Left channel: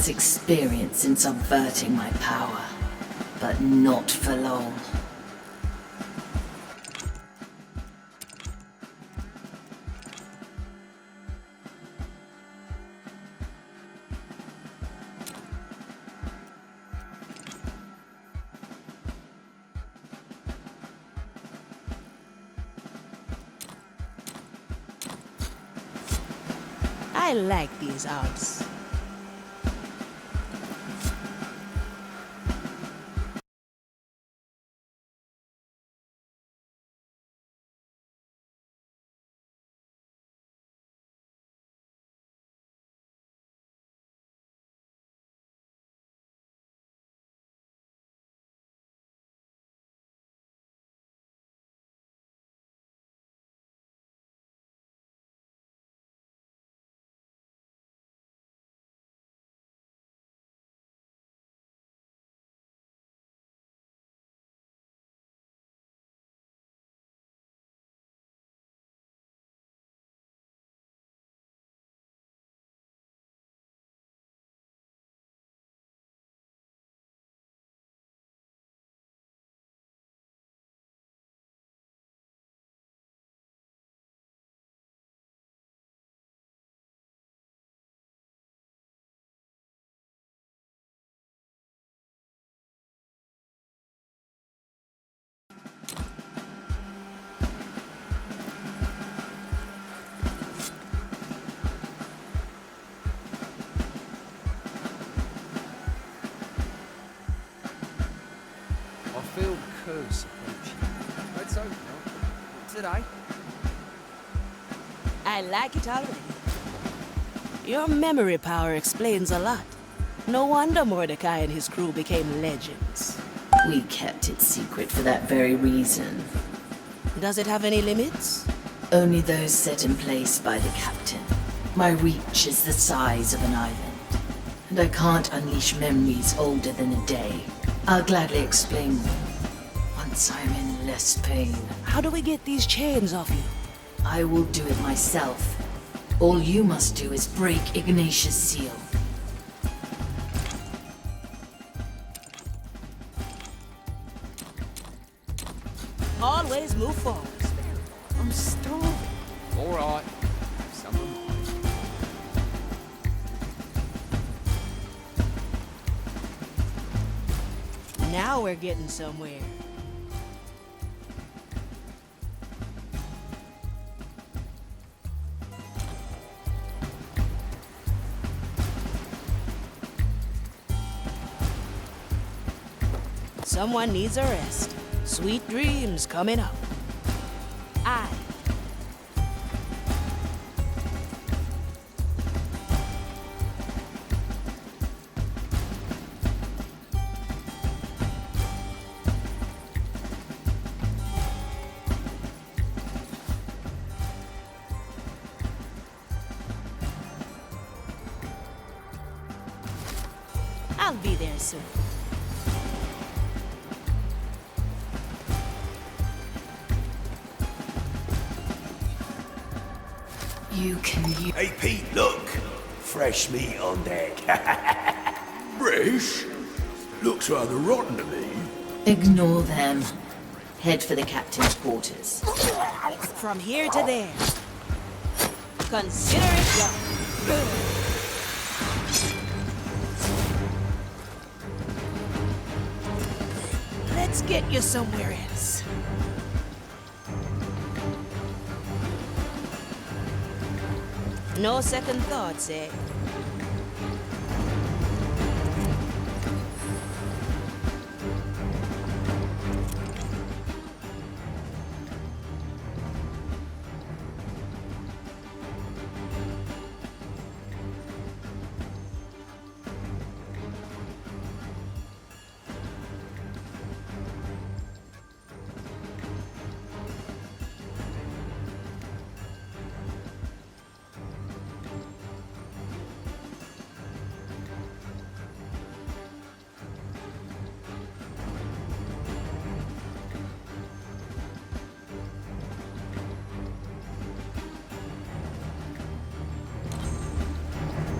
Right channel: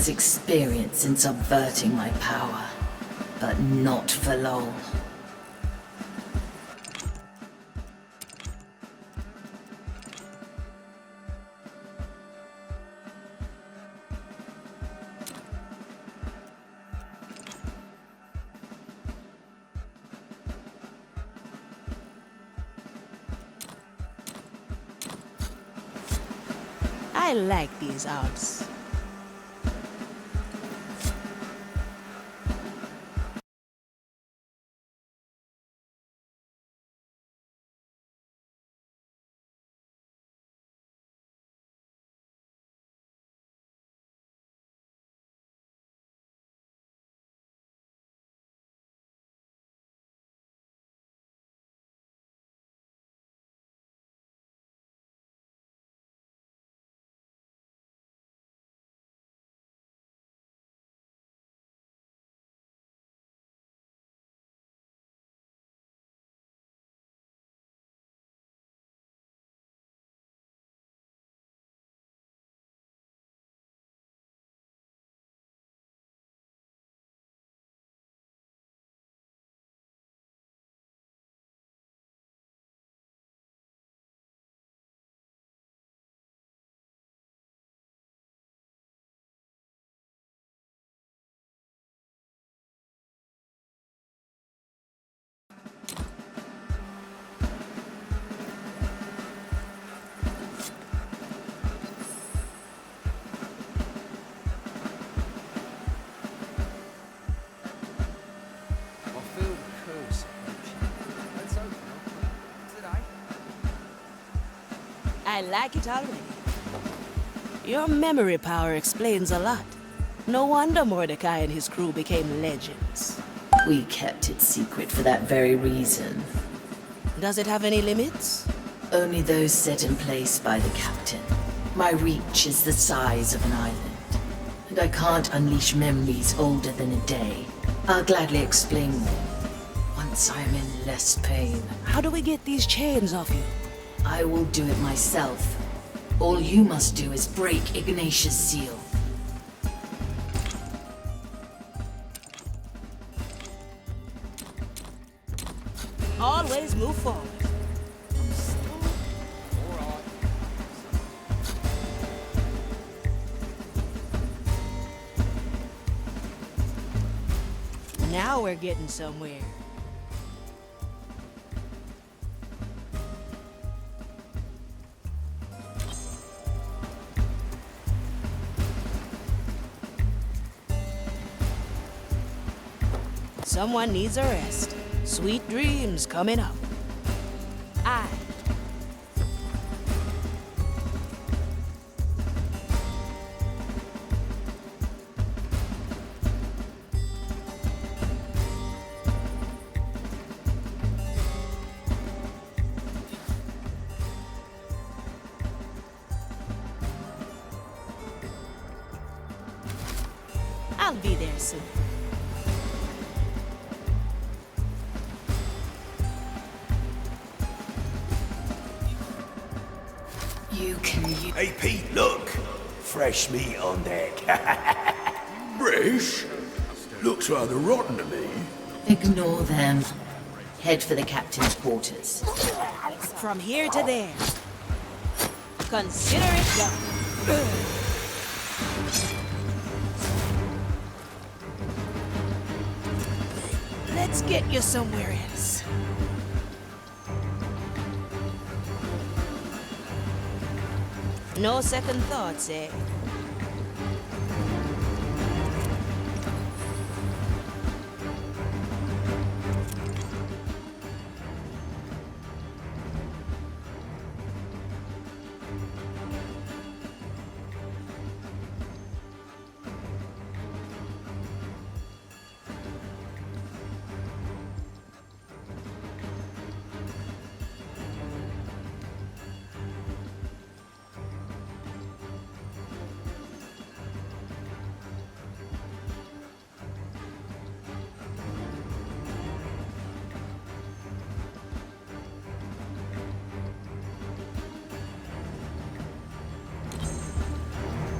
has experience in subverting my power, but not for long. I like these odds. I feel the curse approaching. Let's open up. Today? I like it already. Your memory power explains a lot. No wonder Mordecai and his crew became legends. We kept it secret for that very reason. Does it have any limits? Only those set in place by the captain. My reach is the size of an island, and I can't unleash memories older than a day. I'll gladly explain them once I'm in less pain. How do we get these chains off you? I will do it myself. All you must do is break Ignatius' seal. Always move forward. I'm starving. All right. Someone. Now we're getting somewhere. Someone needs a rest. Sweet dreams coming up. Aye. I'll be there soon. You can use... Hey, Pete, look! Fresh meat on deck. Fresh? Looks rather rotten to me. Ignore them. Head for the captain's quarters. From here to there. Consider it done. Let's get you somewhere else. No second thoughts, eh?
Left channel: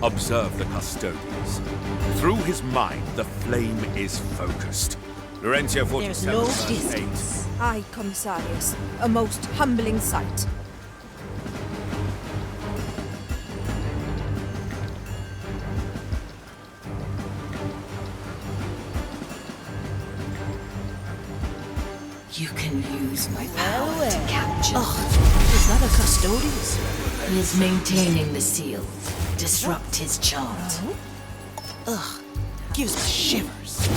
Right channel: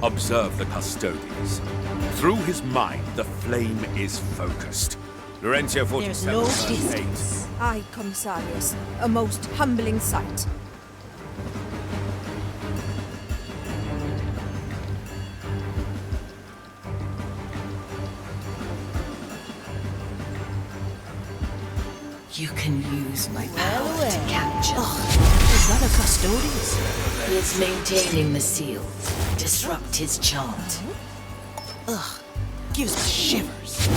Observe the custodians. Through his mind, the flame is focused. Laurentia 47, There's no verse 8. distance. Aye, Commissarius. A most humbling sight. You can use my Well, power well. to capture. Is that a custodians? He is maintaining the seal. Disrupt his chant. Gives me shivers. Do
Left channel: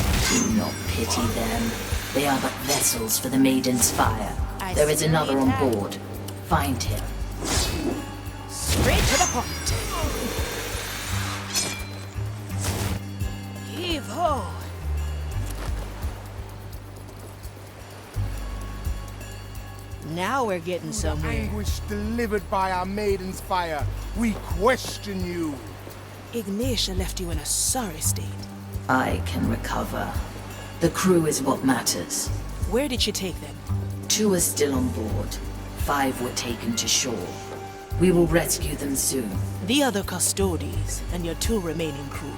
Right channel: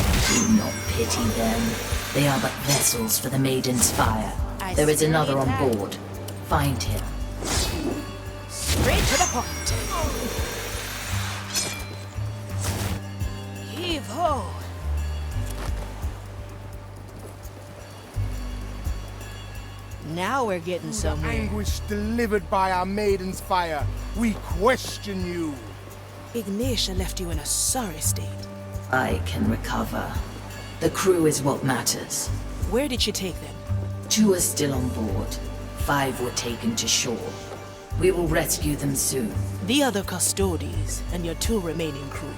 not pity them. They are but vessels for the maiden's fire. I There is still another need on time. board. Find him. Straight to the point. Heave ho. Now we're getting The somewhere. anguish delivered by our maiden's fire. We question you. Ignatia left you in a sorry state. I can recover. The crew is what matters. Where did she take them? 2 are still on board. 5 were taken to shore. We will rescue them soon. The other custodies and your 2 remaining crew.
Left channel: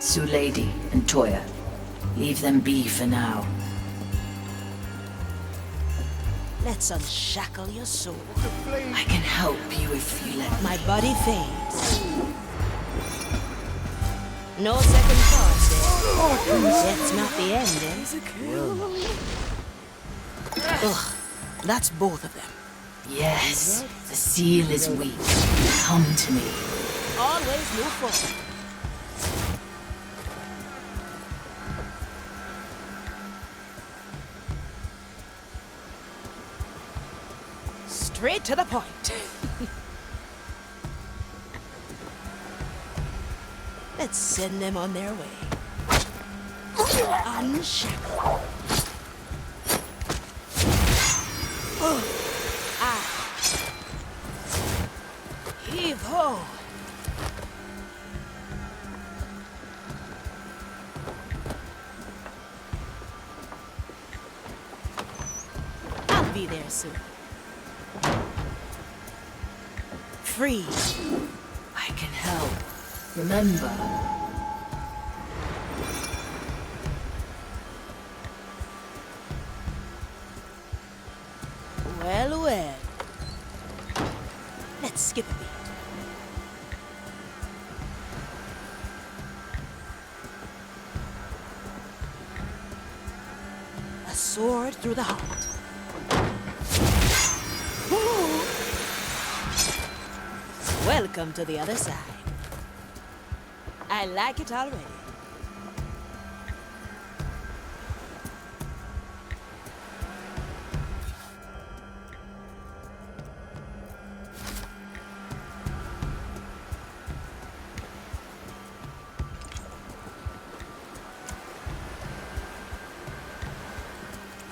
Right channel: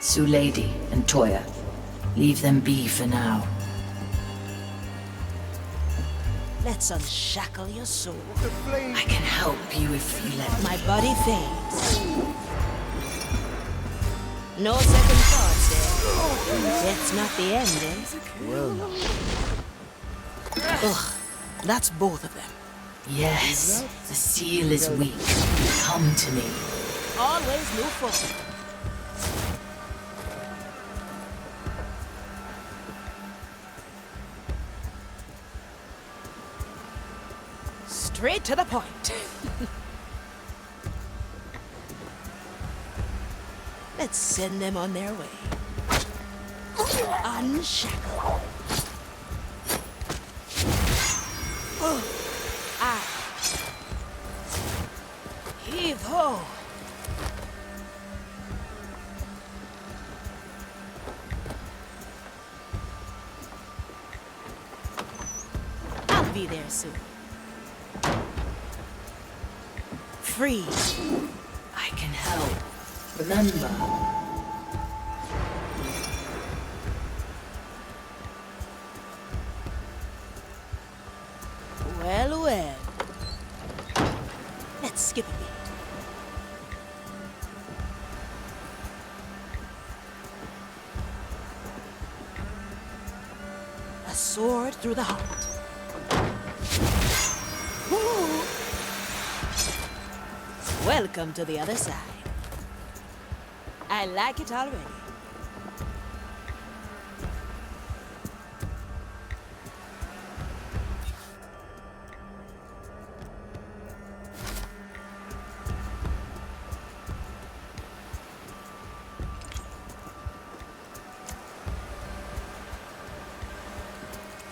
Sue Lady and Toya. Leave them be for now. Let's unshackle your soul. The flame. I can help you if you let me. My body fades. No second thoughts there. That's not the end, eh? Will not. Ugh, that's both of them. Yes, the seal is weak. Come to me. Always move forward. Straight to the point. Let's send them on their way. Unshackle. Heave ho. I'll be there soon. Free. I can help. Remember. Well, well. Let's skip a beat. A sword through the heart. Ooh. Welcome to the other side. I like it already.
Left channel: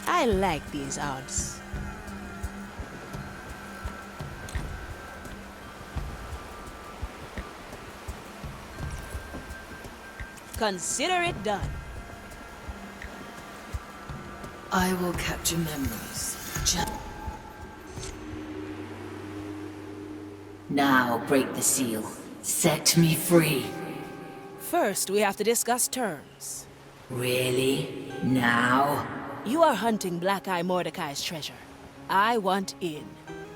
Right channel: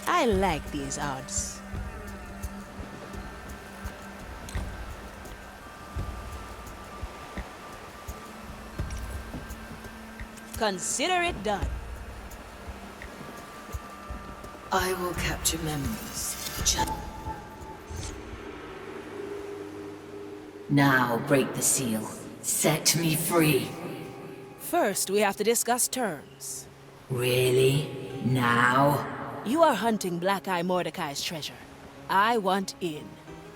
I like these odds. Consider it done. I will capture memories. Now break the seal. Set me free. First, we have to discuss terms. Really? Now? You are hunting Black Eye Mordecai's treasure. I want in.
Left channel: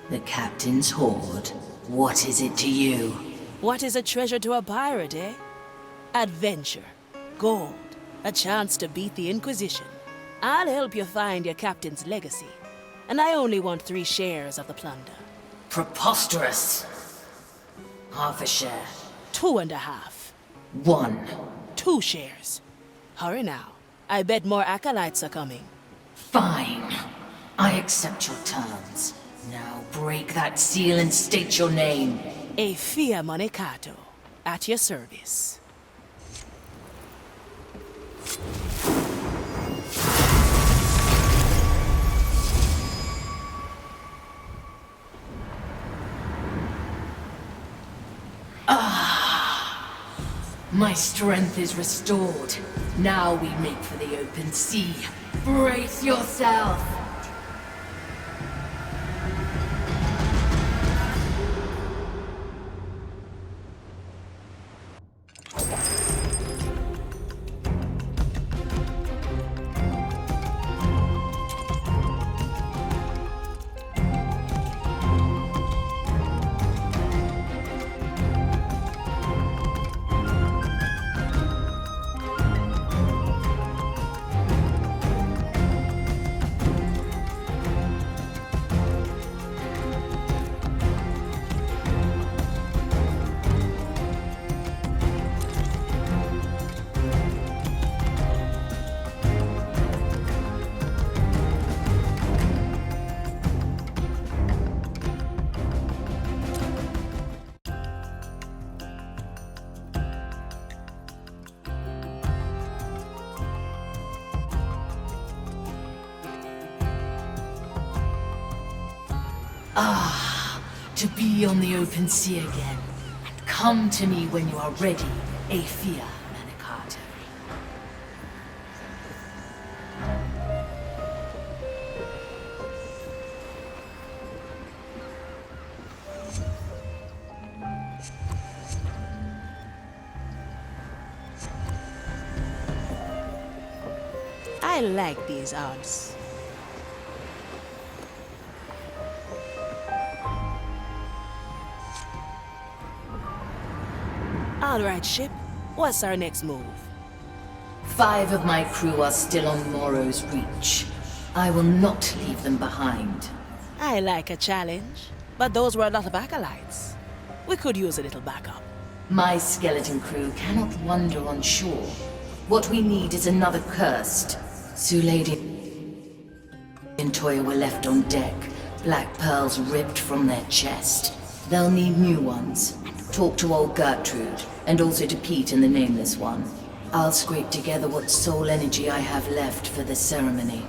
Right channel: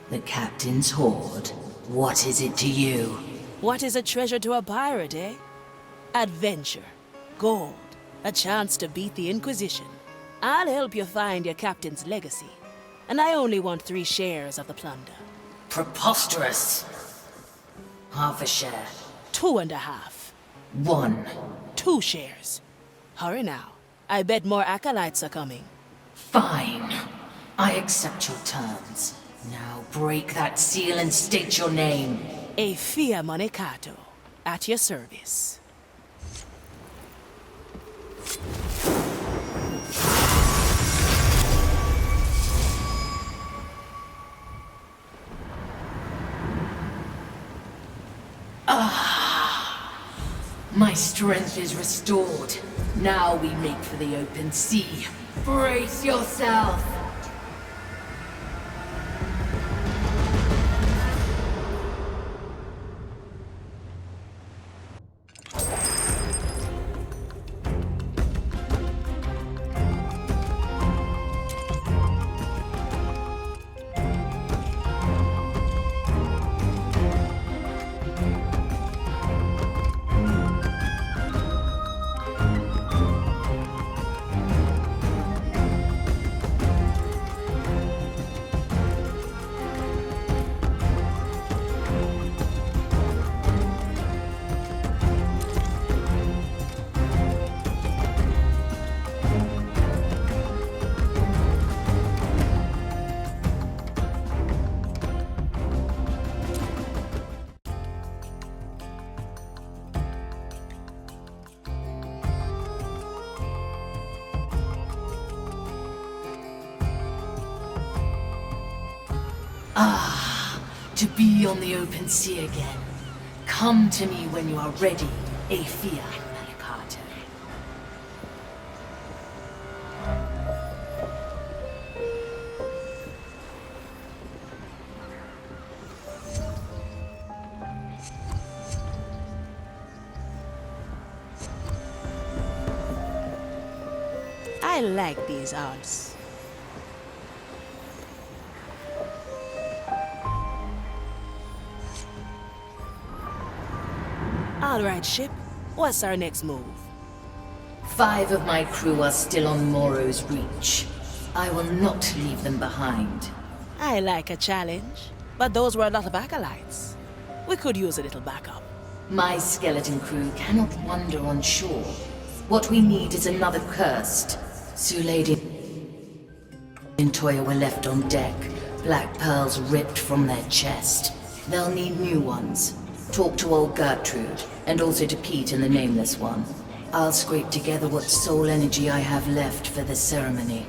The captain's hoard. What is it to you? What is a treasure to a pirate, eh? Adventure, gold, a chance to beat the Inquisition. I'll help you find your captain's legacy. And I only want 3 shares of the plunder. Preposterous. Half a share. 2.5. 1. 2 shares. Hurry now. I bet more acolytes are coming. Fine. I accept your terms. Now break that seal and state your name. A Fia Monecato, at your service. My strength is restored. Now we make for the open sea. Brace yourself. be on the open sea again. Come to me when you are ready, Aethea Manicato. I like these odds. All right, ship. What's our next move? 5 of my crew are still on Moro's Reach. I will not leave them behind. I like a challenge, but those were a lot of acolytes. We could use a little backup. My skeleton crew cannot wander on shore. What we need is another cursed. Lady and Toya were left on deck, black pearls ripped from their chest. They'll need new ones. Talk to old Gertrude, and also to Pete and the Nameless One. I'll scrape together what soul energy I have left for the ceremony.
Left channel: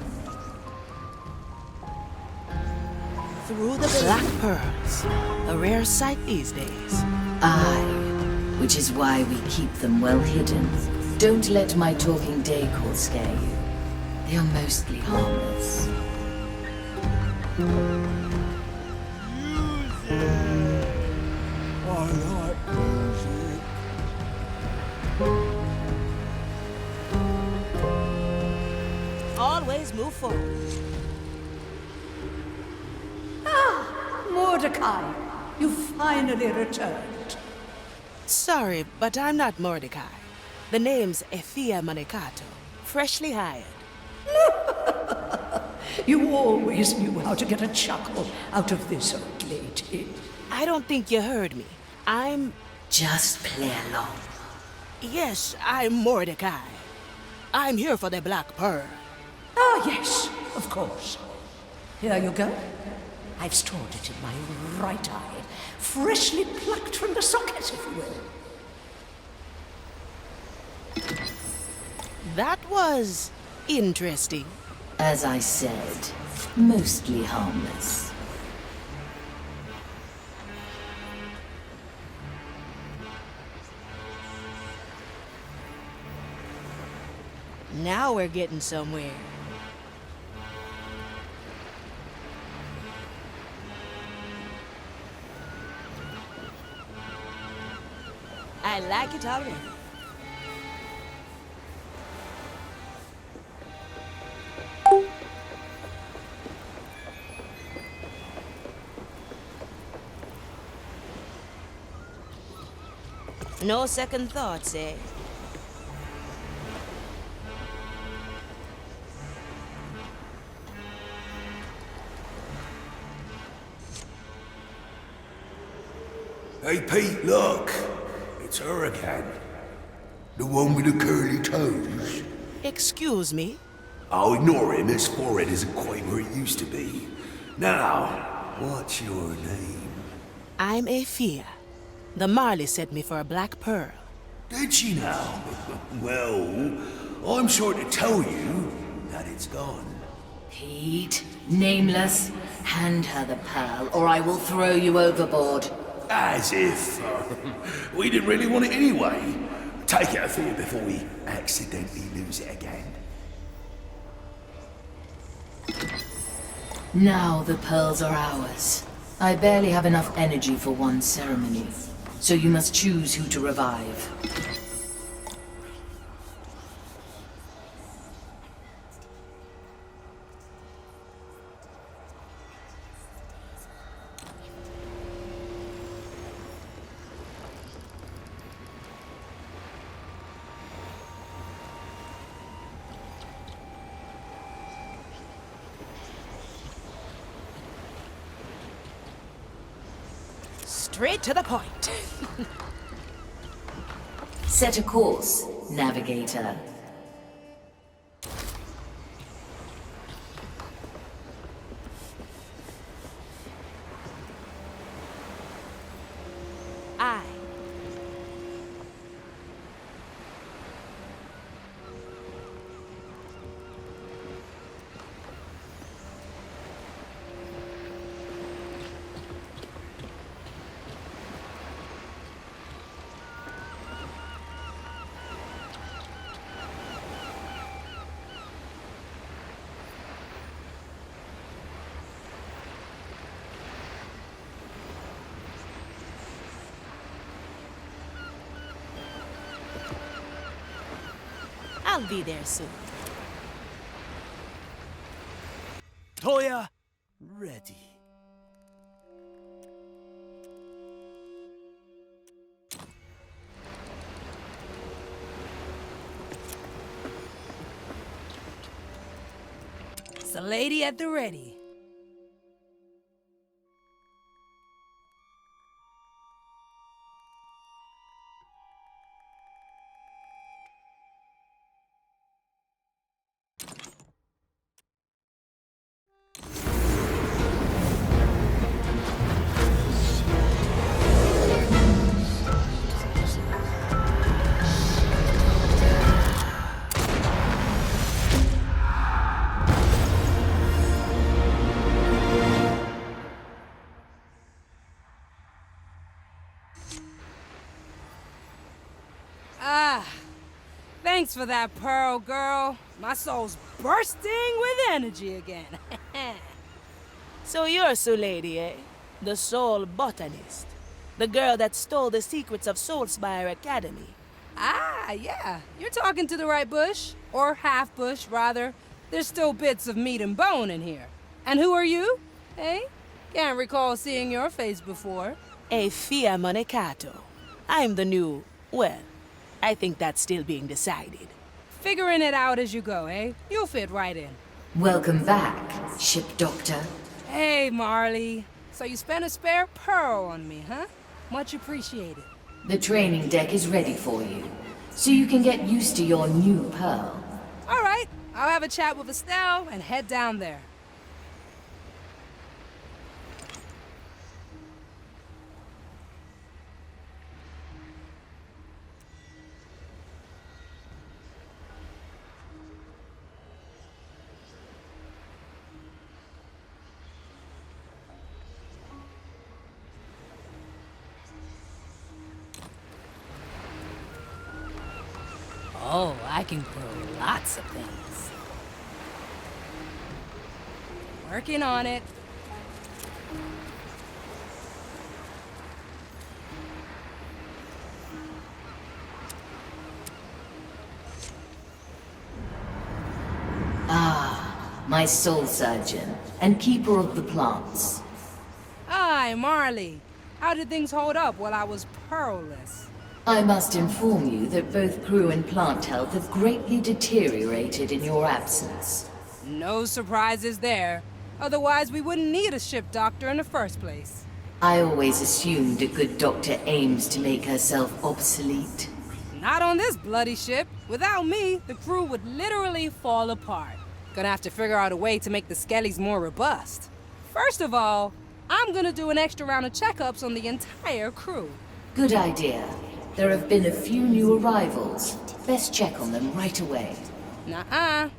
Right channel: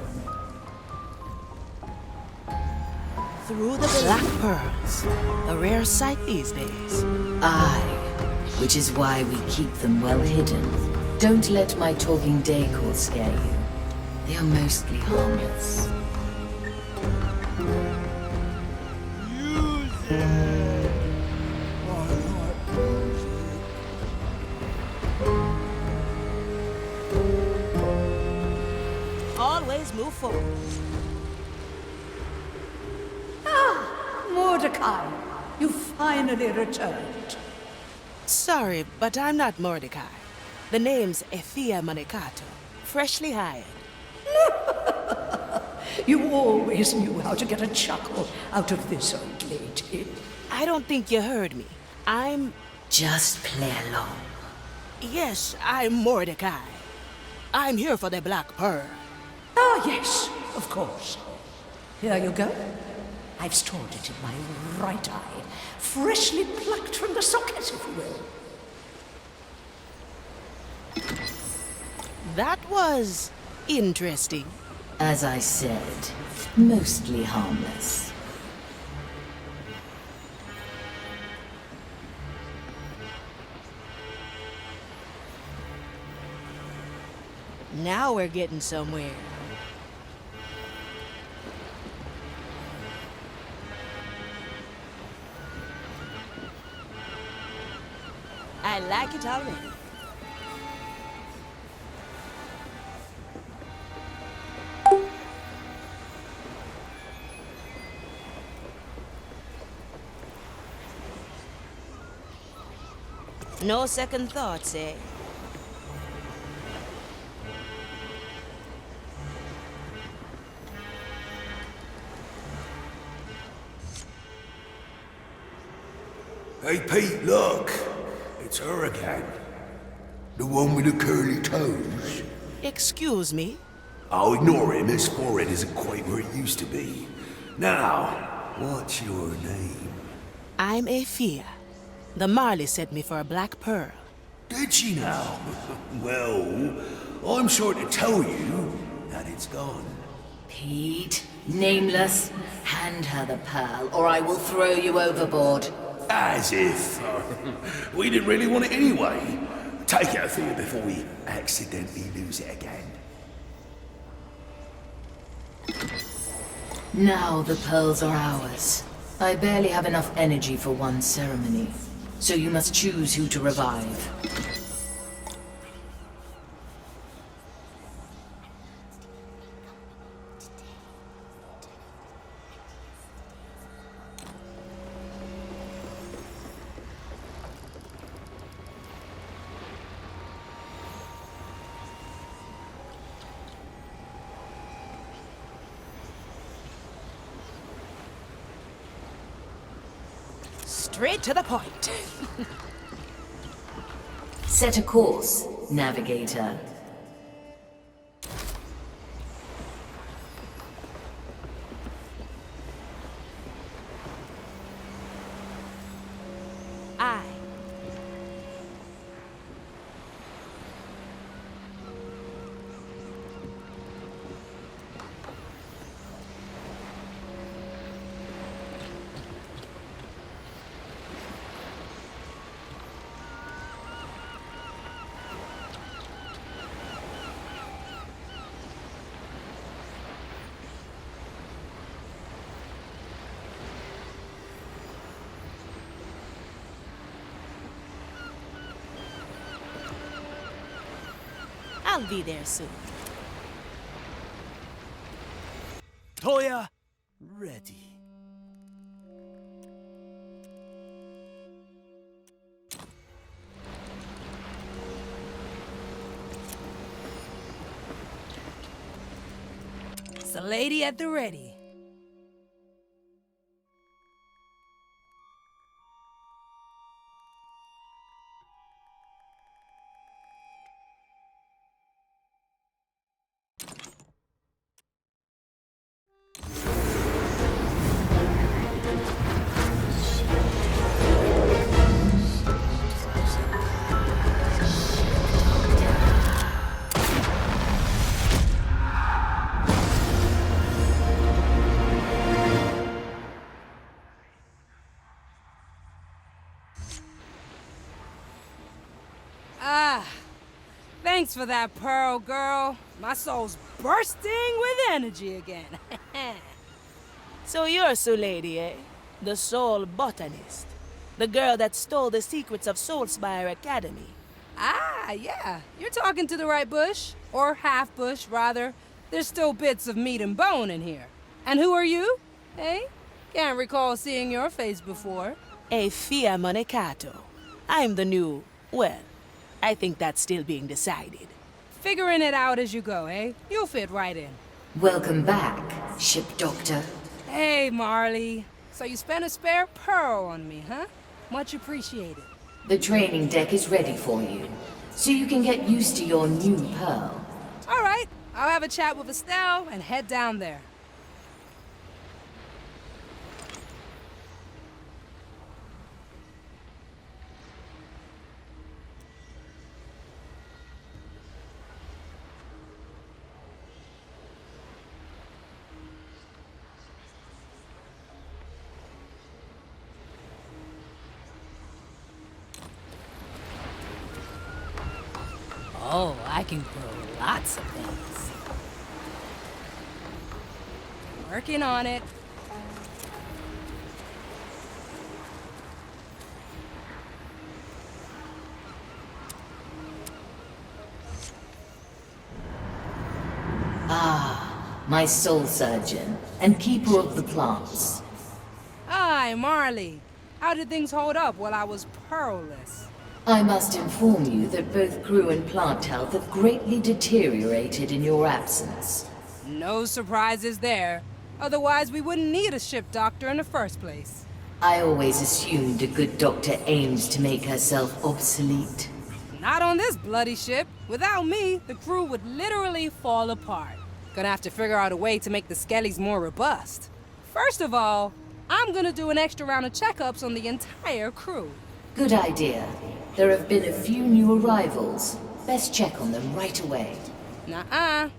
Through the black pearls, a rare sight these days. Aye, which is why we keep them well hidden. Don't let my talking decor scare you. They are mostly harmless. Music! I like music. Always move forward. Mordecai, you finally returned. Sorry, but I'm not Mordecai. The name's Aethea Manicato, freshly hired. You always knew how to get a chuckle out of this old lady. I don't think you heard me. I'm... Just play along. Yes, I'm Mordecai. I'm here for the Black Pearl. Ah, yes, of course. Here you go. I've stored it in my right eye, freshly plucked from the socket, if you will. That was interesting. As I said, mostly harmless. Now we're getting somewhere. I like it already. No second thoughts, eh? Hey, Pete, look! It's her again. The one with the curly toes. Excuse me? I'll ignore him. His forehead isn't quite where it used to be. Now, what's your name? I'm Aethea. The Marley sent me for a black pearl. Did she now? Well, I'm sure to tell you that it's gone. Pete, Nameless, hand her the pearl, or I will throw you overboard. As if we didn't really want it anyway. Take it, Aethea, before we accidentally lose it again. Now the pearls are ours. I barely have enough energy for one ceremony, so you must choose who to revive. Straight to the point. Set a course, navigator. Aye. I'll be there soon. Toya, ready. It's a lady at the ready. Ah, thanks for that pearl, girl. My soul's bursting with energy again. So you're Sue Lady, eh? The soul botanist. The girl that stole the secrets of Soulspire Academy. Ah, yeah. You're talking to the right bush. Or half bush, rather. There's still bits of meat and bone in here. And who are you? Hey? Can't recall seeing your face before. A Fia Monecato. I'm the new, well, I think that's still being decided. Figuring it out as you go, eh? You'll fit right in. Welcome back, ship doctor. Hey, Marley. So you spent a spare pearl on me, huh? Much appreciated. The training deck is ready for you, so you can get used to your new pearl. All right. I'll have a chat with Estelle and head down there. Oh, I can grow lots of things. Working on it. My soul surgeon and keeper of the plants. Hi, Marley. How did things hold up while I was pearlless? I must inform you that both crew and plant health have greatly deteriorated in your absence. No surprises there. Otherwise, we wouldn't need a ship doctor in the first place. I always assumed a good doctor aims to make herself obsolete. Not on this bloody ship. Without me, the crew would literally fall apart. Gonna have to figure out a way to make the skellies more robust. First of all, I'm gonna do an extra round of checkups on the entire crew. Good idea. There have been a few new arrivals. Best check on them right away. Nuh-uh.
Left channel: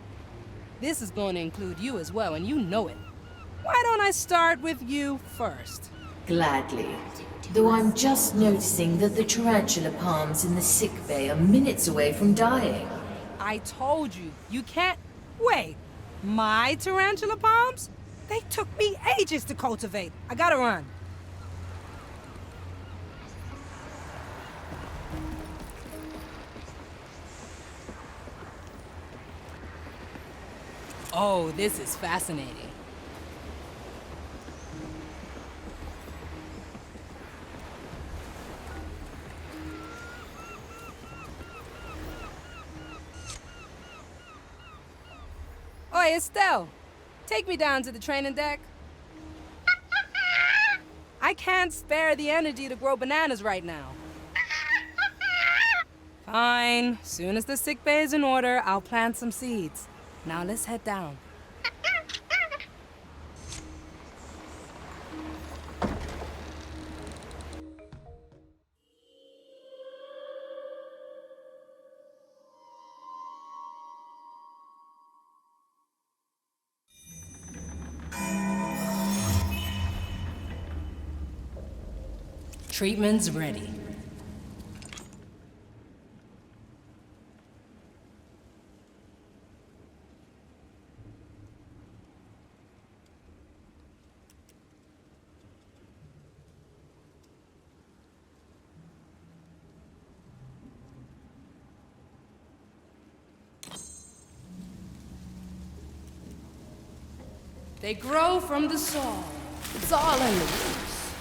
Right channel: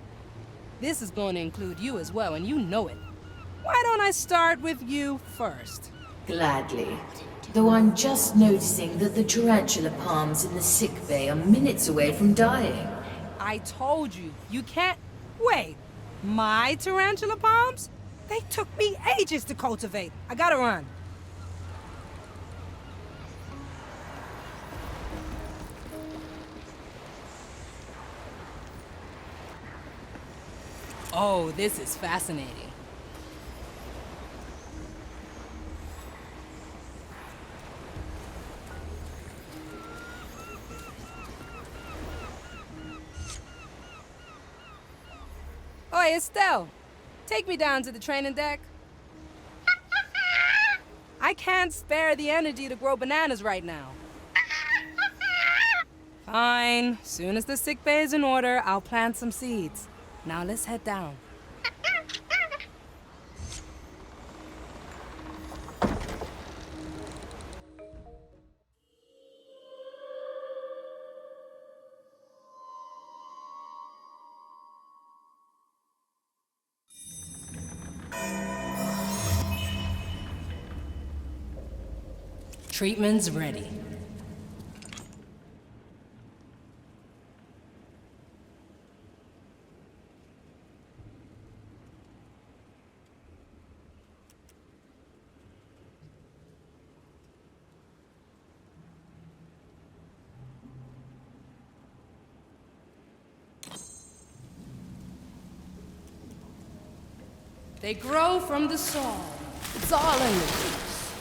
This is going to include you as well, and you know it. Why don't I start with you first? Gladly. Though I'm just noticing that the tarantula palms in the sick bay are minutes away from dying. I told you, you can't... Wait, my tarantula palms? They took me ages to cultivate. I gotta run. Oh, this is fascinating. Oi, Estelle. Take me down to the training deck. I can't spare the energy to grow bananas right now. Fine. Soon as the sick bay is in order, I'll plant some seeds. Now let's head down. Treatment's ready. They grow from the soul. It's all in the roots.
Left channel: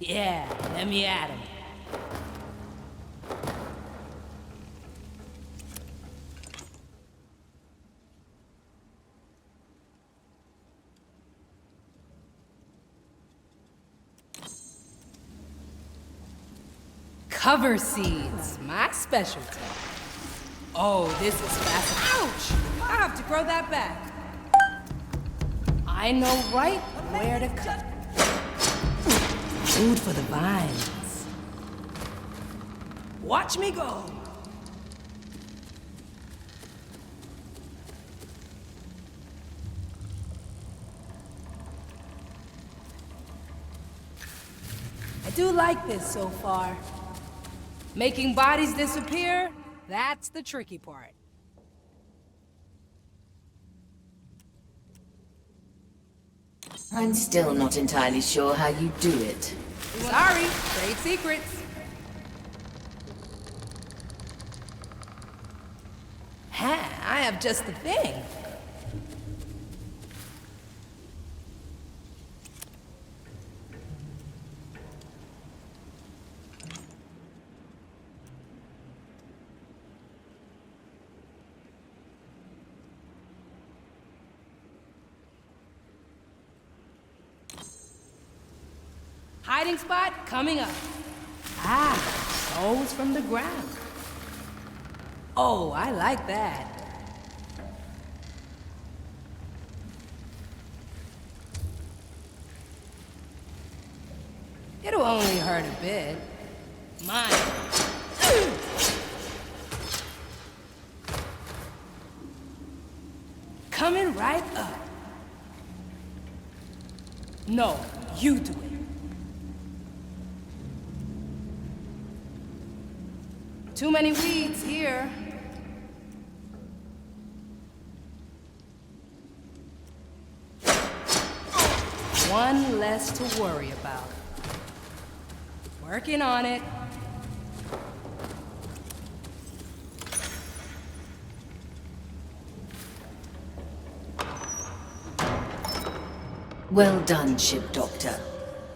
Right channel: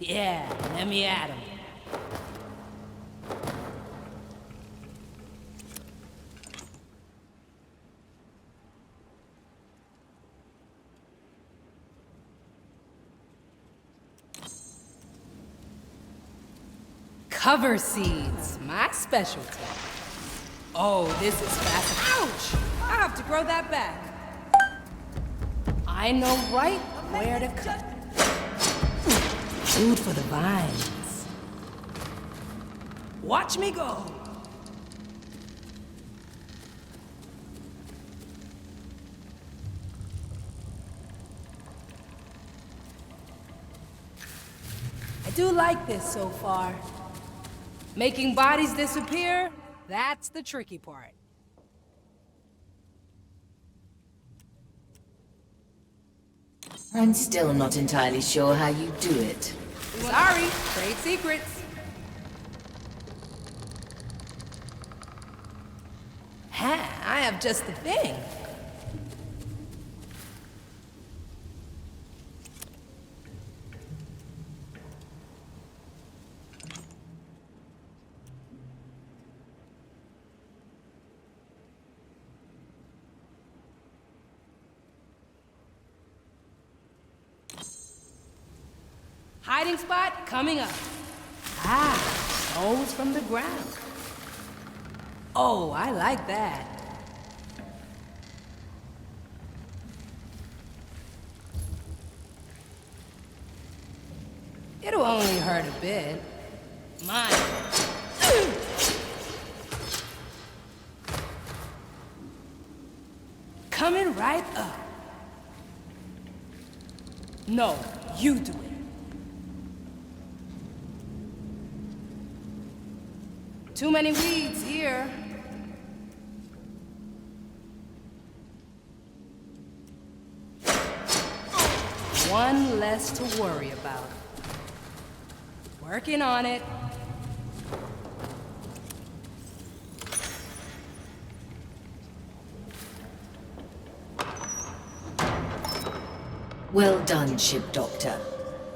Yeah, let me at 'em. Cover seeds, my specialty. Oh, this is fascinating. Ouch! I have to grow that back. I know right where to cut. Food for the vines. Watch me go. I do like this so far. Making bodies disappear, that's the tricky part. I'm still not entirely sure how you do it. Sorry, trade secrets. Ha, I have just the thing. Hiding spot coming up. Ah, souls from the ground. Oh, I like that. It'll only hurt a bit. Mine. Coming right up. No, you do it. Too many weeds here. One less to worry about. Working on it. Well done, Ship Doctor.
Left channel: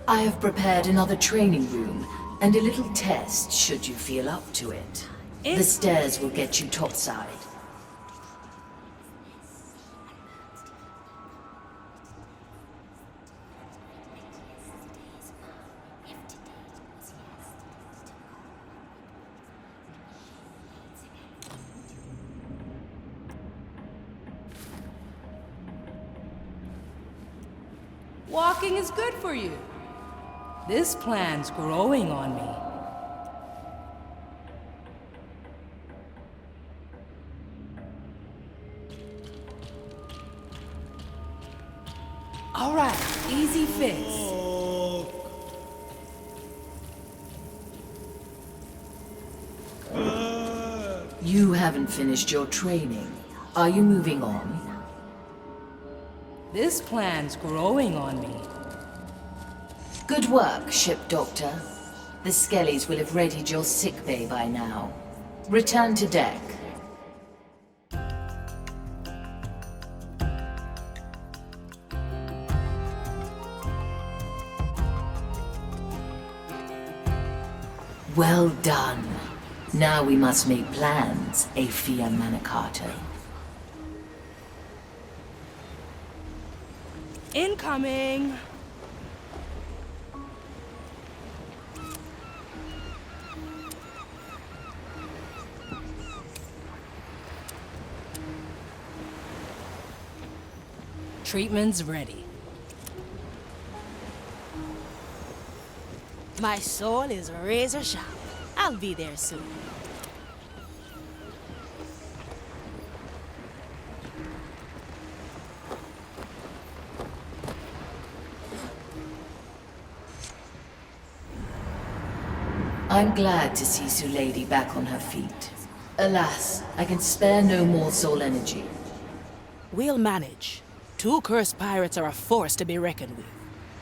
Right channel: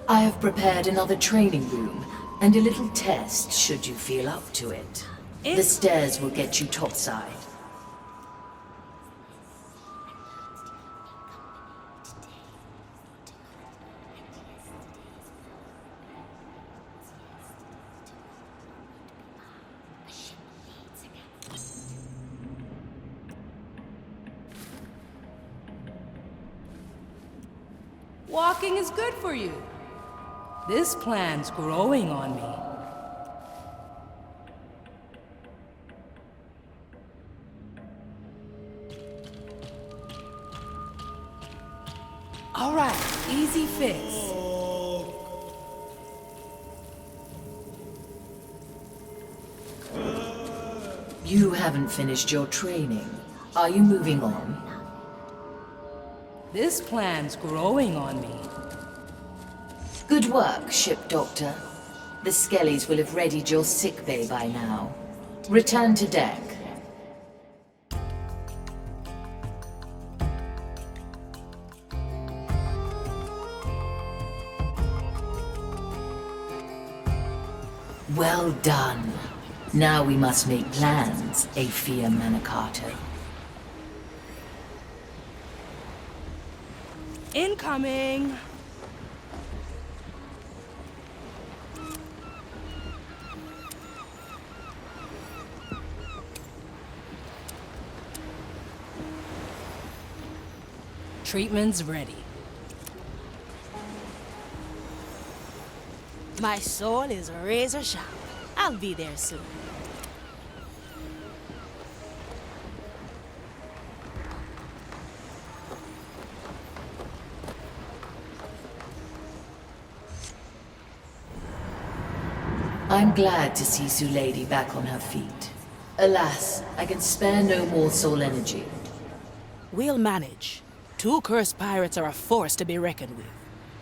I have prepared another training room and a little test should you feel up to it. The stairs will get you topside. Walking is good for you. This plan's growing on me. All right, easy fix. You haven't finished your training. Are you moving on? This plan's growing on me. Good work, Ship Doctor. The Skellies will have readied your sickbay by now. Return to deck. Well done. Now we must make plans, Aphia Manicato. Incoming! Treatment's ready. My soul is razor sharp. I'll be there soon. I'm glad to see Sulady back on her feet. Alas, I can spare no more soul energy. We'll manage. 2 cursed pirates are a force to be reckoned with.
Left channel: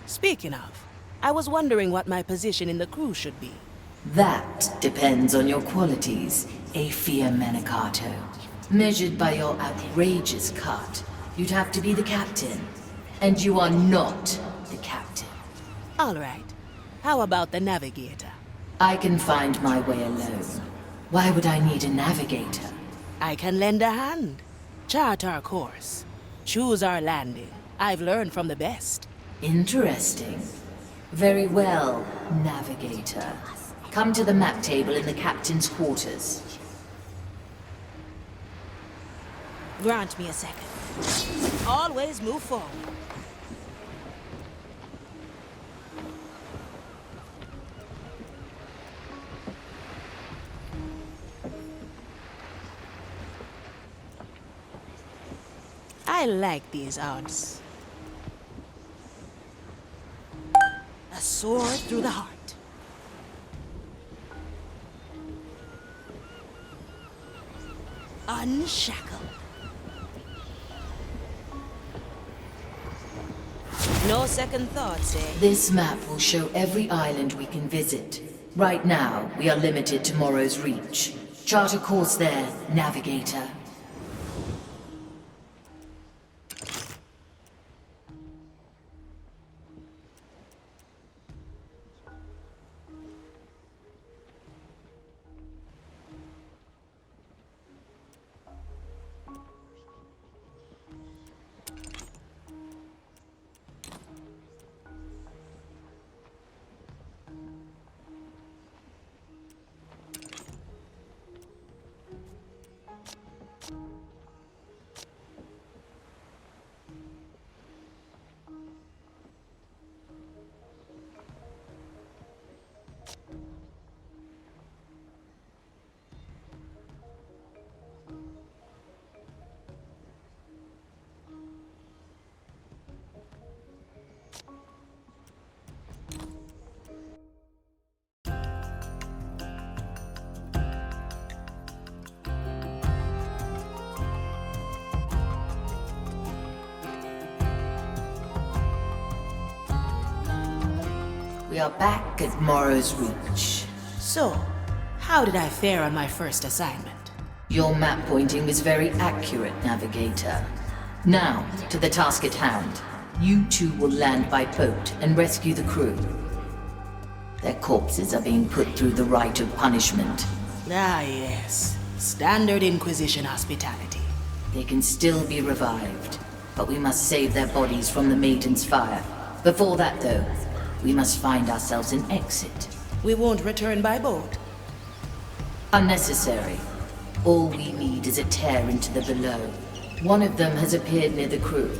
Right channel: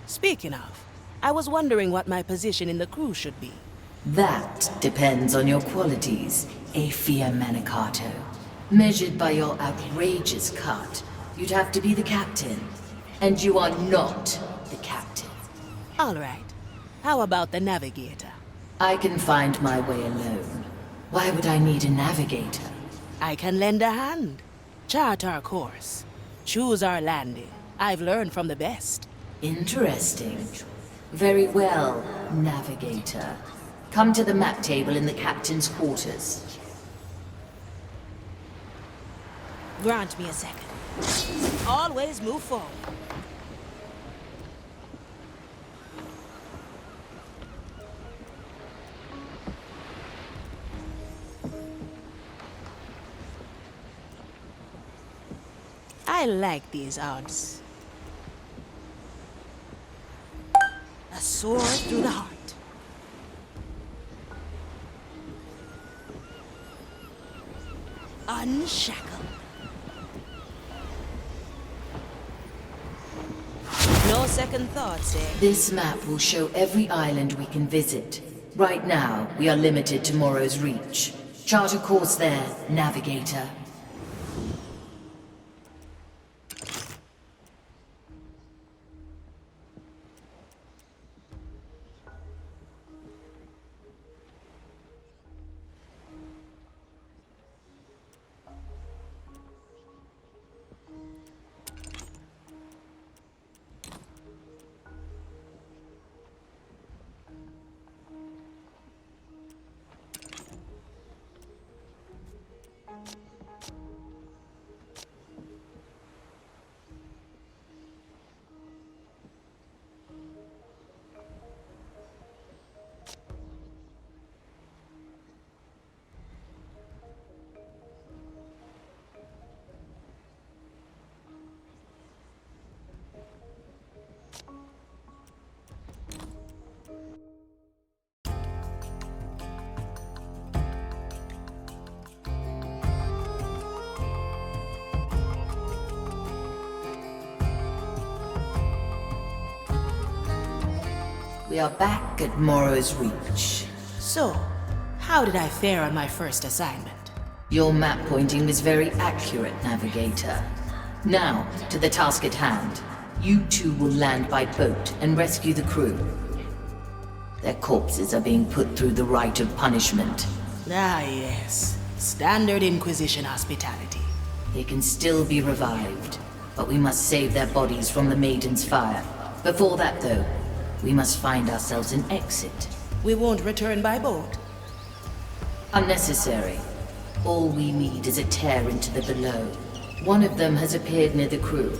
Speaking of, I was wondering what my position in the crew should be. That depends on your qualities, Aphia Manicato. Measured by your outrageous cut, you'd have to be the captain. And you are not the captain. All right. How about the navigator? I can find my way alone. Why would I need a navigator? I can lend a hand. Chart our course. Choose our landing. I've learned from the best. Interesting. Very well, navigator. Come to the map table in the captain's quarters. Grant me a second. Always move forward. I like these odds. A sword through the heart. Unshackled. No second thoughts, eh? This map will show every island we can visit. Right now, we are limited to Morrow's Reach. Chart a course there, navigator. We are back at Morrow's Reach. So, how did I fare on my first assignment? Your map pointing was very accurate, navigator. Now, to the task at hand. You two will land by boat and rescue the crew. Their corpses are being put through the rite of punishment. Ah, yes. Standard Inquisition hospitality. They can still be revived, but we must save their bodies from the Maiden's fire. Before that, though, we must find ourselves an exit. We won't return by boat. Unnecessary. All we need is a tear into the below. One of them has appeared near the crew.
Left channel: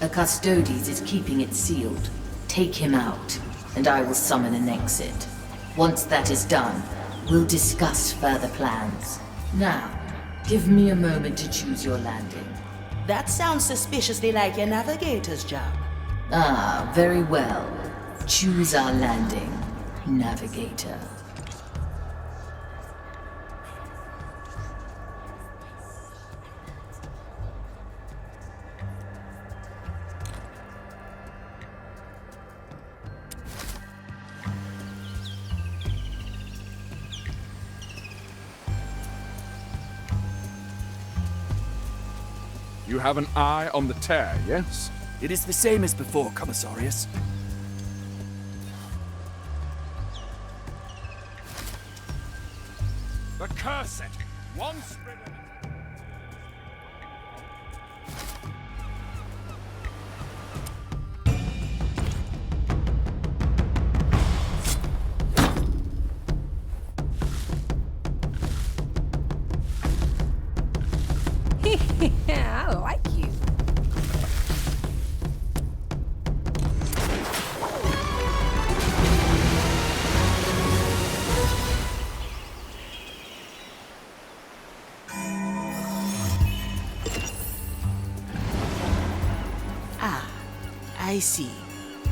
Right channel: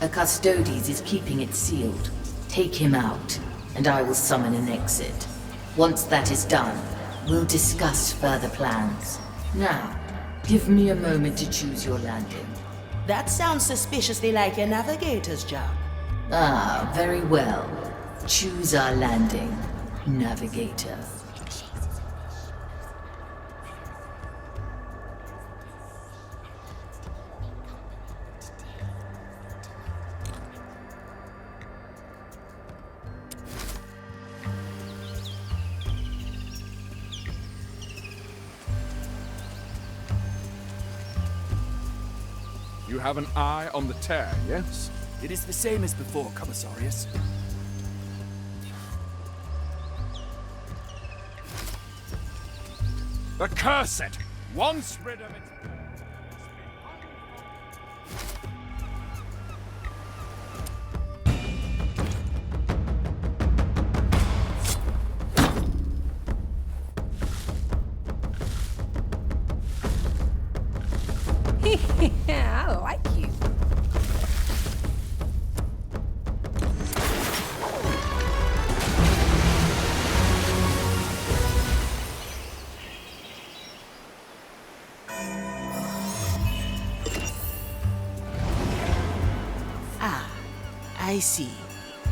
A Custodes is keeping it sealed. Take him out, and I will summon an exit. Once that is done, we'll discuss further plans. Now, give me a moment to choose your landing. That sounds suspiciously like your navigator's job. Ah, very well. Choose our landing, navigator. You have an eye on the tear, yes? It is the same as before, Commissarius. Accursed! Once rid of it... Yeah, I like you. I see.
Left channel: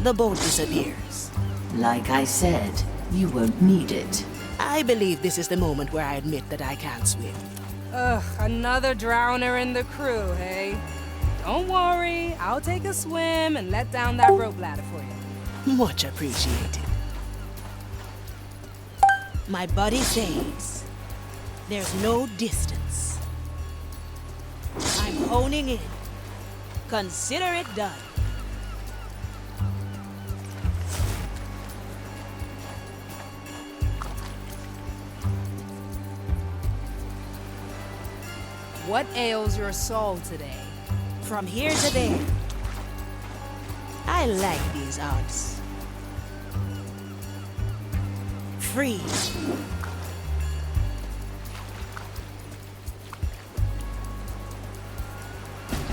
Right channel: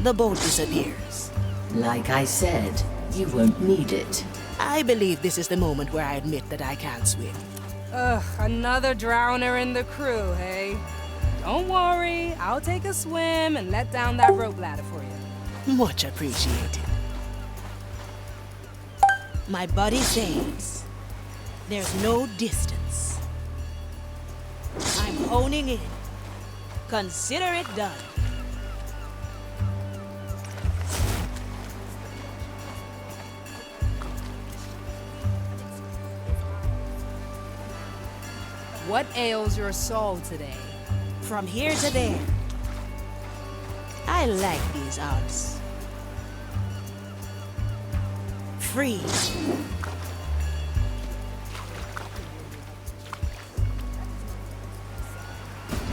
The boat disappears. Like I said, you won't need it. I believe this is the moment where I admit that I can't swim. Ugh, another drowner in the crew, hey? Don't worry, I'll take a swim and let down that rope ladder for you. Much appreciated. My body says there's no distance honing in. Consider it done. What ails your soul today? From here to there. I like these odds. Free.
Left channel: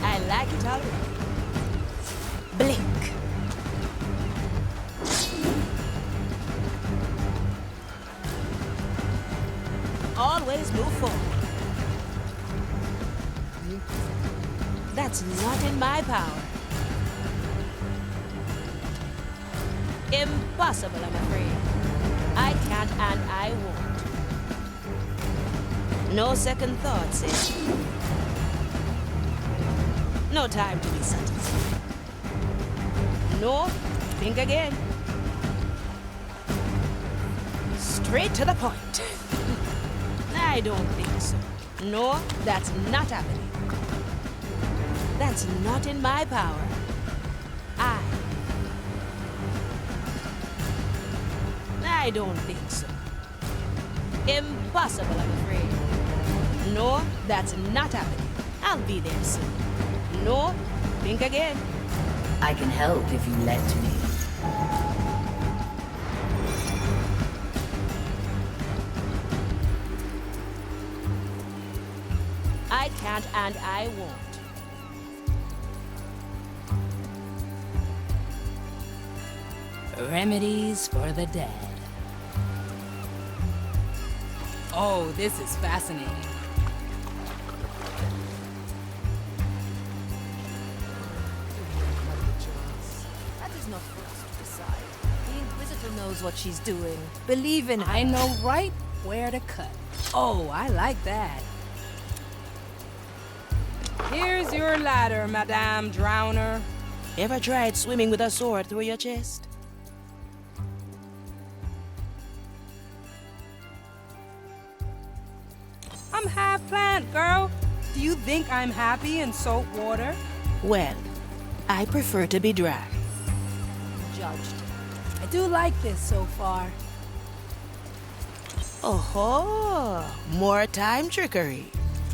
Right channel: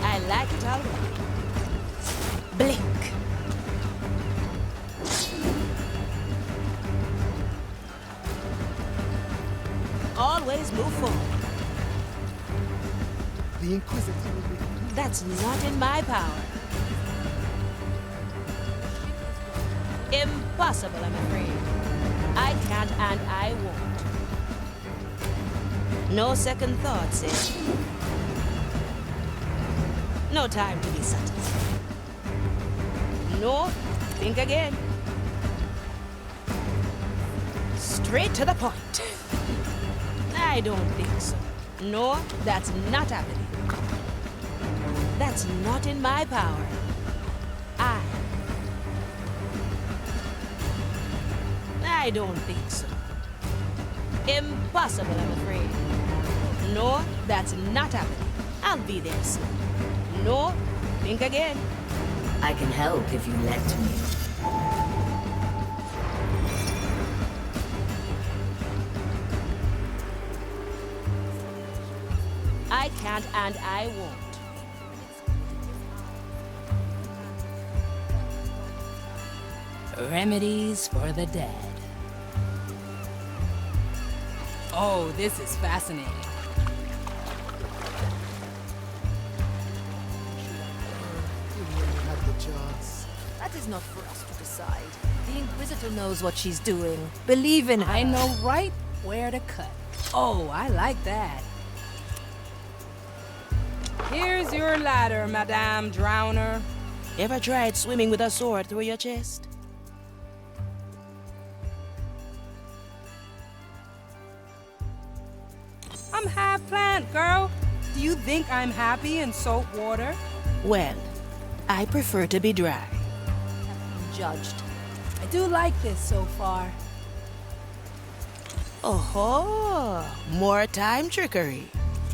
I like it already. Blink. Always move forward. The Inquisitor. That's not in my power. Impossible, I'm afraid. I can't and I won't. No second thoughts, eh? No time to be subtle. No, think again. Straight to the point. I don't think so. No, that's not happening. That's not in my power. I don't think so. Impossible, I'm afraid. No, that's not happening. I'll be there soon. No, think again. I can help if you let me. I can't and I won't. Remedies for the dead. Oh, this is fascinating. That is not for us to decide. The Inquisitor knows what she's doing. Believe in her. I know right where to cut. Oh, I like that. Here's your ladder, Madame Drowner. Ever tried swimming with a sword through your chest? I'm half plant, girl. Do you think I'm happy in salt water? Well, I prefer to be dry. Judged. I do like this so far. Oh-ho! More time trickery.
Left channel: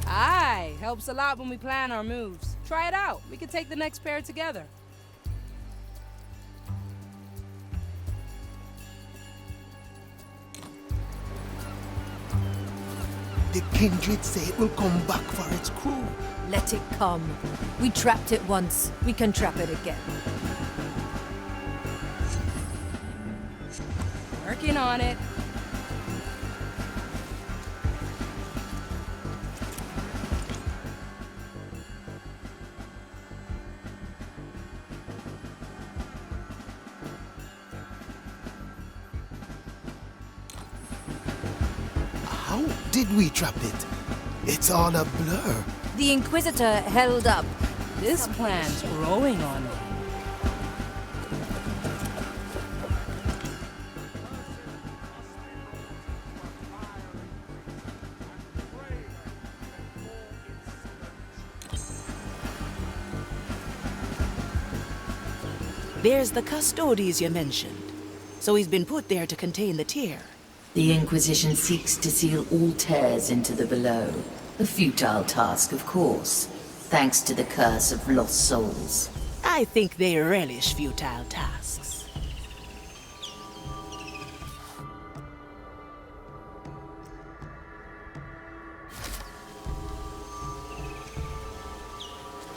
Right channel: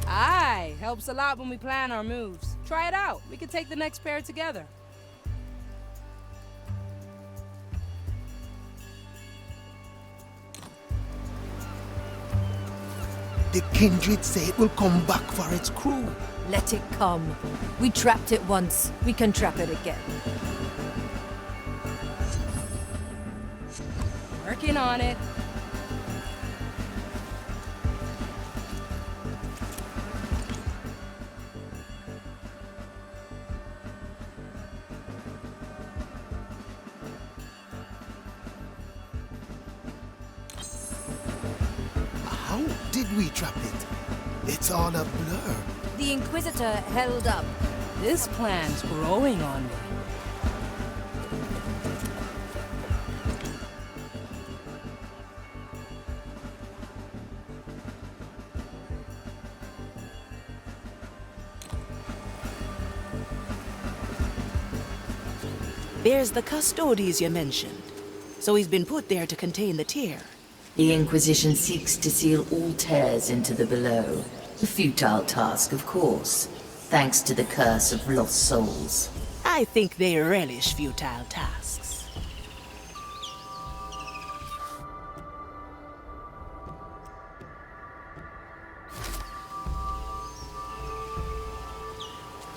Aye, helps a lot when we plan our moves. Try it out. We can take the next pair together. The Kindred say it will come back for its crew. Let it come. We trapped it once. We can trap it again. Working on it. How did we trap it? It's all a blur. The Inquisitor held up. This plan's growing on me. There's the Custodes you mentioned. So he's been put there to contain the tear. The Inquisition seeks to seal all tears into the below. A futile task, of course, thanks to the curse of lost souls. I think they relish futile tasks.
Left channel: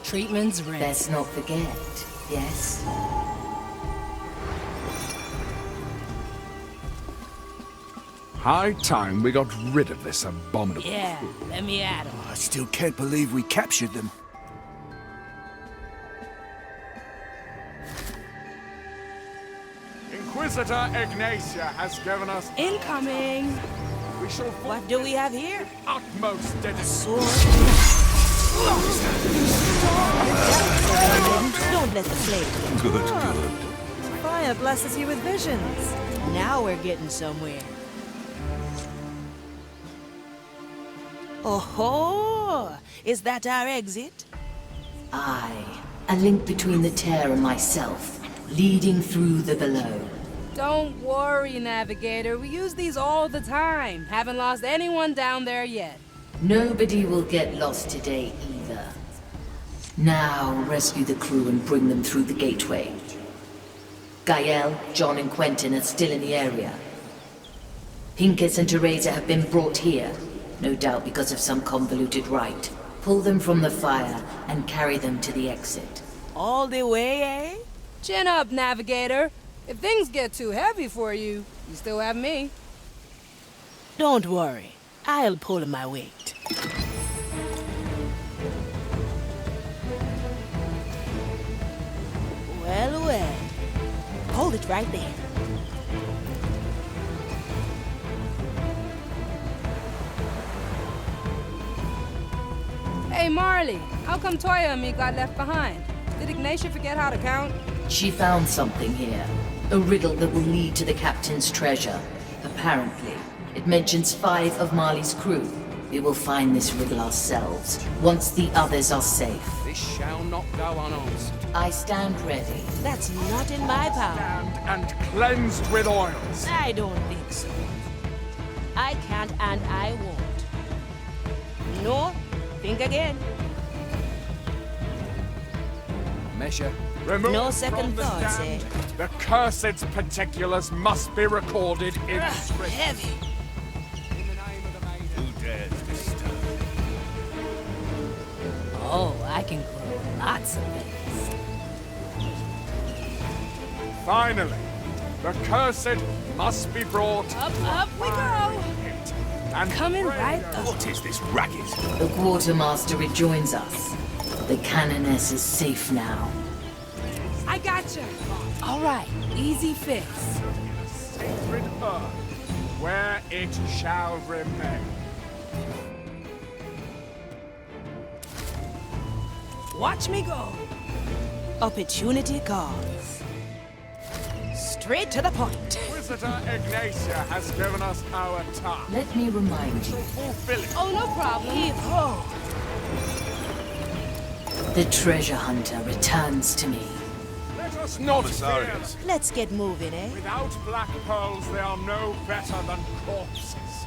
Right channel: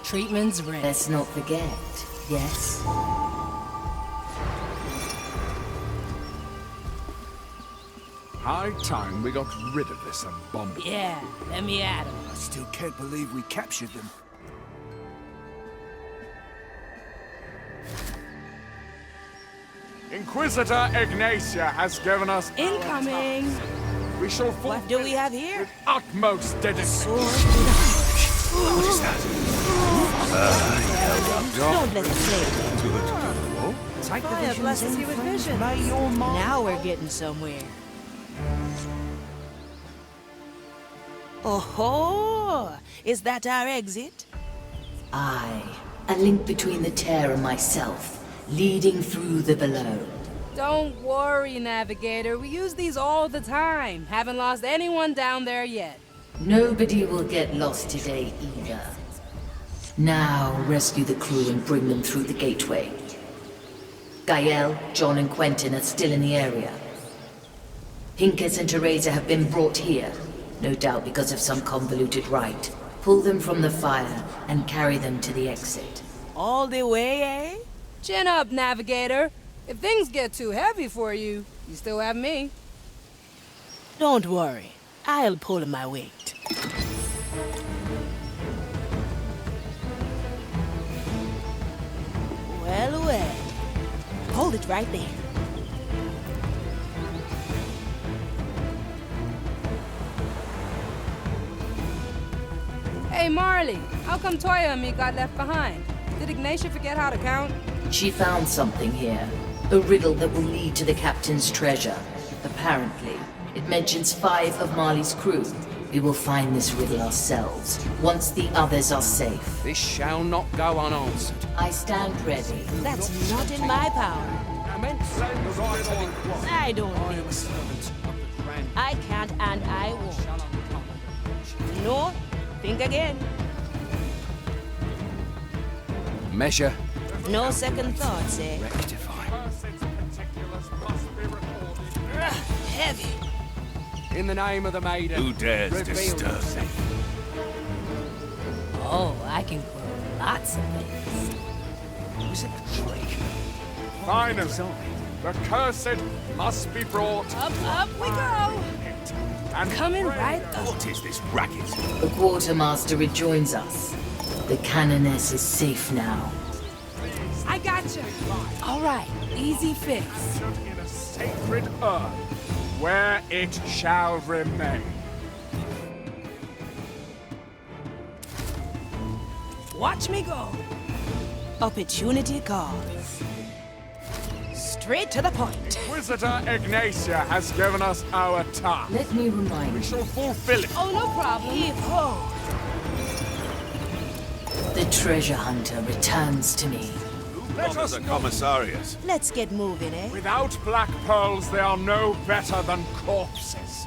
Treatment's ready. Let's not forget, yes? High time we got rid of this abominable... Yeah, let me at him. I still can't believe we captured them. Inquisitor Ignatia has given us... Incoming! We shall What do we have here? utmost dedication. Don't let the flame. Good. Fire blesses you with vision. Now we're getting somewhere. Oh-ho! Is that our exit? I, a link between the tear and myself, leading through the below. Don't worry, Navigator. We use these all the time. Haven't lost anyone down there yet. Nobody will get lost today either. Now rescue the crew and bring them through the gateway. Gael, John and Quentin are still in the area. Pincus and Teresa have been brought here, no doubt because of some convoluted rite. Pull them from the fire and carry them to the exit. All the way, eh? Chin up, Navigator. If things get too heavy for you, you still have me. Don't worry. I'll pull my weight. Well, well. Hold it right there. Hey, Marley, how come Toya and me got left behind? Did Ignatia forget how to count? She found something here. A riddle that will lead to the captain's treasure. Apparently, it mentions 5 of Marley's crew. We will find this riddle ourselves, once the others are safe. This shall not go unanswered. I stand ready. That's not in my power. And cleansed with oil. I don't think so. I can't and I won't. No, think again. Measure. Remove No them second from the thoughts, stand. eh? The cursed's particulars must be recorded in history. Heavy. In the name of the maiden. Who dares reveal disturb yourself. me? Oh, I can grow lots of things. Finally, the cursed must be brought. Up we go! And Coming pray right her. up. What is this racket? The quartermaster rejoins us. The canoness is safe now. I gotcha. All right, easy fix. In a sacred urn, where it shall remain. Watch me go. Opportunity calls. Straight to the point. Inquisitor Ignatia has given us our task. Let me remind We you, shall fulfill it. Oh, no problem. Heave-ho. the treasure hunter returns to me. Let us The not commissarius. Let's get moving, eh? Without black pearls, they are no better than corpses.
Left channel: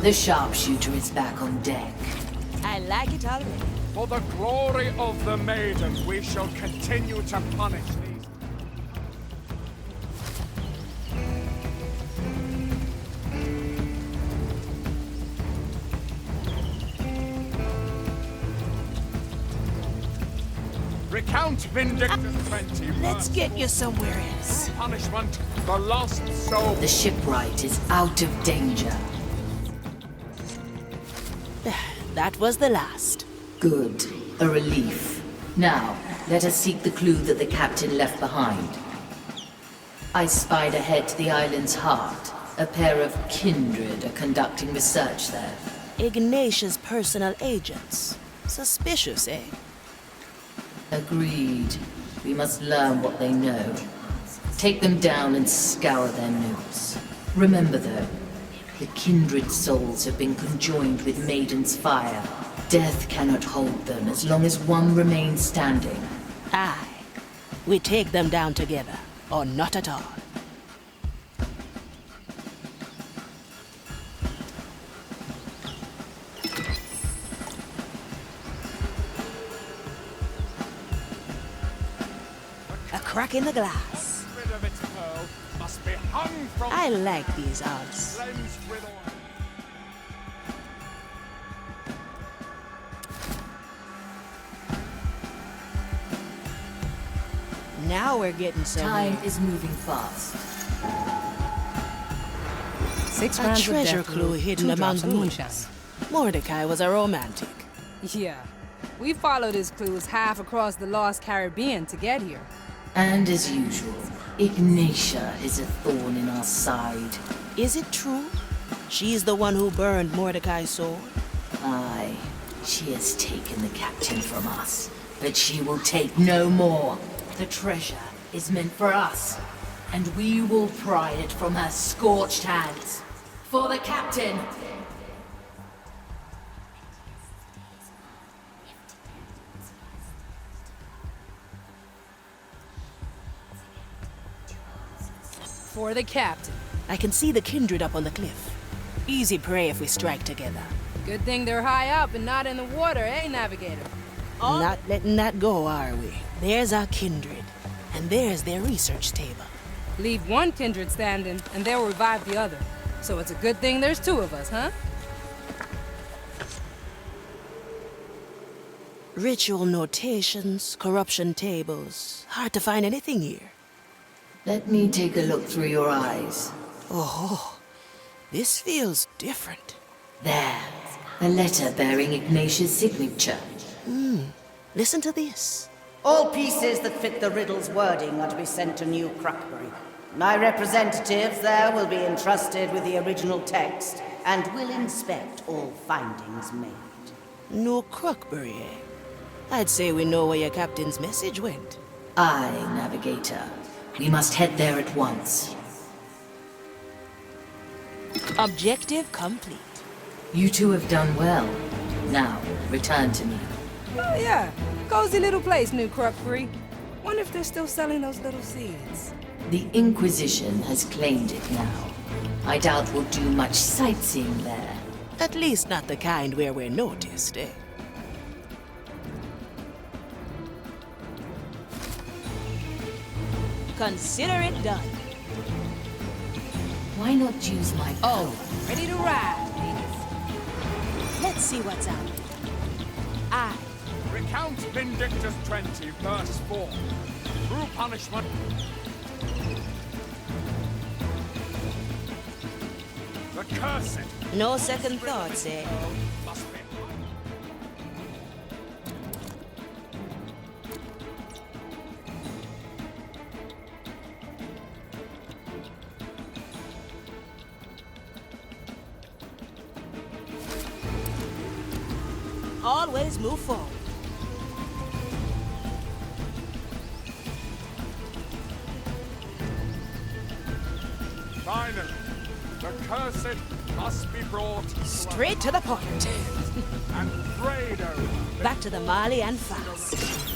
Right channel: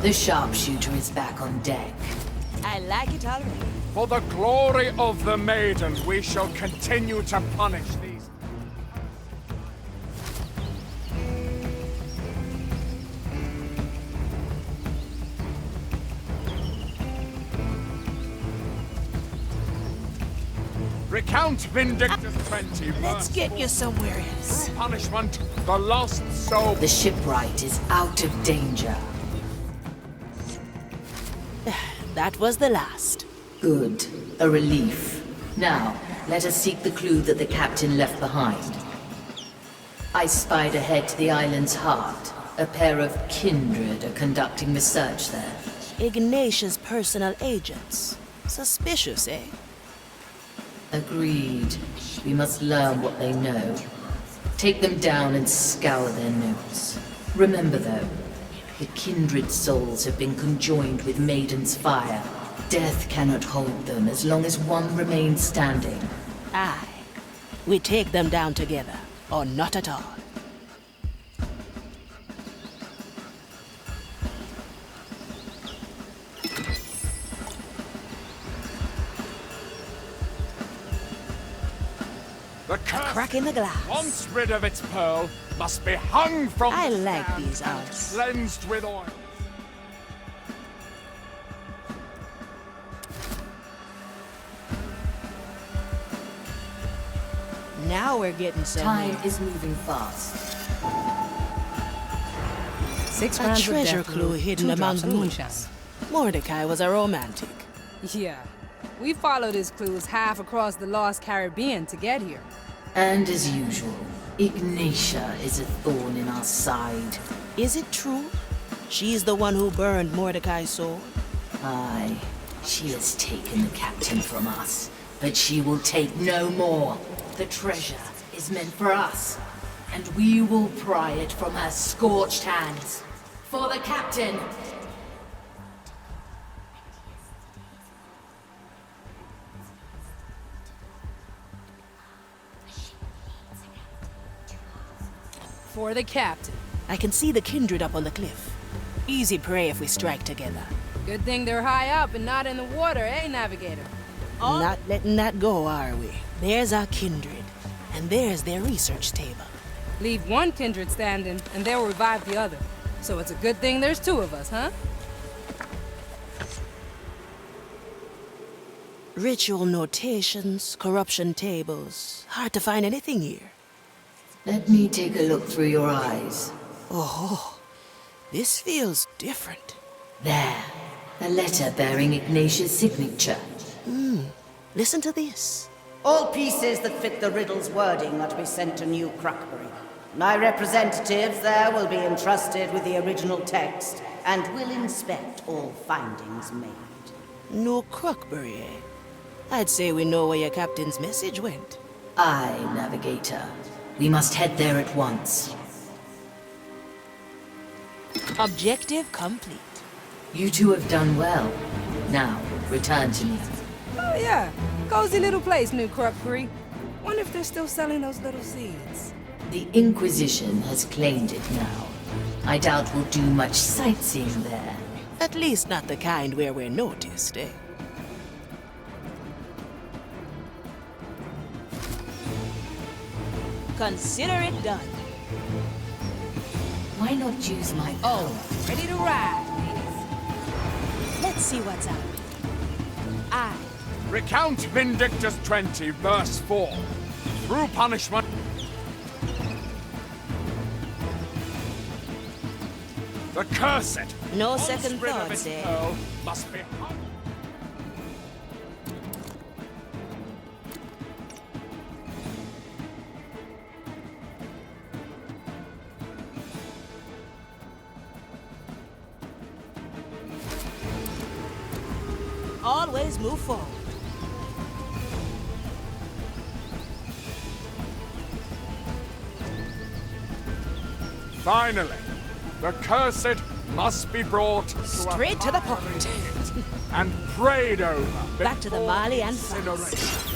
The sharpshooter is back on deck. I like it already. For the glory of the maiden, we shall continue to punish these. Recount Vindictus 20. Let's get you somewhere else. Punishment, the lost soul. The shipwright is out of danger. That was the last. Good. A relief. Now, let us seek the clue that the captain left behind. I spied ahead to the island's heart. A pair of kindred are conducting research there. Ignatius' personal agents. Suspicious, eh? Agreed. We must learn what they know. Take them down and scour their notes. Remember, though, the kindred souls have been conjoined with Maiden's fire. Death cannot hold them as long as one remains standing. Aye. We take them down together, or not at all. The A curse, crack in the glass. once rid of its pearl, must be hung from I the like stand, these odds. cleansed with oil. Now we're getting somewhere. Time is moving fast. 6 A rounds of treasure death clue root, hidden 2 among drops of moonshine. ruins. Mordecai was a romantic. Yeah, we followed his clues half across the lost Caribbean to get here. And as usual, Ignatia is a thorn in our side. Is it true? She's the one who burned Mordecai's sword? Aye, she has taken the captain from us. But she will take no more. The treasure is meant for us, and we will pry it from her scorched hands. For the captain! For the captain. I can see the kindred up on the cliff. Easy prey if we strike together. Good thing they're high up and not in the water, eh, Navigator? Not letting that go, are we? There's our kindred, and there's their research table. Leave one kindred standing, and they'll revive the other. So it's a good thing there's two of us, huh? Ritual notations, corruption tables. Hard to find anything here. Let me take a look through your eyes. Oh, this feels different. There. A letter bearing Ignatius' signature. Listen to this. All pieces that fit the riddle's wording are to be sent to New Crockbury. My representatives there will be entrusted with the original text and will inspect all findings made. No Crockbury, eh? I'd say we know where your captain's message went. Aye, Navigator. We must head there at once. Objective complete. You two have done well. Now, return to me. Oh, yeah. Cozy little place, New Crockbury. Wonder if they're still selling those little seeds. The Inquisition has claimed it now. I doubt we'll do much sightseeing there. At least not the kind where we're noticed, eh? Consider it done. Why not use my own? Ready to ride, ladies. Let's see what's out there. Recount Vindictus 20, verse 4. Through punishment... The cursed... No second offspring of thoughts, its eh? pearl must be... Always move forward. Finally, the cursed must be brought Straight to the point. and prayed over. Back to the before Mali and incineration. fast.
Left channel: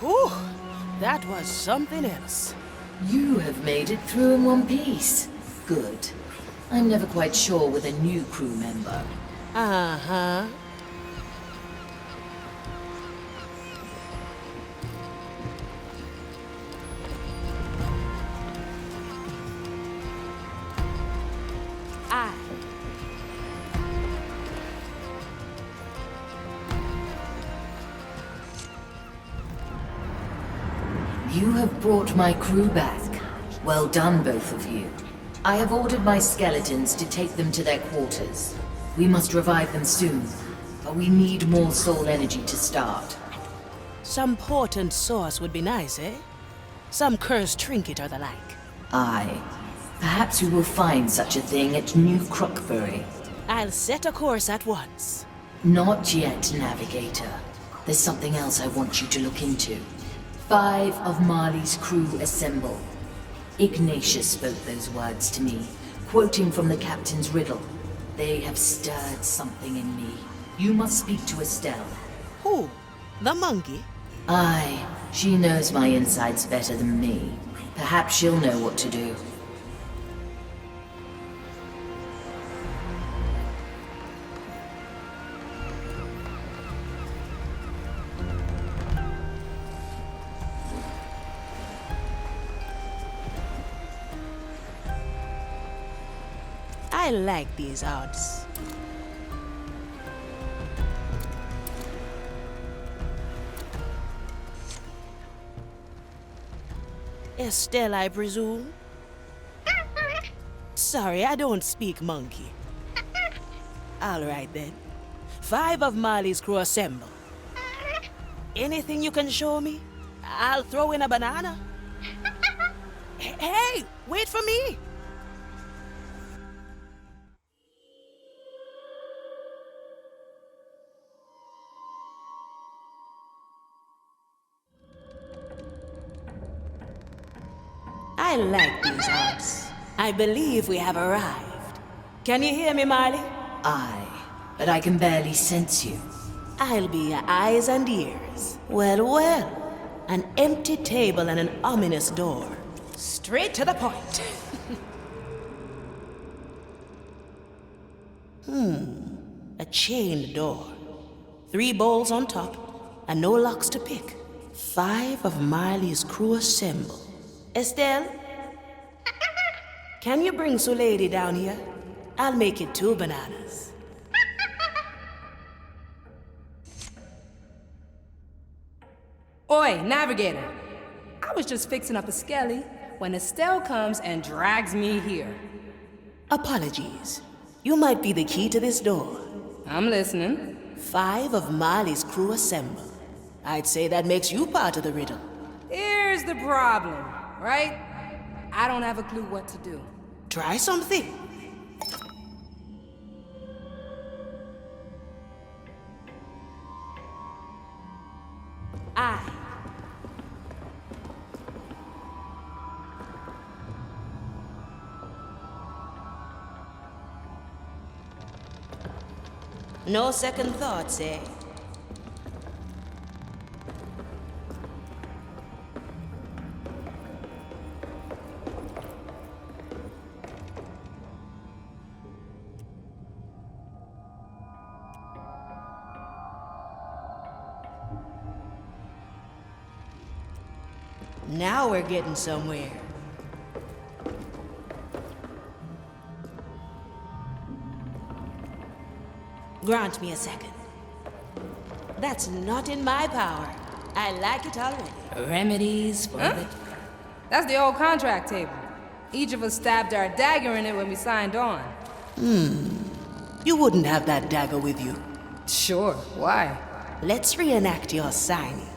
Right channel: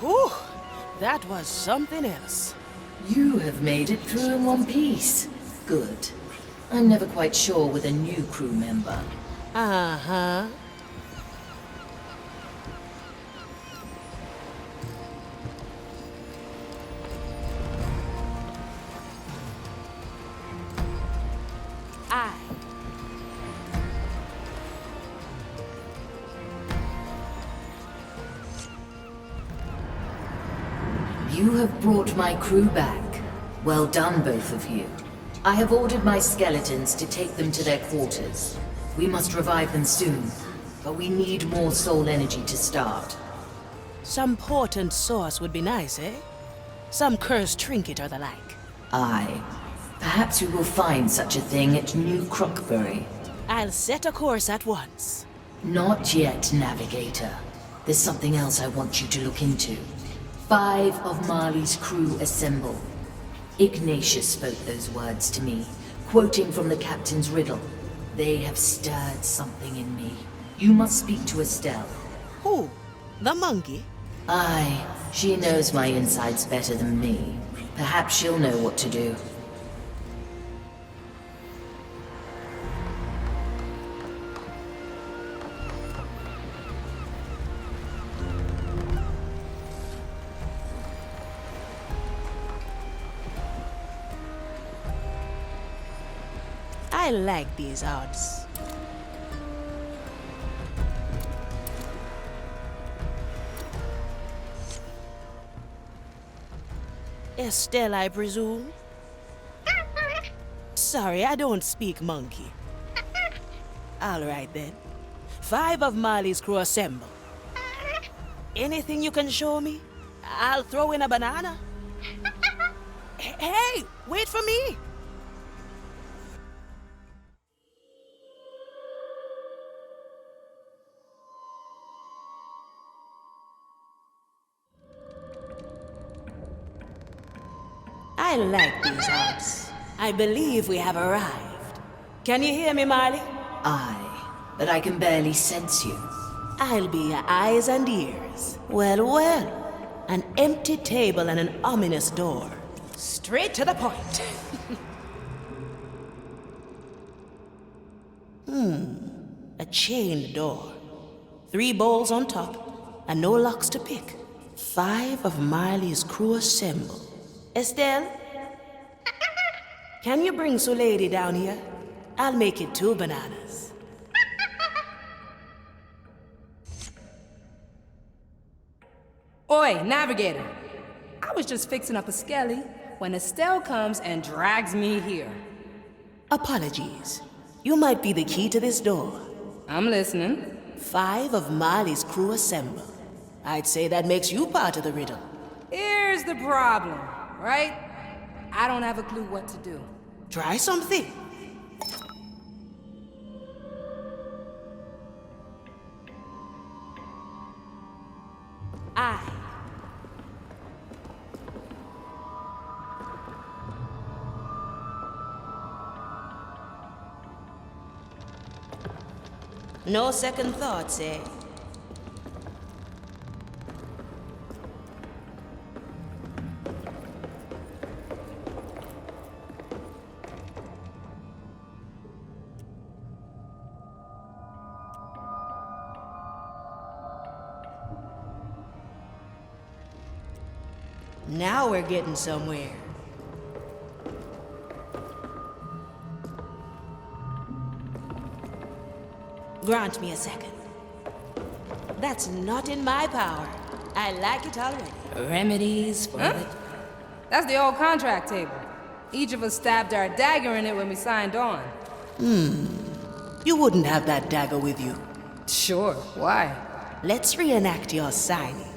Whew, that was something else. You have made it through in one piece. Good. I'm never quite sure with a new crew member. Uh-huh. You have brought my crew back. Well done, both of you. I have ordered my skeletons to take them to their quarters. We must revive them soon, but we need more soul energy to start. Some potent source would be nice, eh? Some cursed trinket or the like. Aye. Perhaps we will find such a thing at New Crockbury. I'll set a course at once. Not yet, Navigator. There's something else I want you to look into. 5 of Marley's crew assemble. Ignatius spoke those words to me, quoting from the captain's riddle. They have stirred something in me. You must speak to Estelle. Who? The monkey? Aye, she knows my insides better than me. Perhaps she'll know what to do. I like these odds. Estelle, I presume? Sorry, I don't speak monkey. All right then. 5 of Marley's crew assemble. Anything you can show me? I'll throw in a banana. Hey, wait for me! I like these odds. I believe we have arrived. Can you hear me, Marley? Aye, but I can barely sense you. I'll be your eyes and ears. Well, well. An empty table and an ominous door. Straight to the point. A chained door. 3 bowls on top, and no locks to pick. 5 of Marley's crew assemble. Estelle? Can you bring Lady down here? I'll make it 2 bananas. Oi, Navigator. I was just fixing up a skelly when Estelle comes and drags me here. Apologies. You might be the key to this door. I'm listening. 5 of Marley's crew assemble. I'd say that makes you part of the riddle. Here's the problem, right? I don't have a clue what to do. Try something. Aye. No second thoughts, eh? Now we're getting somewhere. Grant me a second. That's not in my power. I like it already. Remedies for the... That's the old contract table. Each of us stabbed our dagger in it when we signed on. You wouldn't have that dagger with you. Sure, why? Let's reenact your signing.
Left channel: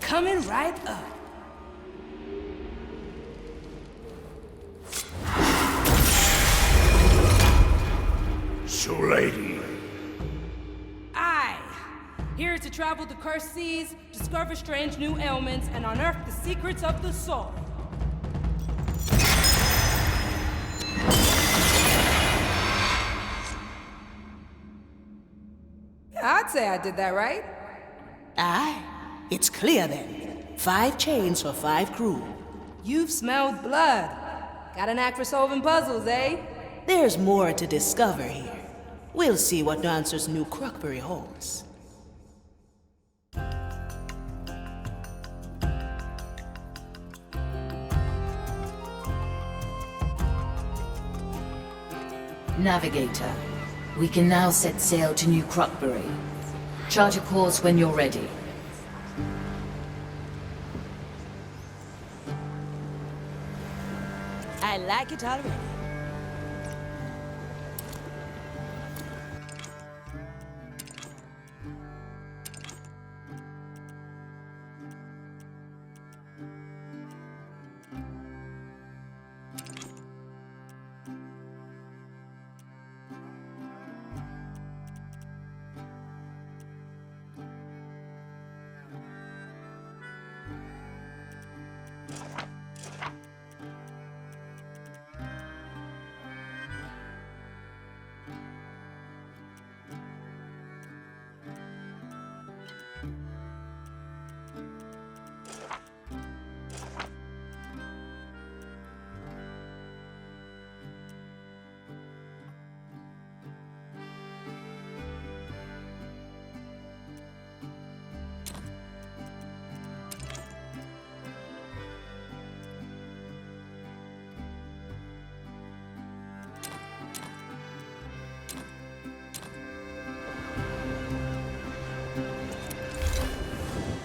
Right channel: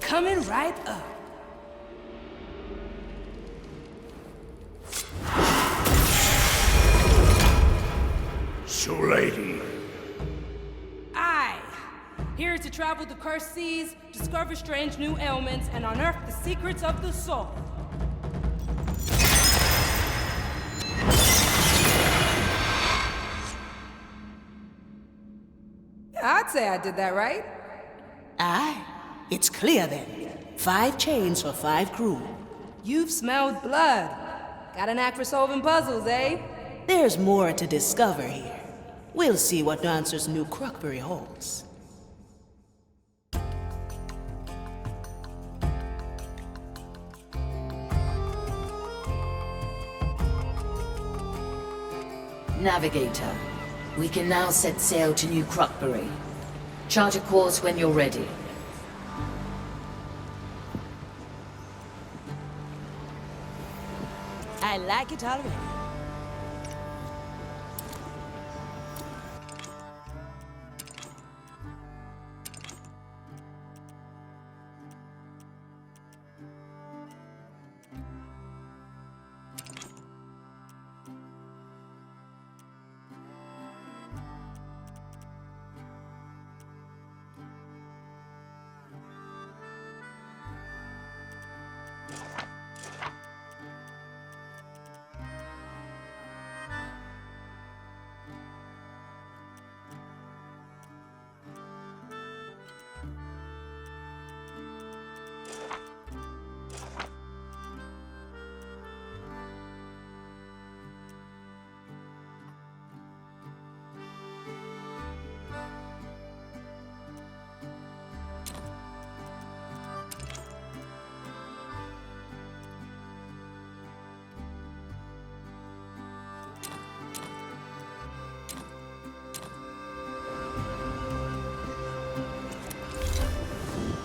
Coming right up. So, lady. Aye. Here to travel the cursed seas, discover strange new ailments, and unearth the secrets of the soul. I'd say I did that right. Aye. It's clear then. 5 chains for 5 crew. You've smelled blood. Got a knack for solving puzzles, eh? There's more to discover here. We'll see what answers New Crockberry holds. Navigator, we can now set sail to New Crockberry. Chart a course when you're ready. I like it already.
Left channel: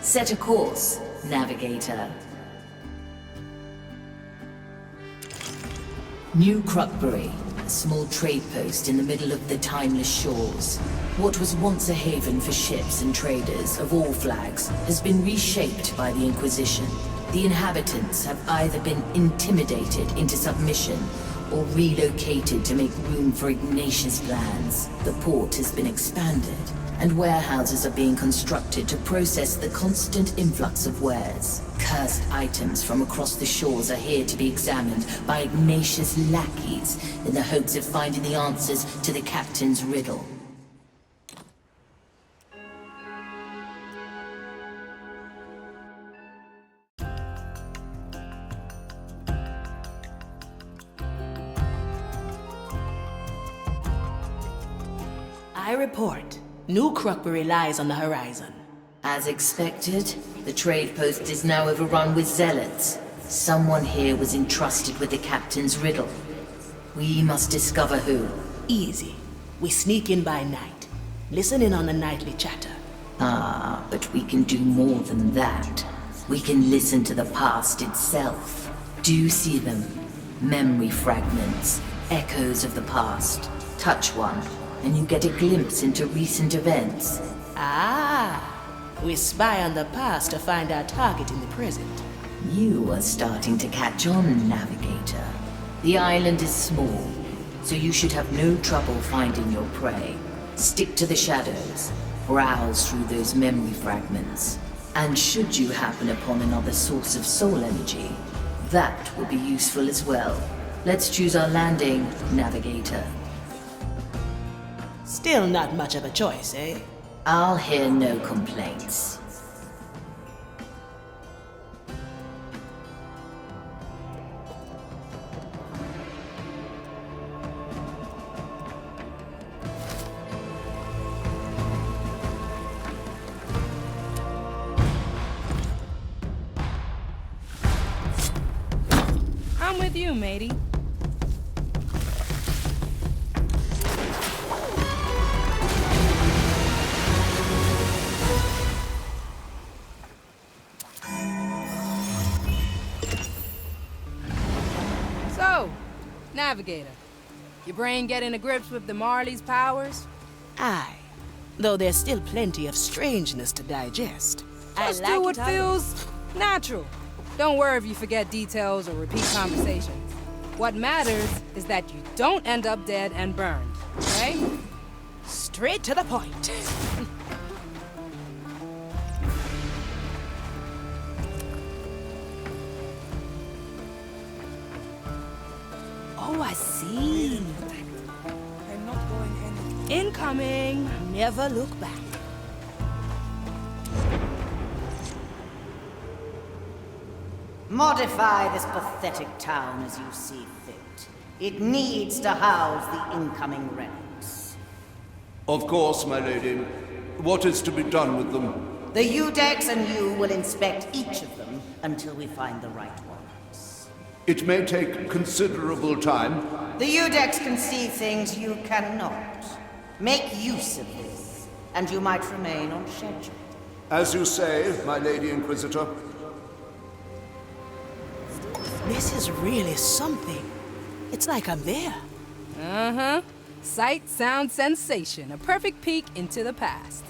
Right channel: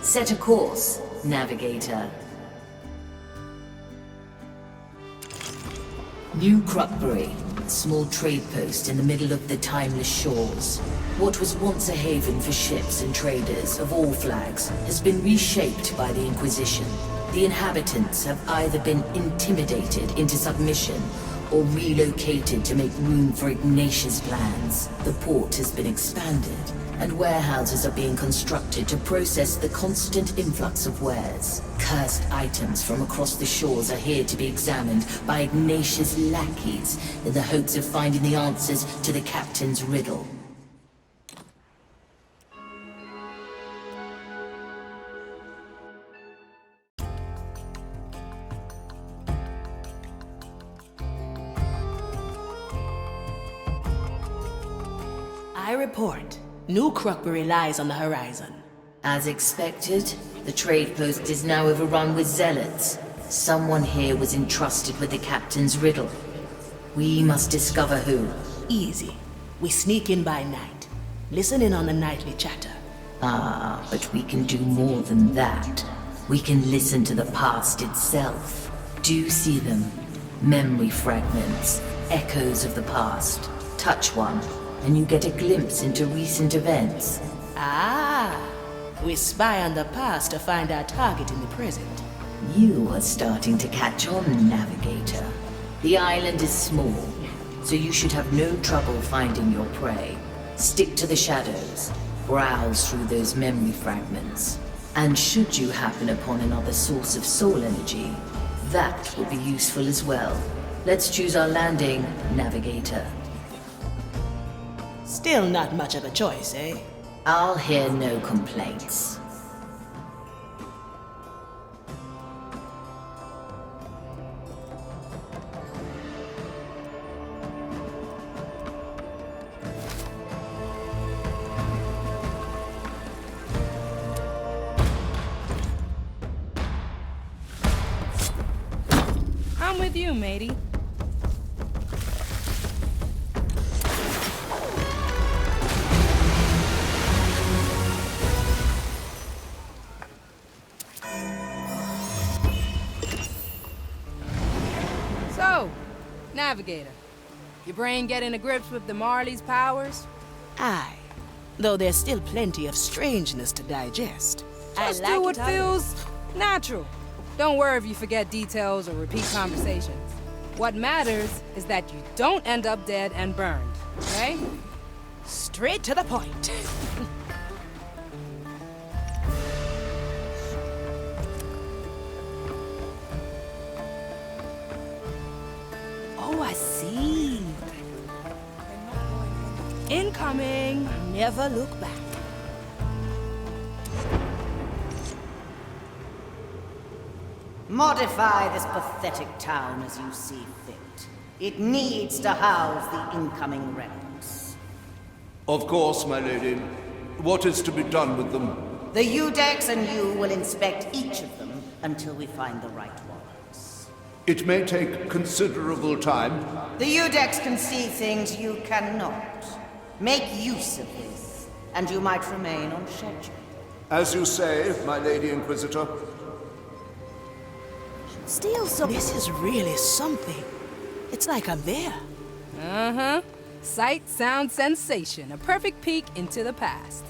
Set a course, Navigator. New Crockbury, a small trade post in the middle of the timeless shores. What was once a haven for ships and traders of all flags has been reshaped by the Inquisition. The inhabitants have either been intimidated into submission or relocated to make room for Ignatius' plans. The port has been expanded, and warehouses are being constructed to process the constant influx of wares. Cursed items from across the shores are here to be examined by Ignatius' lackeys in the hopes of finding the answers to the captain's riddle. I report. New Crockbury lies on the horizon. As expected, the trade post is now overrun with zealots. Someone here was entrusted with the captain's riddle. We must discover who. Easy. We sneak in by night. Listen in on the nightly chatter. Ah, but we can do more than that. We can listen to the past itself. Do you see them? Memory fragments, echoes of the past. Touch one, and you get a glimpse into recent events. Ah! We spy on the past to find our target in the present. You are starting to catch on, Navigator. The island is small, so you should have no trouble finding your prey. Stick to the shadows, browse through those memory fragments, and should you happen upon another source of soul energy, that will be useful as well. Let's choose our landing, Navigator. Still not much of a choice, eh? I'll hear no complaints. I'm with you, matey. So, Navigator, your brain getting to grips with the Marley's powers? Aye. Though there's still plenty of strangeness to digest. Just do what feels natural. Don't worry if you forget details or repeat conversations. What matters is that you don't end up dead and burned, okay? Straight to the point. Oh, I see. I'm not going in. Incoming. Never look back. Modify this pathetic town as you see fit. It needs to house the incoming relics. Of course, my lady. What is to be done with them? The Udex and you will inspect each of them until we find the right ones. It may take considerable time. The Udex can see things you cannot. Make use of this, and you might remain on schedule. As you say, my Lady Inquisitor. Steal some. This is really something. It's like I'm there. Uh-huh. Sight, sound, sensation. A perfect peek into the past.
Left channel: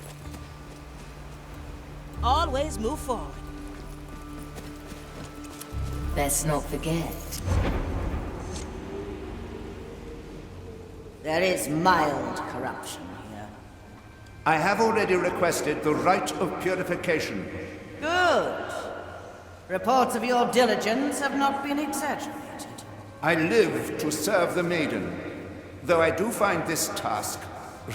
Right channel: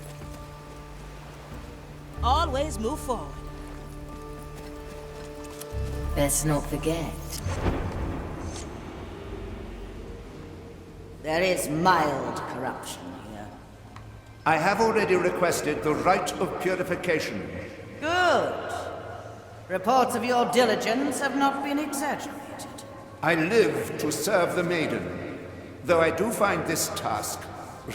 Always move forward. Let's not forget. There is mild corruption here. I have already requested the rite of purification. Good. Reports of your diligence have not been exaggerated. I live to serve the maiden, though I do find this task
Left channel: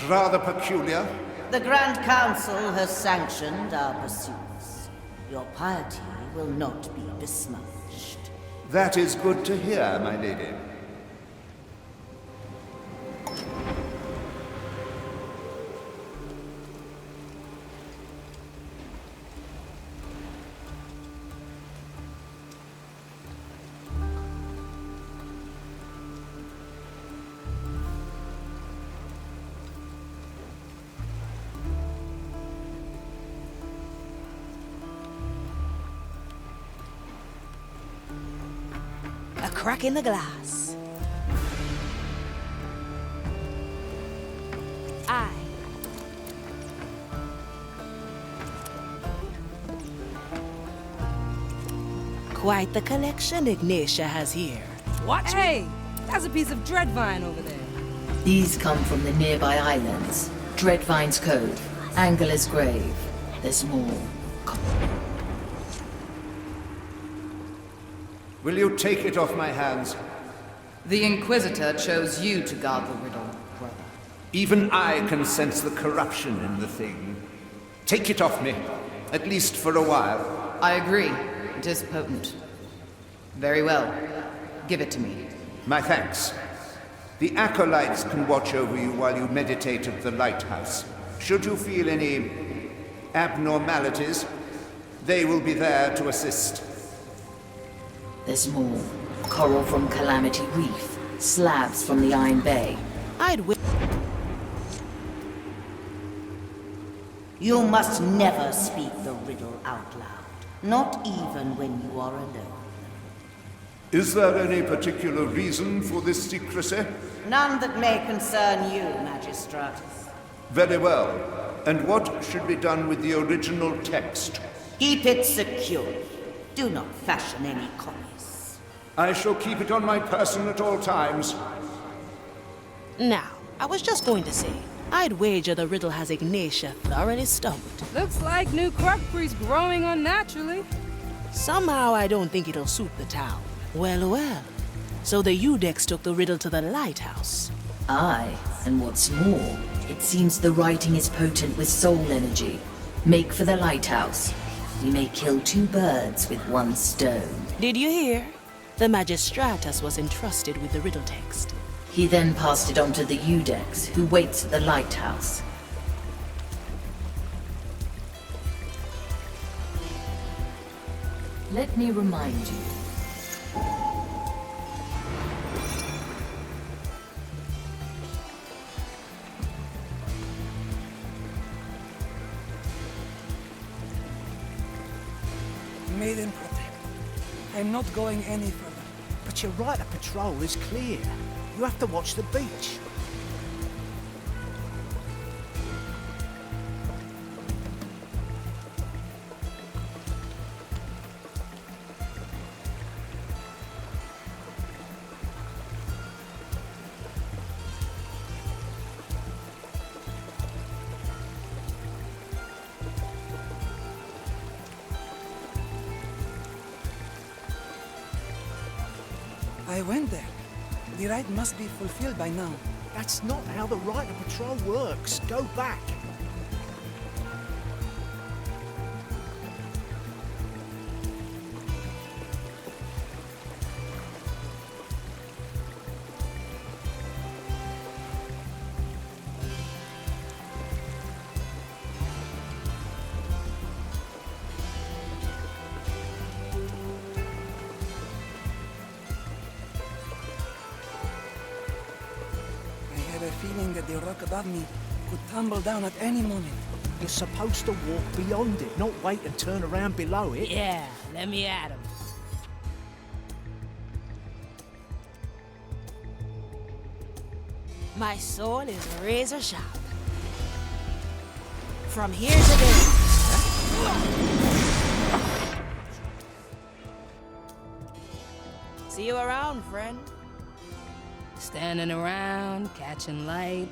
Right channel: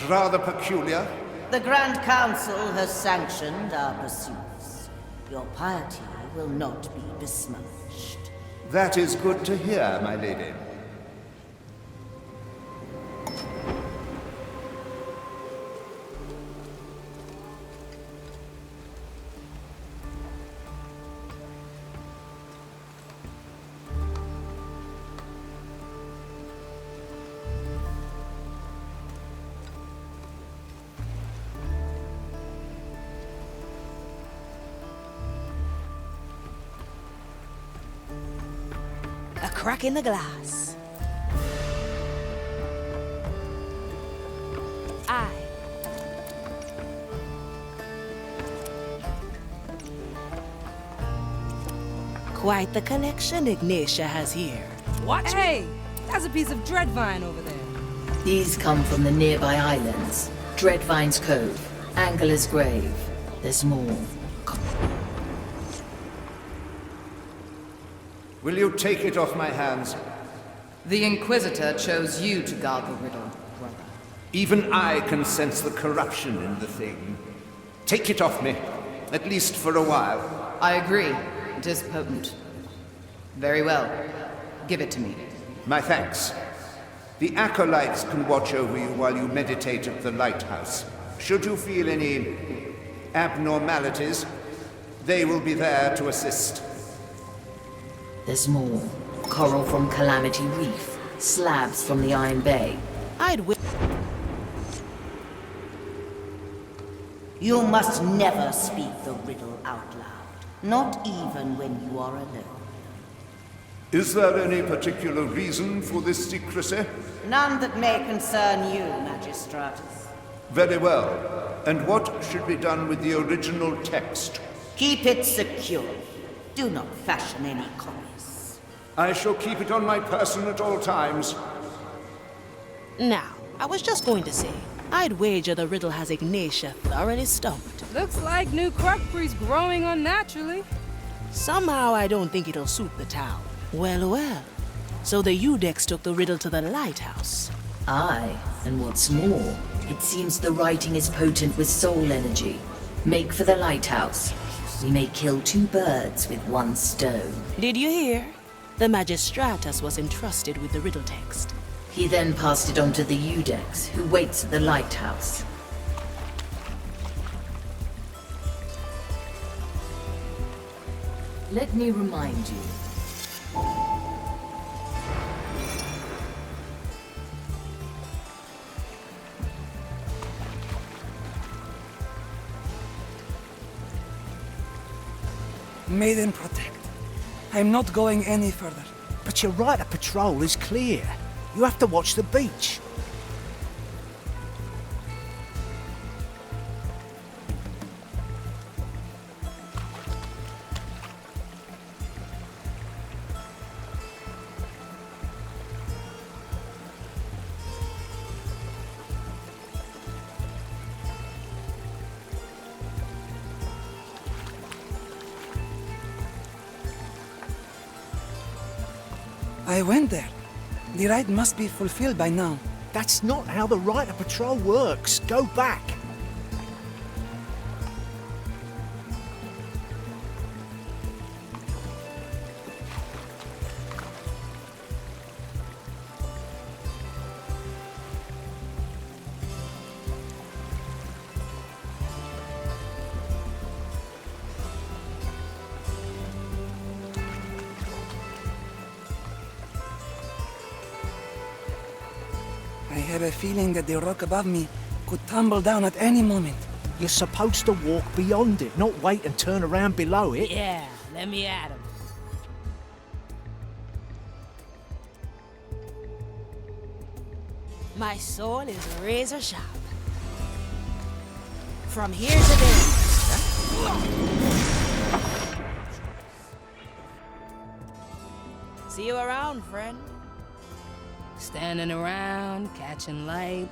rather peculiar. The Grand Council has sanctioned our pursuits. Your piety will not be besmirched. That is good to hear, my lady. A crack in the glass. Quite the collection Ignatia has here. Watch Hey, that's a piece of dreadvine over there. These come from the nearby islands. Dreadvine's Cove, Angela's Grave. There's more. Will you take it off my hands? The Inquisitor chose you to guard the riddle, brother. Even I can sense the corruption in the thing. Take it off me, at least for a while. I agree. It is potent. Very well. Give it to me. My thanks. The acolytes can watch over you while you meditate at the lighthouse. Should you feel any abnormalities, they will be there to assist. There's more. Coral from Calamity Reef, slabs from the Iron Bay. You must never speak the riddle out loud, not even when you are alone. Is there any particular reason for this secrecy? None that may concern you, Magistratus. Very well. And what should be done with the original text? Keep it secure. Do not fashion any copies. I shall keep it on my person at all times. Now, I was just going to say, I'd wager the riddle has Ignatia thoroughly stumped. Looks like new crockery's growing unnaturally. Somehow I don't think it'll suit the town. Well, well. So the Udex took the riddle to the lighthouse. Aye, and what's more, it seems the writing is potent with soul energy. Make for the lighthouse. We may kill two birds with one stone. Did you hear? The Magistratus was entrusted with the riddle text. He then passed it on to the Udex, who waits at the lighthouse. Let me remind you. Maiden protect. I'm not going any further. But your right of patrol is clear. You have to watch the beach. I went there. The rite must be fulfilled by now. That's not how the right of patrol works. Go back. I have a feeling that the rock above me could tumble down at any moment. You're supposed to walk beyond it, not wait and turn around below it. Yeah, let me at him. My soul is razor sharp. From here to there. See you around, friend. Standing around, catching light.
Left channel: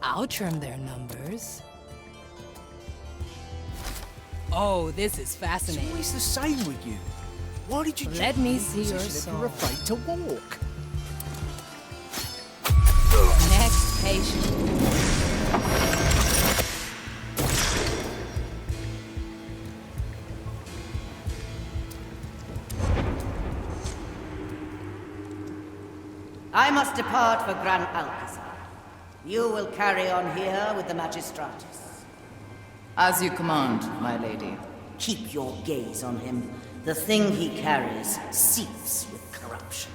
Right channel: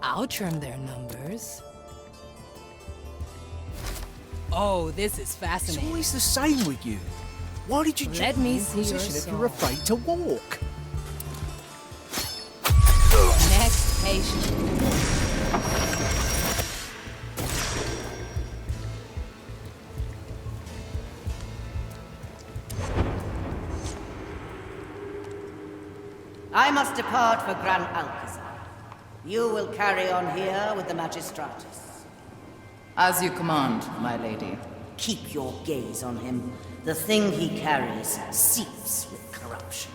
I'll trim their numbers. Oh, this is fascinating. It's always the same with you. Why did you Let me see your if you're soul. afraid to walk? Next patient. I must depart for Gran Alcazar. You will carry on here with the Magistratus. As you command, my lady. Keep your gaze on him. The thing he carries seeps with corruption.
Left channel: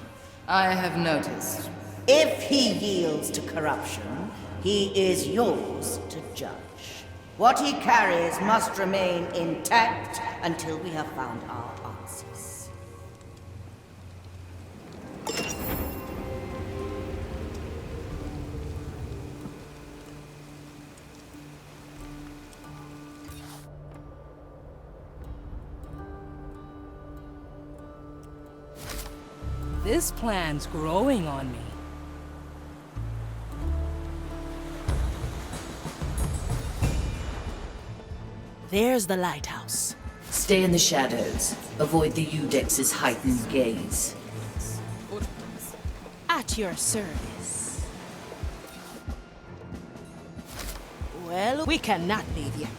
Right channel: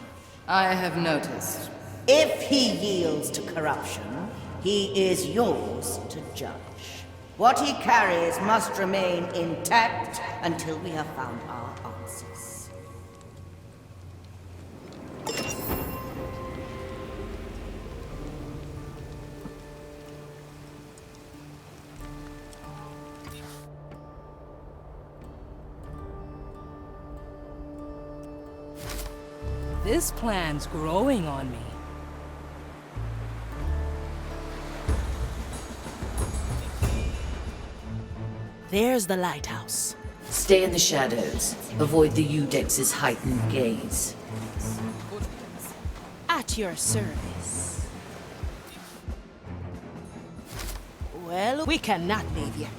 I have noticed. If he yields to corruption, he is yours to judge. What he carries must remain intact until we have found our answers. This plan's growing on me. There's the lighthouse. Stay in the shadows. Avoid the Udex's heightened gaze. At your service. Well, we cannot leave yet.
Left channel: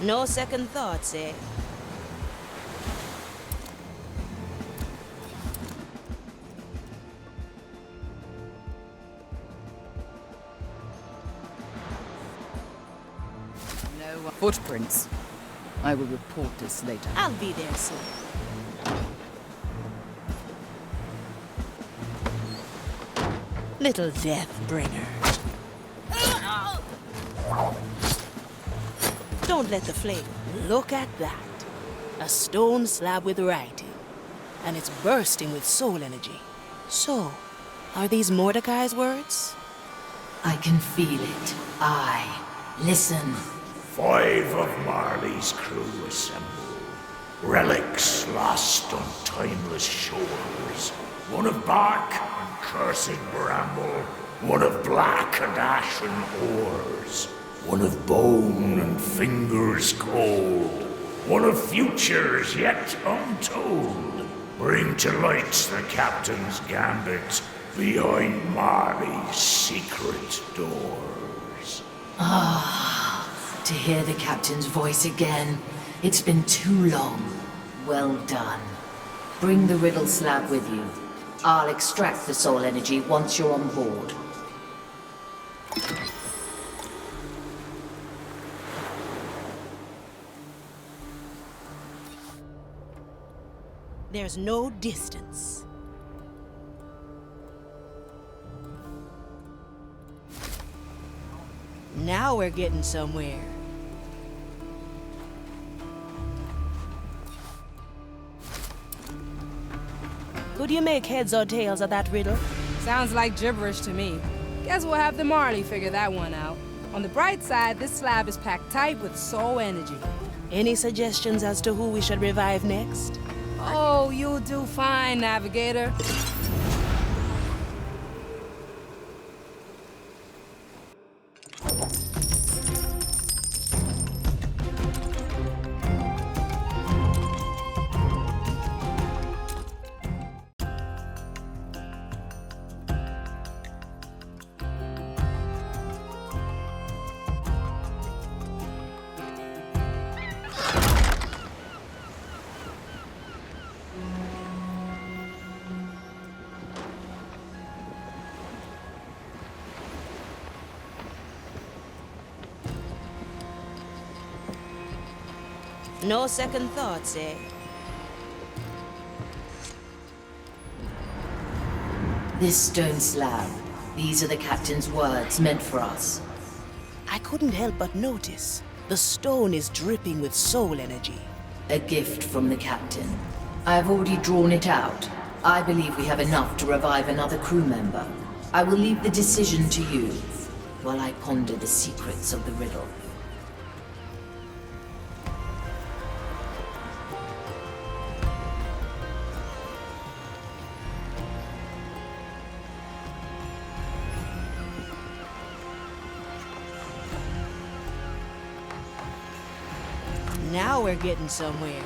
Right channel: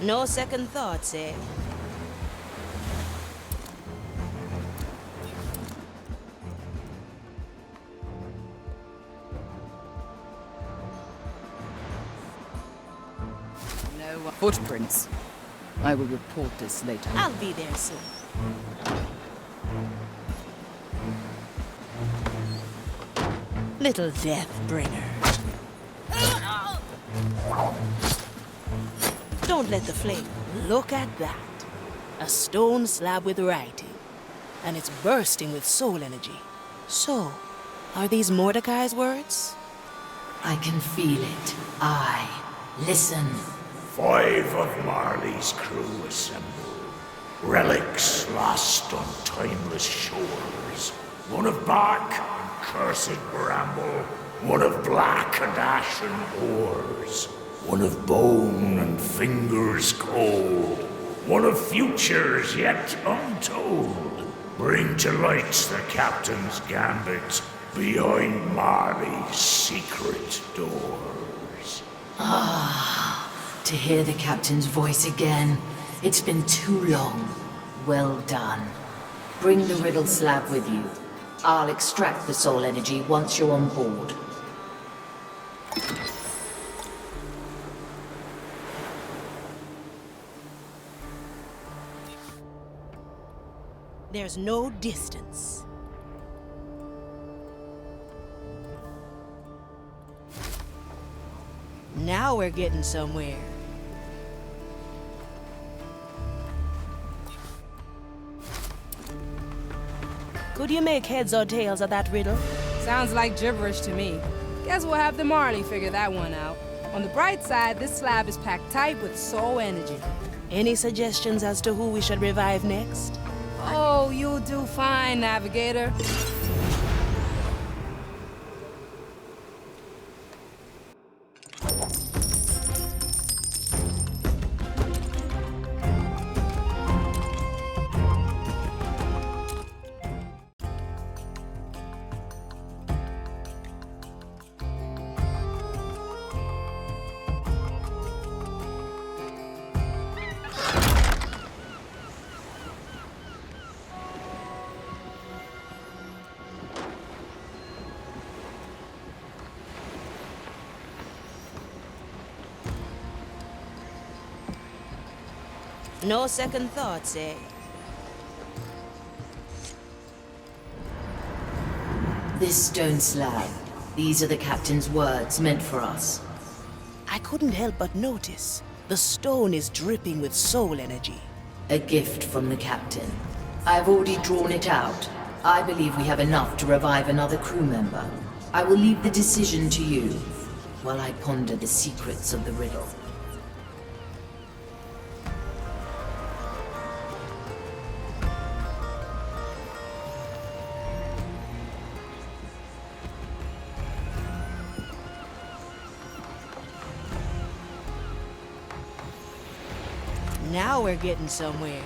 No second thoughts, eh? No footprints. I will report this later. I'll be there soon. Little death bringer. Don't let the flame. Look at that. A stone slab with writing. And it's bursting with soul energy. So, are these Mordecai's words? I can feel it. Listen. 5 of Marley's crew assemble. Relics lost on timeless shores. 1 of bark and cursed bramble. 1 of black and ashen ores. 1 of bone and fingers cold. 1 of futures yet untold. Bring to light the captain's gambit behind Marley's secret doors. To hear the captain's voice again. It's been too long. Well done. Bring the riddle slab with you. I'll extract the soul energy once you're on board. There's no distance. Now we're getting somewhere. Could you make heads or tails of that riddle? Sounds like gibberish to me. Guess we'll have the Marley figure that one out. On the bright side, this slab is packed tight with soul energy. Any suggestions as to who we should revive next? Oh, you'll do fine, Navigator. No second thoughts, eh? This stone slab. These are the captain's words meant for us. I couldn't help but notice. The stone is dripping with soul energy. A gift from the captain. I've already drawn it out. I believe we have enough to revive another crew member. I will leave the decision to you while I ponder the secrets of the riddle. Now we're getting somewhere.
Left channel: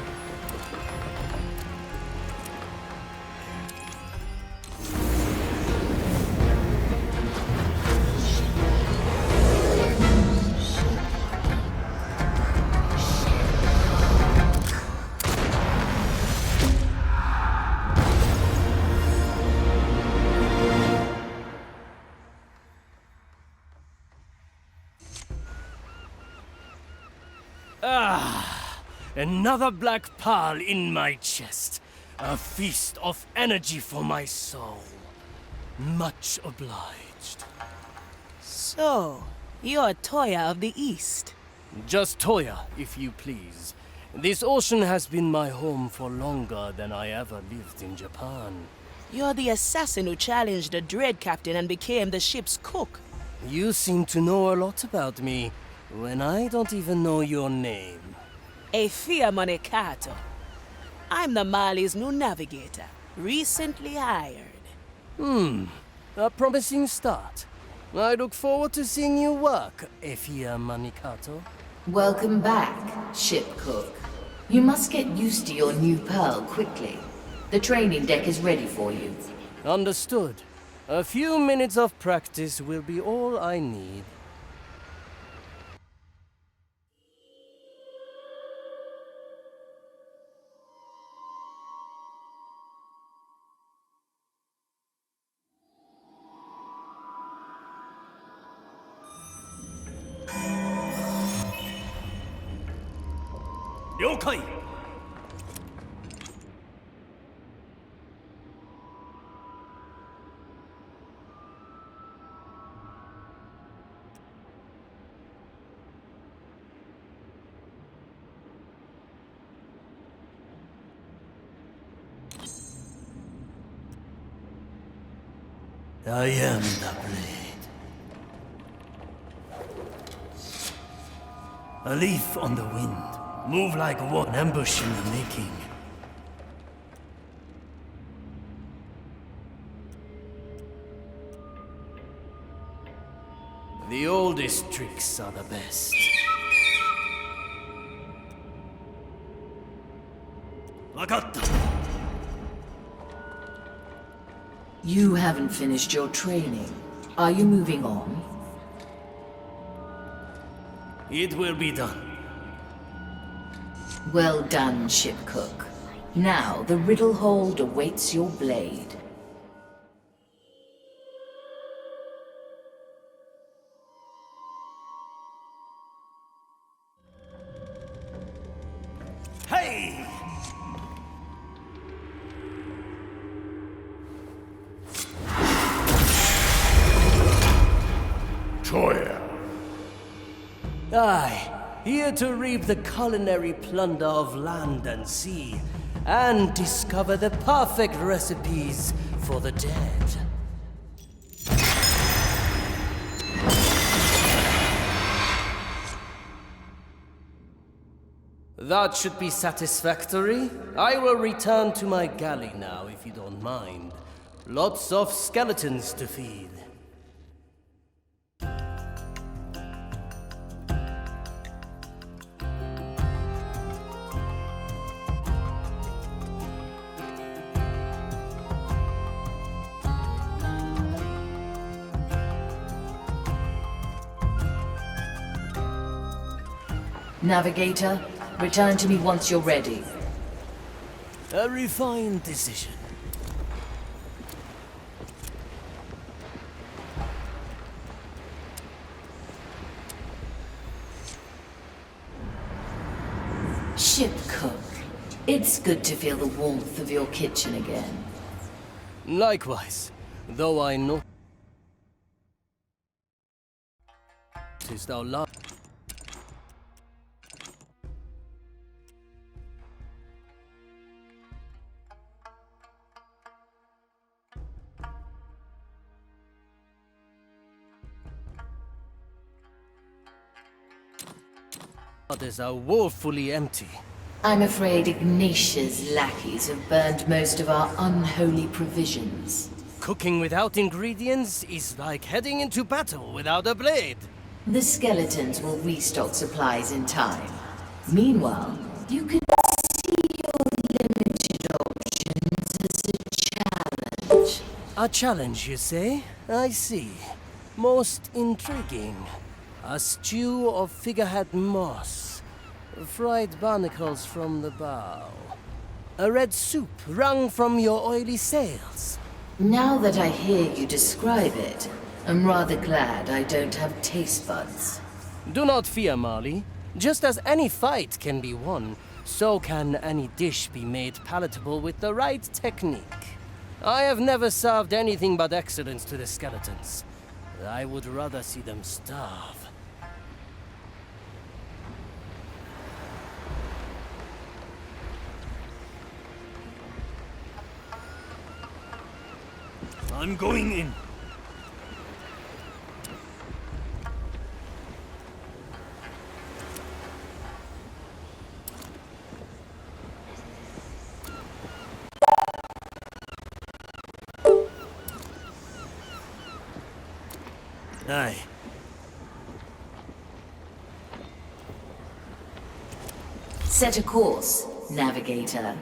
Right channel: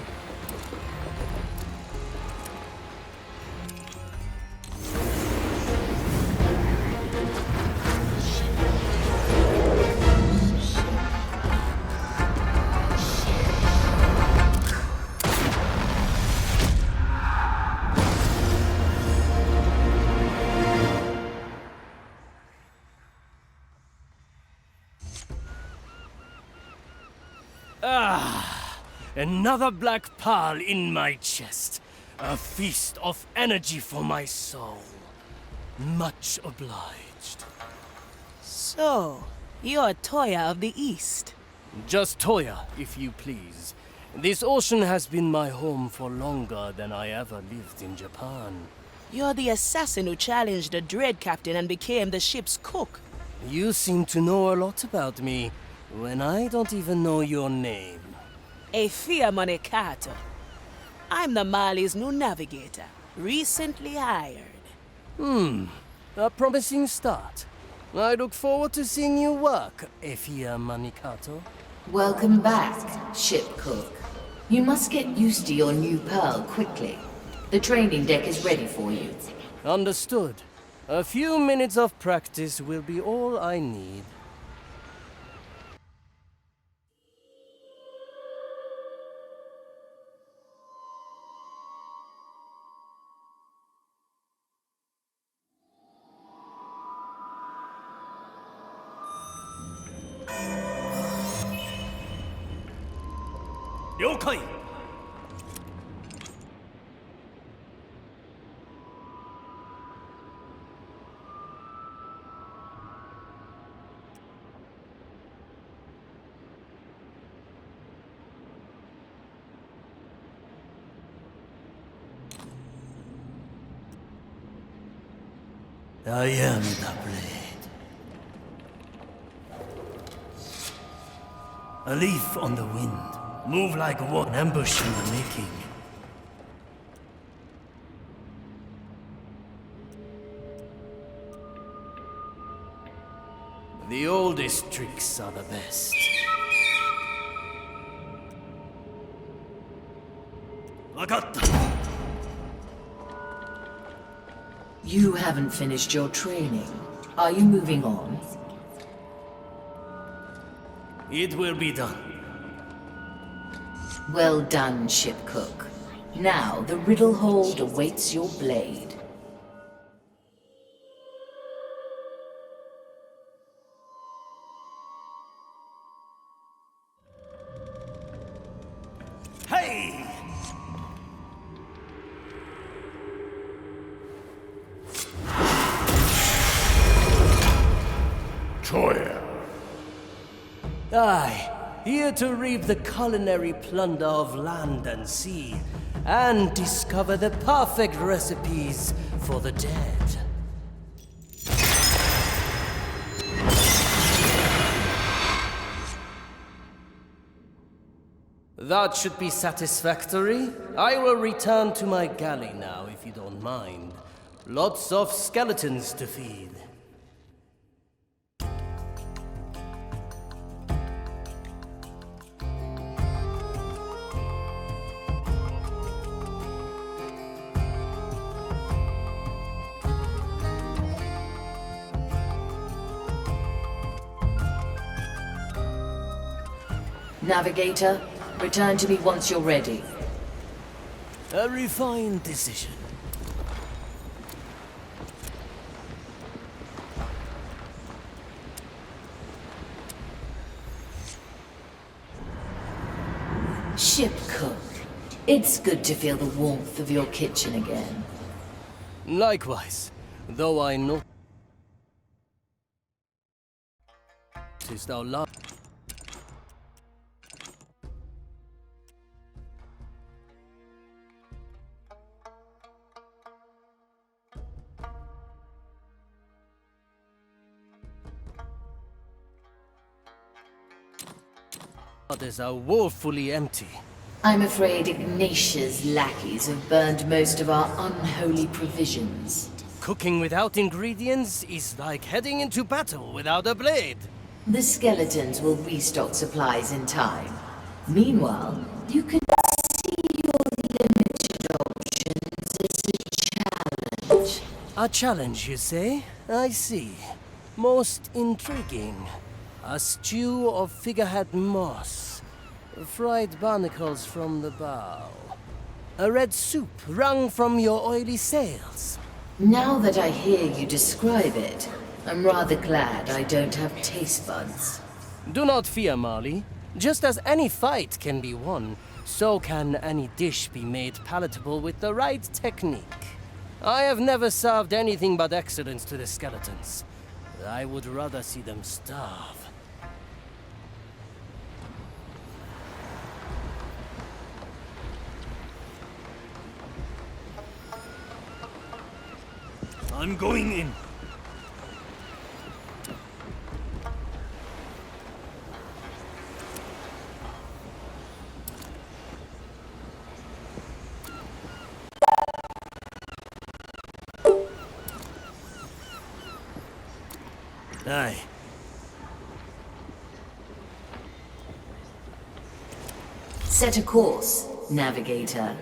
Another black pearl in my chest. A feast of energy for my soul. Much obliged. So, you're Toya of the East. Just Toya, if you please. This ocean has been my home for longer than I ever lived in Japan. You're the assassin who challenged the Dread Captain and became the ship's cook. You seem to know a lot about me, when I don't even know your name. Efia Monekato. I'm the Mali's new navigator, recently hired. A promising start. I look forward to seeing you work, Efia Manikato. Welcome back, ship cook. You must get used to your new pearl quickly. The training deck is ready for you. Understood. A few minutes of practice will be all I need. Ryokai! I am the blade. A leaf on the wind. Move like one, ambush in the making. The oldest tricks are the best. Wakatta! You haven't finished your training. Are you moving on? It will be done. Well done, ship cook. Now the riddle hold awaits your blade. Hey! Toya. Aye, here to reap the culinary plunder of land and sea, and discover the perfect recipes for the dead. That should be satisfactory. I will return to my galley now, if you don't mind. Lots of skeletons to feed. Navigator, return to me once you're ready. A refined decision. Ship cook, it's good to feel the warmth of your kitchen again. Likewise, though I know... Tis thou love. Others are woefully empty. I'm afraid Ignatia's lackeys have burned most of our unholy provisions. Cooking without ingredients is like heading into battle without a blade. The skeletons will restock supplies in time. Meanwhile, you could see your limited options as a challenge. A challenge, you say? I see. Most intriguing. A stew of figurehead moss. Fried barnacles from the bow. A red soup wrung from your oily sails. Now that I hear you describe it, I'm rather glad I don't have taste buds. Do not fear, Marley. Just as any fight can be won, so can any dish be made palatable with the right technique. I have never served anything but excellence to the skeletons. I would rather see them starve. I'm going in. Aye. Set a course, navigator.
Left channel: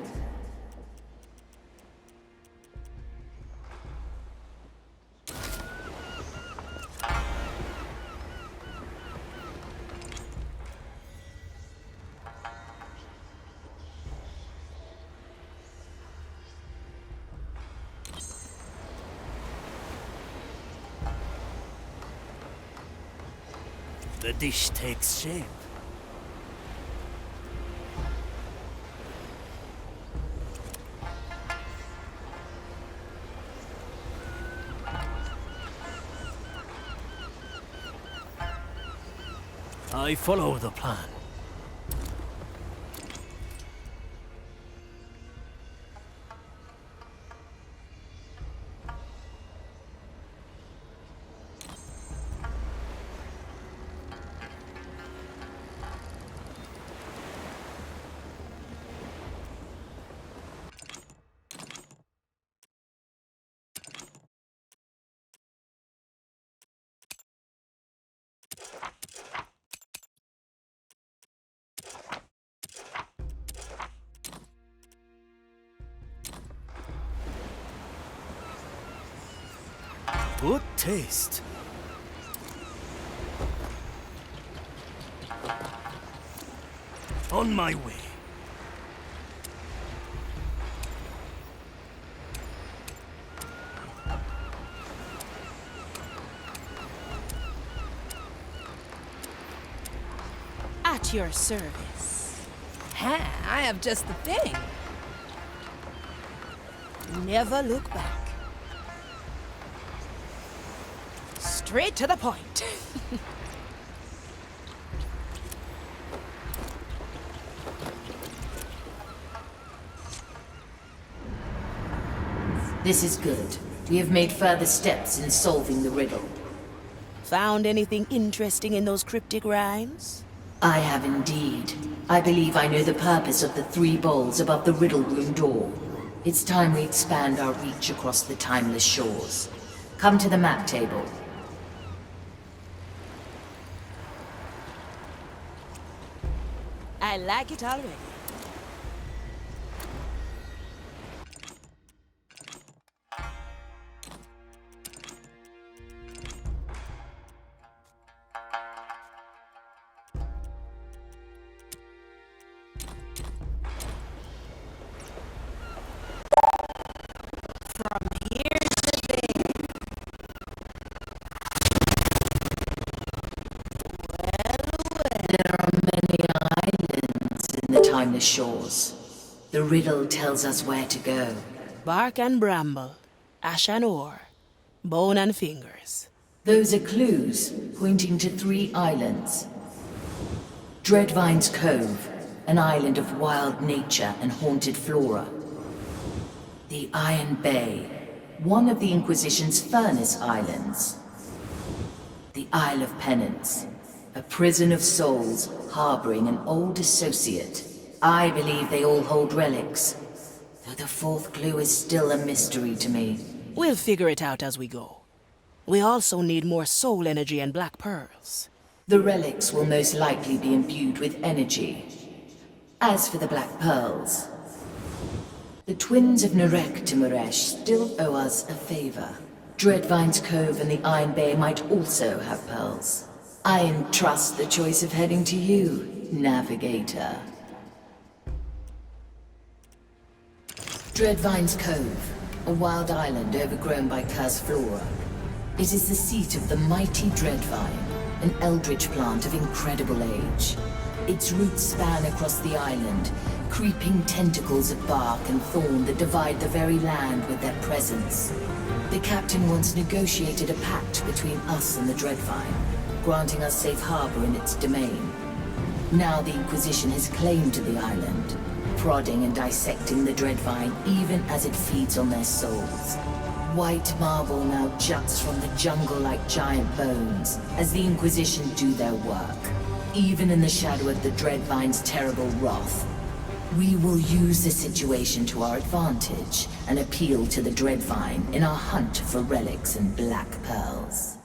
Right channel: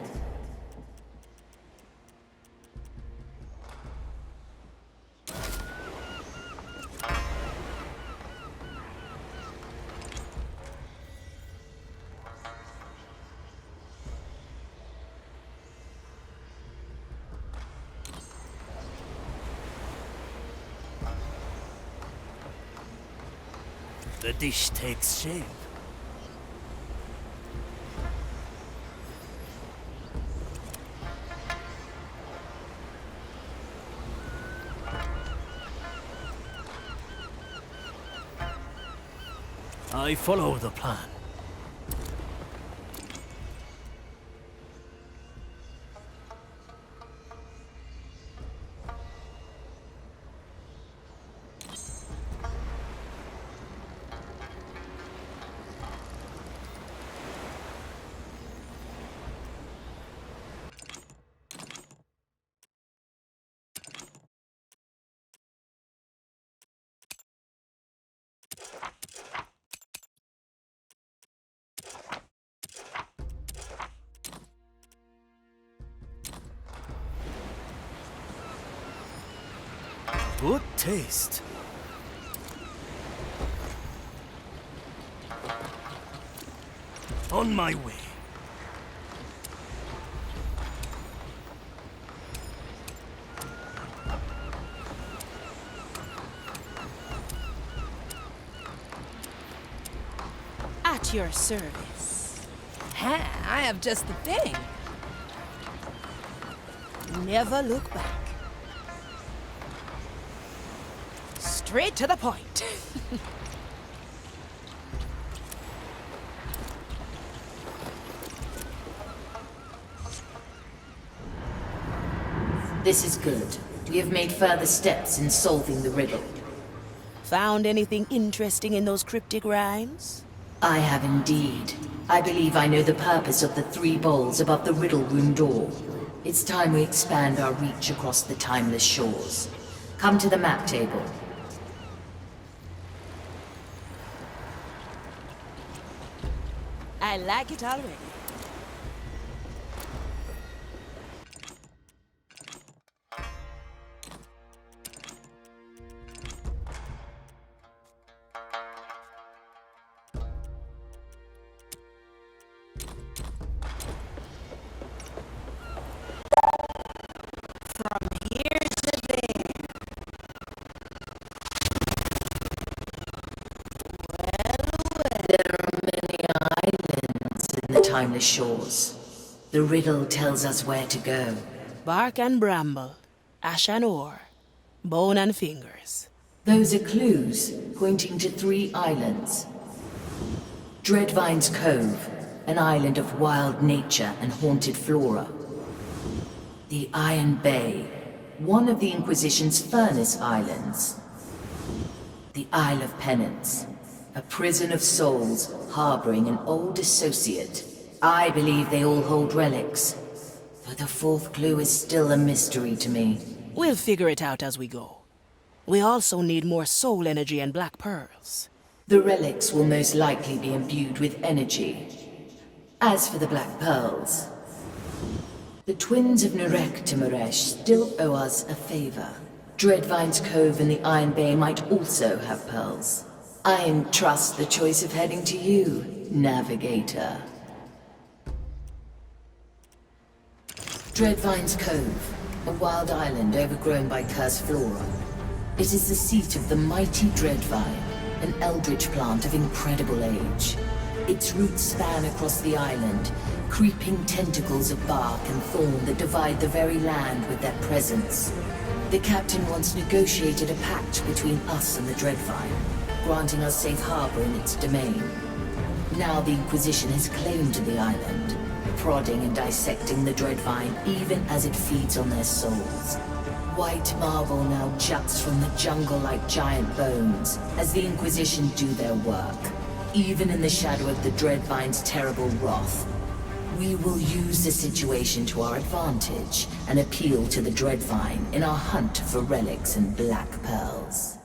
The dish takes shape. I follow the plan. Good taste. On my way. At your service. Ha! I have just the thing. Never look back. Straight to the point. This is good. We have made further steps in solving the riddle. Found anything interesting in those cryptic rhymes? I have indeed. I believe I know the purpose of the 3 bowls above the riddle room door. It's time we expand our reach across the timeless shores. Come to the map table. I like it already. From here to there. There are many islands in the timeless shores. The riddle tells us where to go. Bark and bramble, ash and ore, bone and fingers. Those are clues pointing to 3 islands. Dreadvine's Cove, an island of wild nature and haunted flora. The Iron Bay, one of the Inquisition's furnace islands. The Isle of Penance, a prison of souls harboring an old associate. I believe they all hold relics, though the 4th clue is still a mystery to me. We'll figure it out as we go. We also need more soul energy and black pearls. The relics will most likely be imbued with energy. As for the black pearls, the twins of Narek Timoresh still owe us a favor. Dreadvine's Cove and the Iron Bay might also have pearls. I entrust the choice of heading to you, Navigator. Dreadvine's Cove, a wild island overgrown by cursed flora. It is the seat of the mighty Dreadvine, an eldritch plant of incredible age. Its roots span across the island, creeping tentacles of bark and thorn that divide the very land with their presence. The captain once negotiated a pact between us and the Dreadvine, granting us safe harbor in its domain. Now the Inquisition has claim to the island, prodding and dissecting the Dreadvine even as it feeds on their souls. White marble now juts from the jungle like giant bones, as the Inquisition do their work, even in the shadow of the Dreadvine's terrible wrath. We will use the situation to our advantage and appeal to the Dreadvine in our hunt for relics and black pearls.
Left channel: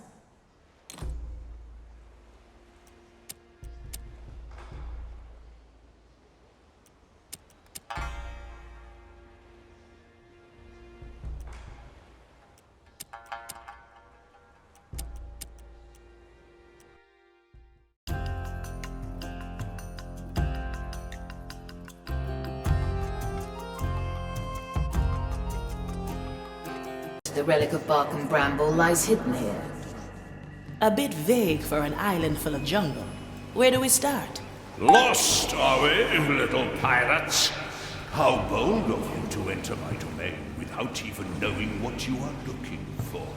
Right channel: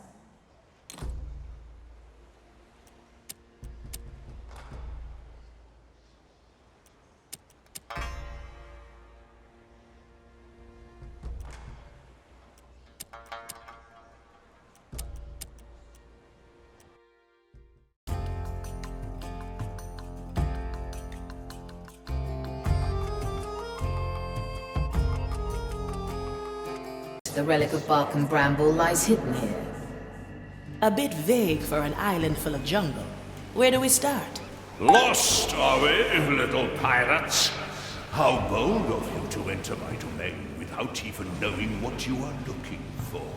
The relic of bark and bramble lies hidden here. A bit vague for an island full of jungle. Where do we start? Lost, are we, little pirates? How bold of you to enter my domain without even knowing what you are looking for.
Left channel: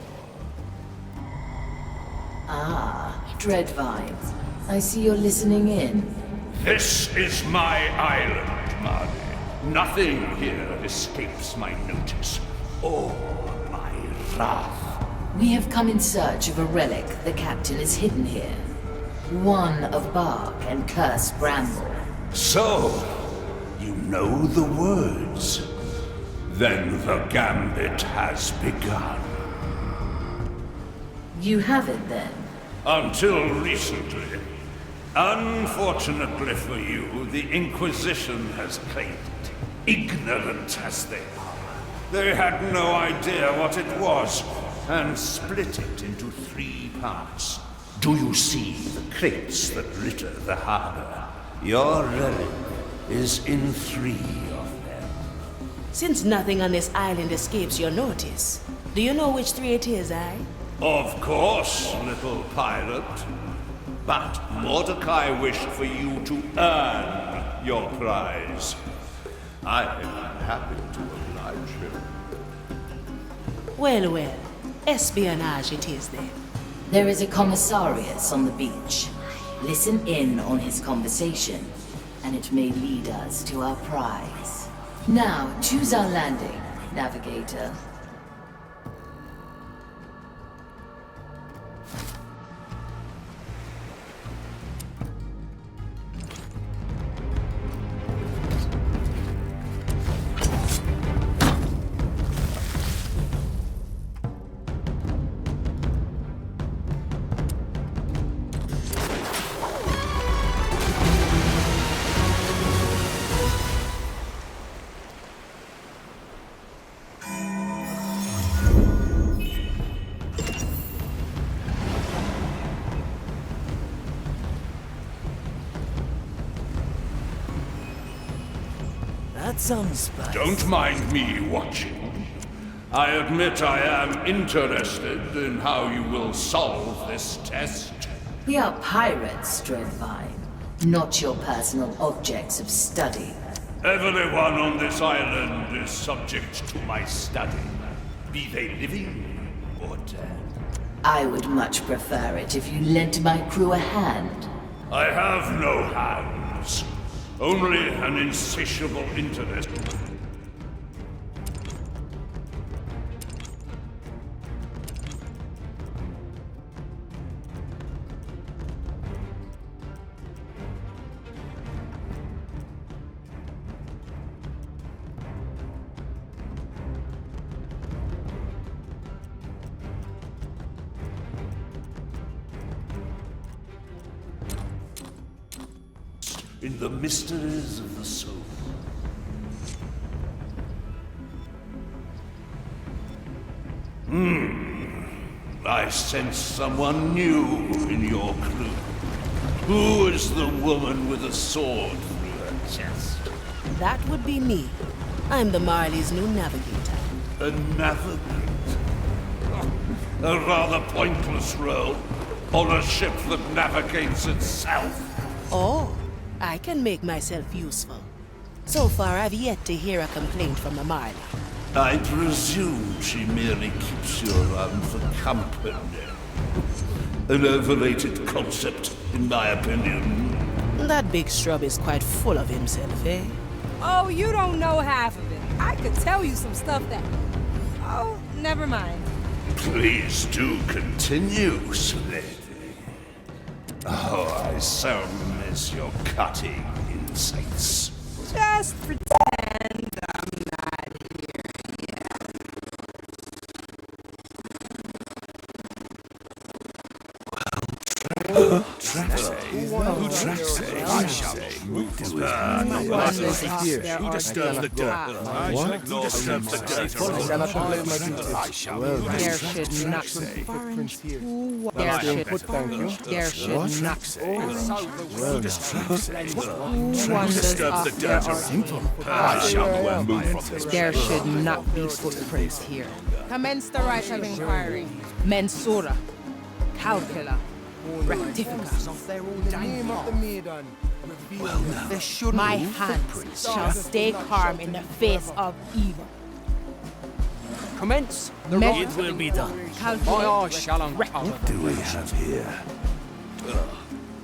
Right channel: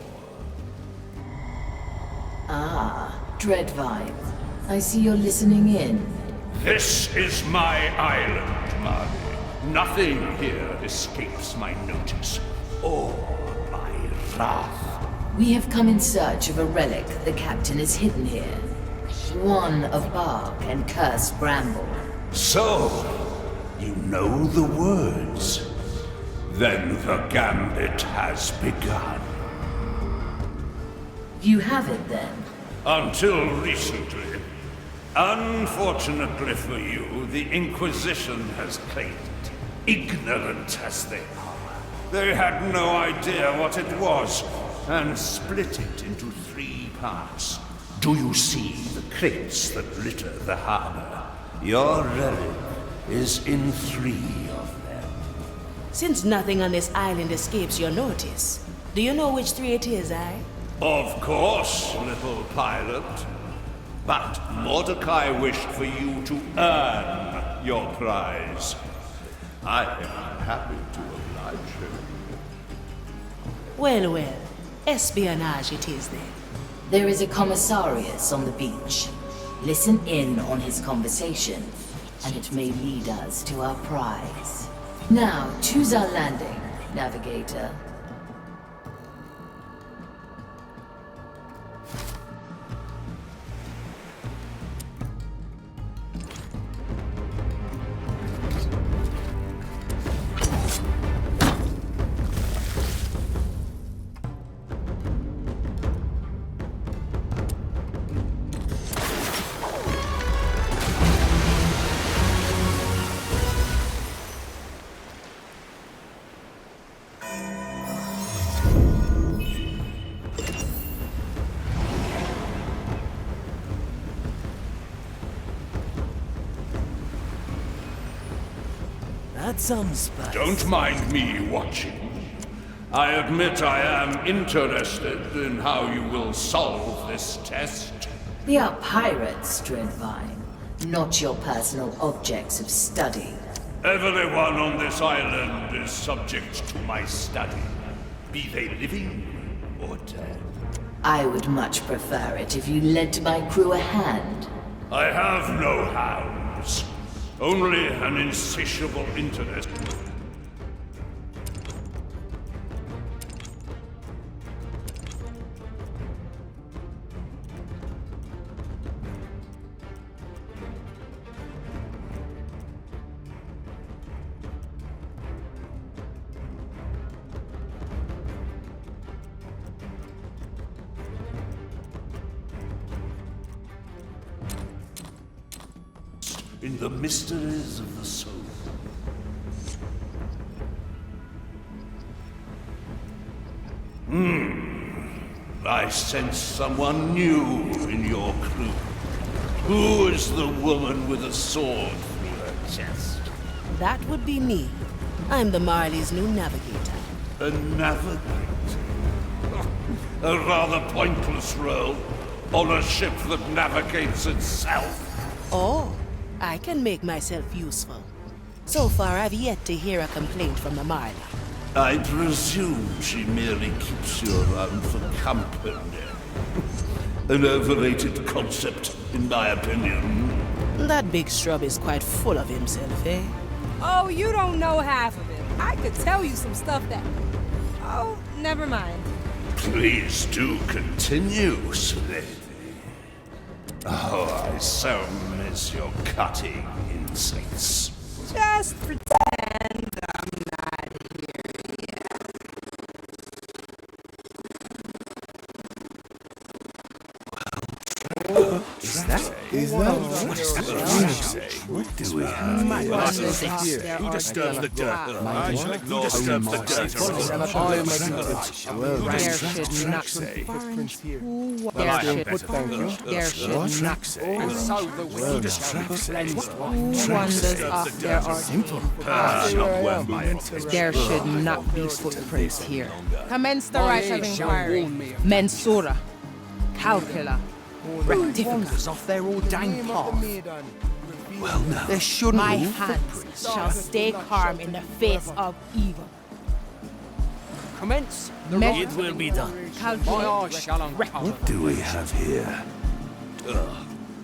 Ah, Dreadvine. I see you're listening in. This is my island, Marley. Nothing here escapes my notice, or my wrath. We have come in search of a relic the captain has hidden here. One of bark and cursed bramble. So, you know the words. Then the Gambit has begun. You have it then? Until recently. Unfortunately for you, the Inquisition has claimed it, ignorant as they are. They had no idea what it was, and split it into 3 parts. Do you see the crates that litter the harbor? Your relic is in 3 of them. Since nothing on this island escapes your notice, do you know which 3 it is, eh? Of course, little pilot. But Mordecai wished for you to earn your prize. I am happy to oblige him. Well, well. Espionage it is then. There is a commissarius on the beach. Listen in on his conversation, and it may lead us to our prize. Now, choose our landing, navigator. That sounds spicy. Don't mind me watching. I admit I am interested in how you will solve this test. We are pirates, Dreadvine, not your personal objects of study. Everyone on this island is subject to my study, be they living or dead. I would much prefer it if you lent my crew a hand. I have no hands, only an insatiable interest. In the mysteries of the soul. I sense someone new in your crew. Who is the woman with a sword through her chest? That would be me. I'm the Marley's new navigator. A navigator? A rather pointless role on a ship that navigates itself. Oh. I can make myself useful. So far, I've yet to hear a complaint from the Marley. I presume she merely keeps you around for company. An overrated concept, in my opinion. That big scrub is quite full of himself, eh? Oh, you don't know half of it. I could tell you some stuff that... Oh, never mind. Please do continue, lady. Oh, I so miss your cutting insights. Just pretend I'm not here yet. Who disturbs the dirt? I shall ignore who disturbs the dirt around. There should not be. There should not be. Who disturbs the Who wanders off their simple. There should not be footprints here. Commence the right of inquiry. Mensura. Calcula. Rectifica. Off their ordained path. Well, now. There shouldn't My be hands footprints. shall stay calm in the face of evil. Commence the Me- right It will be done. My Calculate. eyes shall uncover. What do we have here?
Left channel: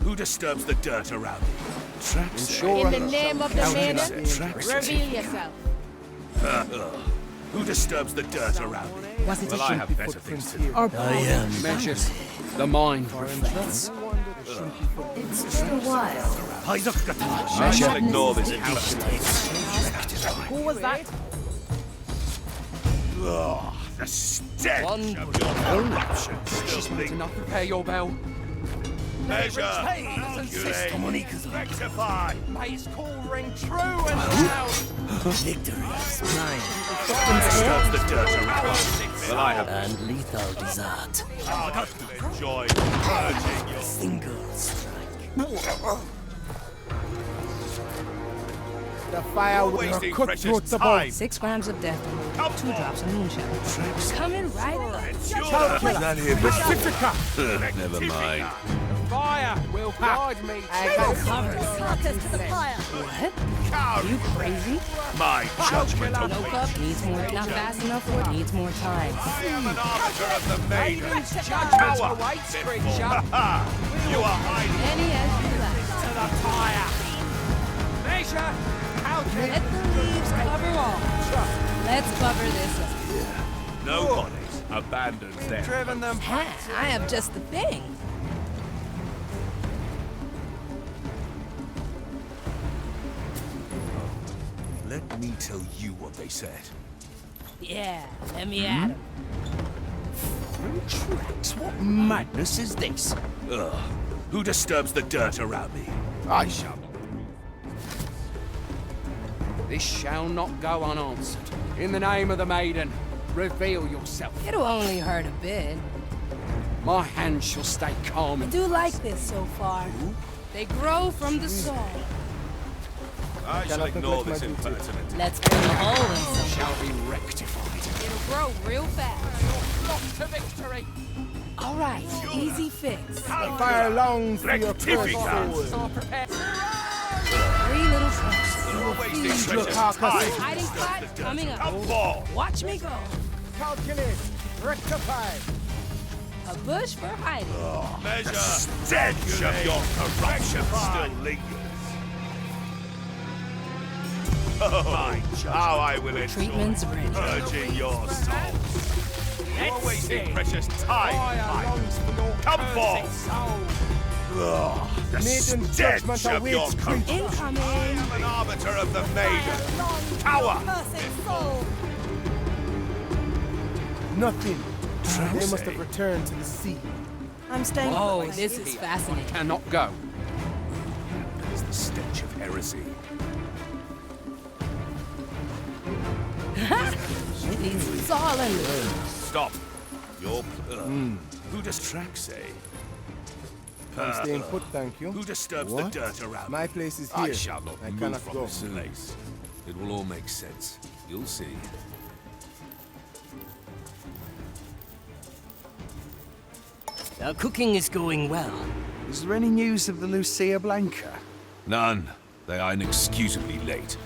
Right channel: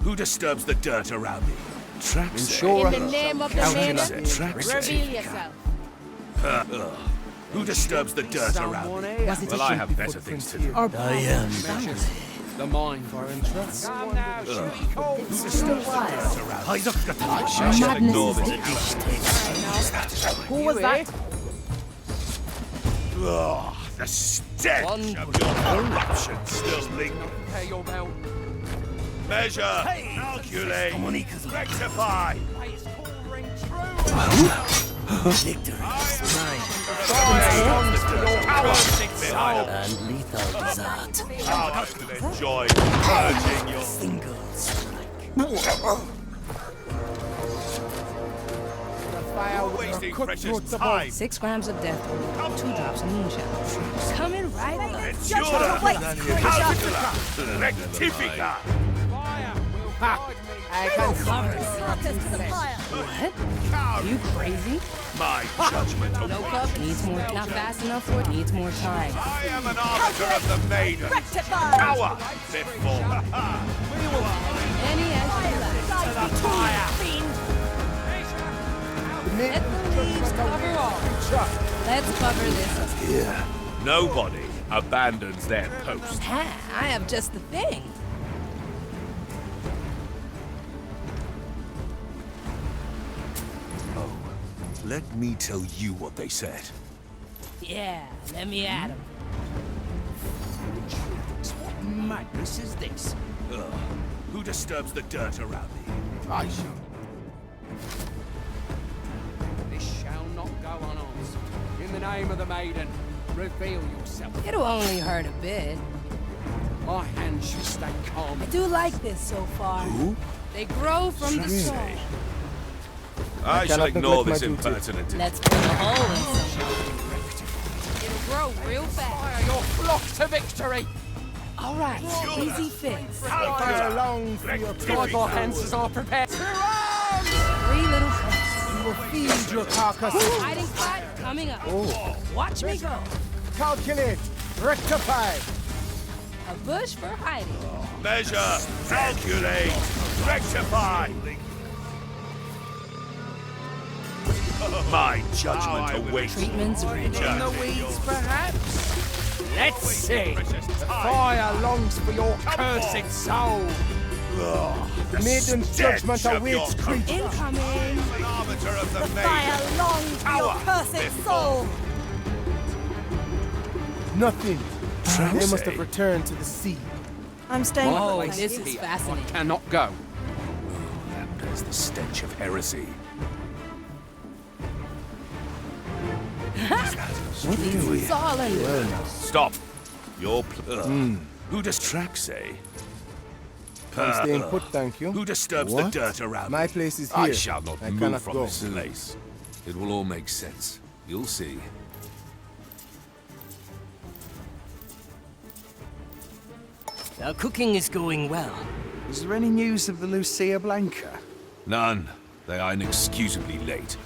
Who disturbs the dirt around me? Ensure In the name of the maiden, reveal yourself. Who disturbs the dirt around me? Was it Well, I have better things to do. or I am measures the mind. I shall ignore this interest. Who was that? Ugh, the stench of your corruption still lingers. Pay your bell. Measure, calculate, rectify. May its call ring true and victory is mine. Disturbs the dirt around me. I have And lethal desert. enjoyed purging your Single strike. The fire wasting precious time. 6 grams of death root, 2 drops of moonshine. Coming right up. Rectifica. fire will guide me. I can Carcass to the fire. What? Are you crazy? My judgment No awaits. cup needs more. Not fast enough for it. Needs more time. I am an arbiter of the maiden. Power before. You are hiding. Any as you like. To the fire. Measure. Let the leaves cover all. Let's cover this up. Nobody abandons their post. Ha, I have just the thing. Let me tell you what they said. Yeah, let me at him. What madness is this? Ugh. Who disturbs the dirt around me? I shall. This shall not go unanswered. In the name of the maiden, reveal yourself. It'll only hurt a bit. My hand shall stay calm. I do like this so far. They grow from the soul. I shall ignore this impertinent. Let's put a hole in some. Shall be rectified. It'll grow real fast. Your flock to victory. All right, easy fix. fire long for your Defenses are prepared. 3 little cuts. feed your carcasses. Hiding spot coming up. Watch me go. Calculate. Rectify. A bush for hiding. Measure, calculate, rectify. My judgment awaits. Treatment's ready. Judging yours. Let's see. Precious time. Fire longs for your Come cursed forth. soul. Ugh, the Maiden's stench judgment of your awaits corruption. Incoming. I am an arbiter of the Fire maiden. long for your Power cursed before. soul. Nothing. They must have returned to the sea. I'm staying. Oh, this is fascinating. Cannot go. That bears the stench of heresy. It's all in there. Stop. Your Who distracts, eh? I'm staying put, thank you. Who disturbs What? the dirt around My me? place is I here. shall not I move cannot from go. this place. It will all make sense. You'll see. Our cooking is going well. Is there any news of the Lucia Blanca? None. They are inexcusably late.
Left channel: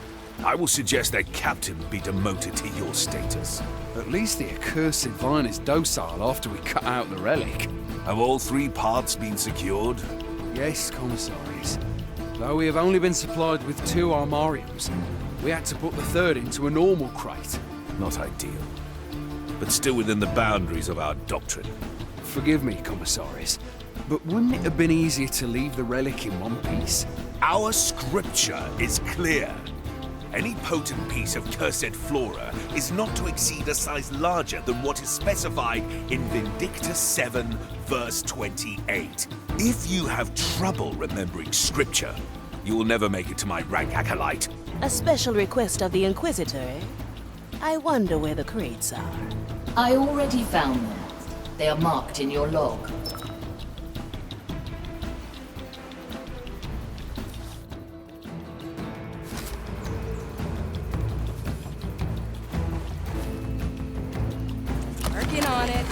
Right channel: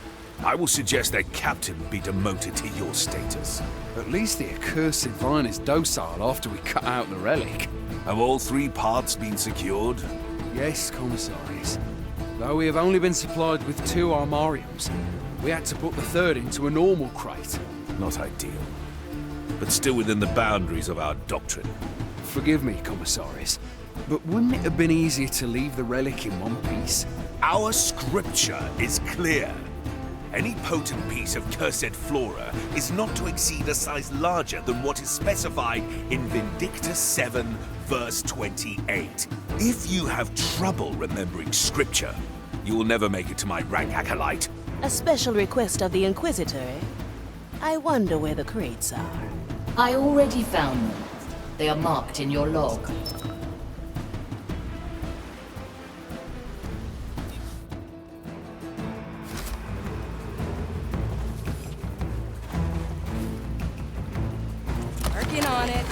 I will suggest their captain be demoted to your status. At least the accursed vine is docile after we cut out the relic. Have all 3 parts been secured? Yes, commissaries. Though we have only been supplied with 2 armariums, we had to put the 3rd into a normal crate. Not ideal. but still within the boundaries of our doctrine. Forgive me, Commissaris, but wouldn't it have been easier to leave the relic in one piece? Our scripture is clear. Any potent piece of cursed flora is not to exceed a size larger than what is specified in Vindictus 7, verse 28. If you have trouble remembering scripture, you will never make it to my rank acolyte. A special request of the Inquisitor, eh? I wonder where the crates are. I already found them. They are marked in your log. Working on it.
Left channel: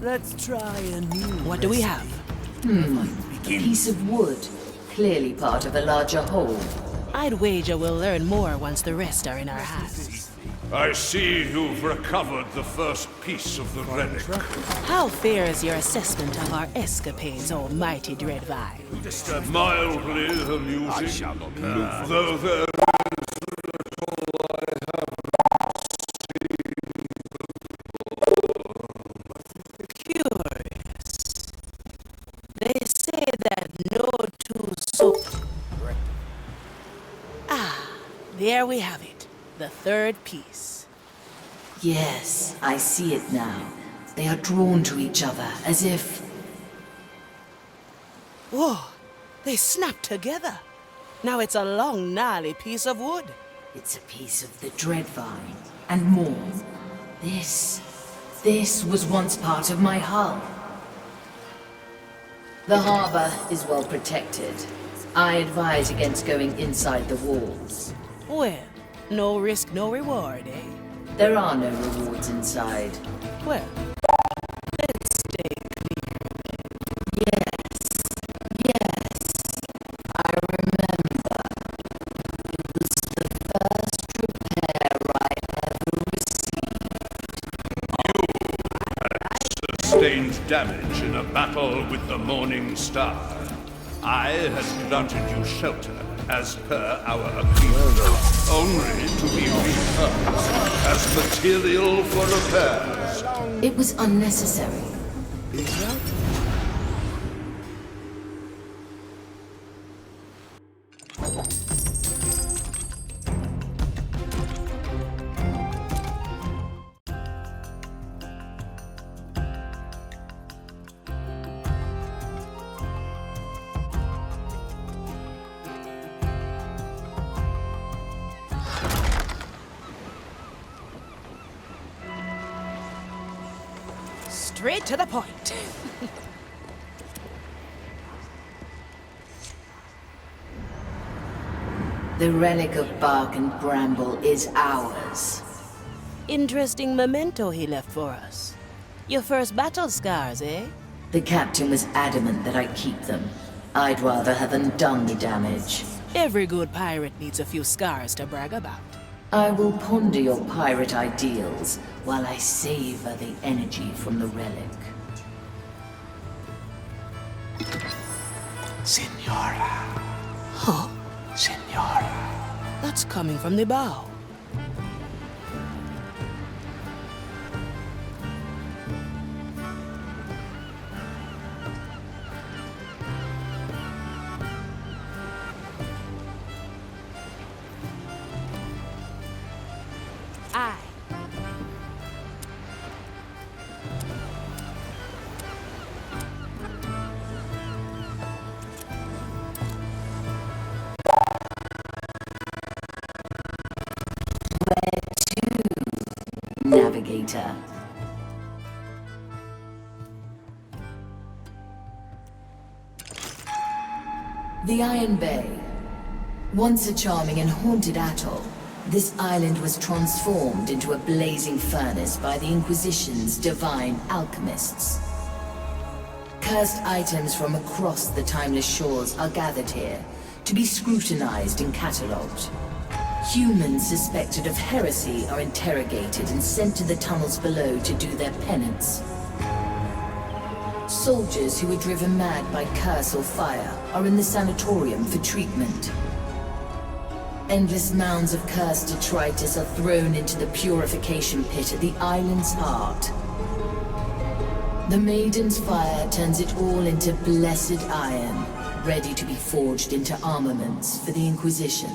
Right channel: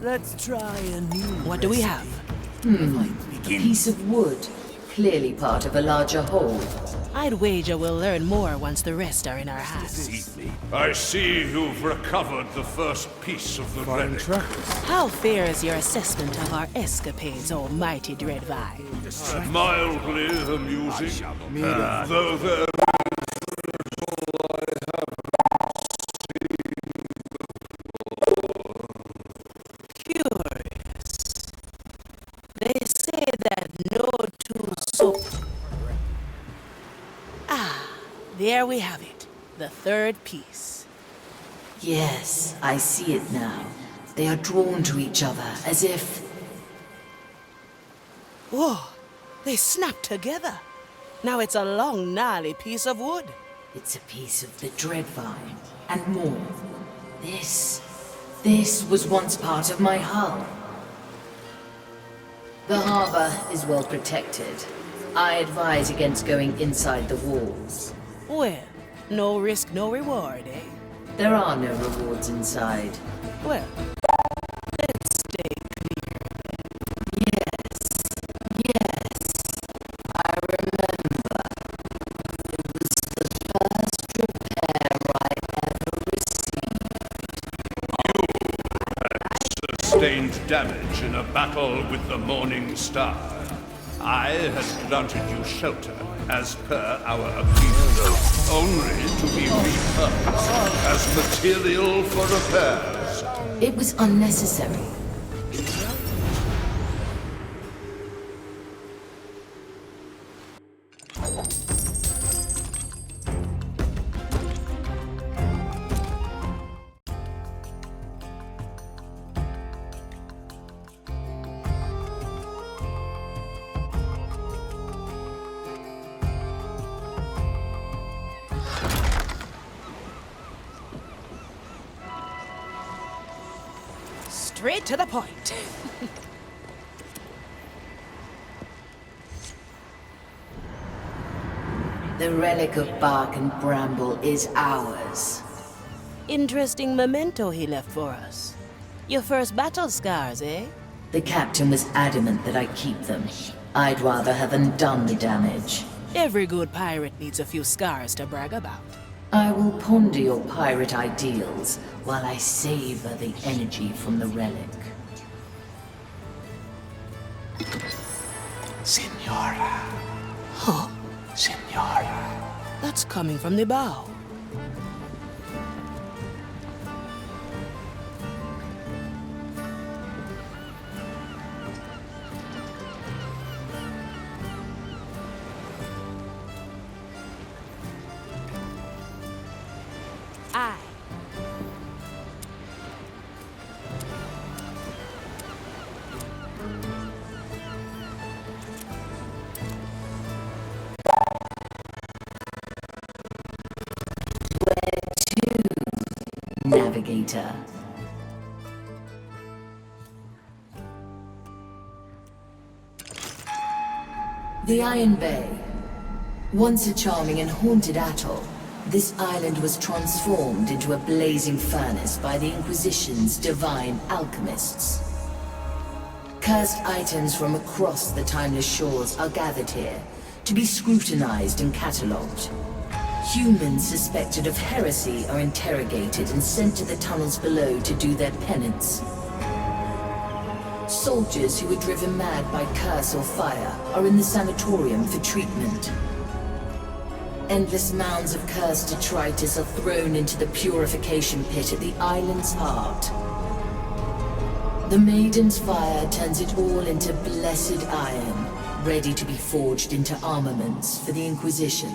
Let's try a new What do we have? Piece of wood. Clearly part of a larger whole. I'd wager we'll learn more once the rest are in our hands. I see you've recovered the first piece of the relic. How fair is your assessment of our escapades, almighty Dreadvine? Mildly amusing, though there Curious. They say that no two souls... Ah, there we have it. The third piece. Yes, I see it now. They are drawn to each other, as if... Whoa, they snapped together. Now it's a long, gnarly piece of wood. It's a piece of the Dreadvine, and more. This was once part of my hull. The harbor is well protected. I advise against going inside the walls. Well, no risk, no reward, eh? There are no rewards inside. Well, let's stay clear. Yes. I remember. It was the first repair I ever received. sustained damage in a battle with the Morning Star. I had granted you shelter as per our agreement, only to be repurposed as material for repairs. It was unnecessary. Straight to the point. The relic of bark and bramble is ours. Interesting memento he left for us. Your first battle scars, eh? The captain was adamant that I keep them. I'd rather have undone the damage. Every good pirate needs a few scars to brag about. I will ponder your pirate ideals while I savor the energy from the relic. Senora. Huh? Senora. That's coming from the bow. Aye. Navigator. The Iron Bay. Once a charming and haunted atoll, this island was transformed into a blazing furnace by the Inquisition's divine alchemists. Cursed items from across the timeless shores are gathered here to be scrutinized and catalogued. Humans suspected of heresy are interrogated and sent to the tunnels below to do their penance. Soldiers who were driven mad by curse or fire are in the sanatorium for treatment. Endless mounds of cursed detritus are thrown into the purification pit at the island's heart. The Maiden's fire turns it all into blessed iron, ready to be forged into armaments for the Inquisition.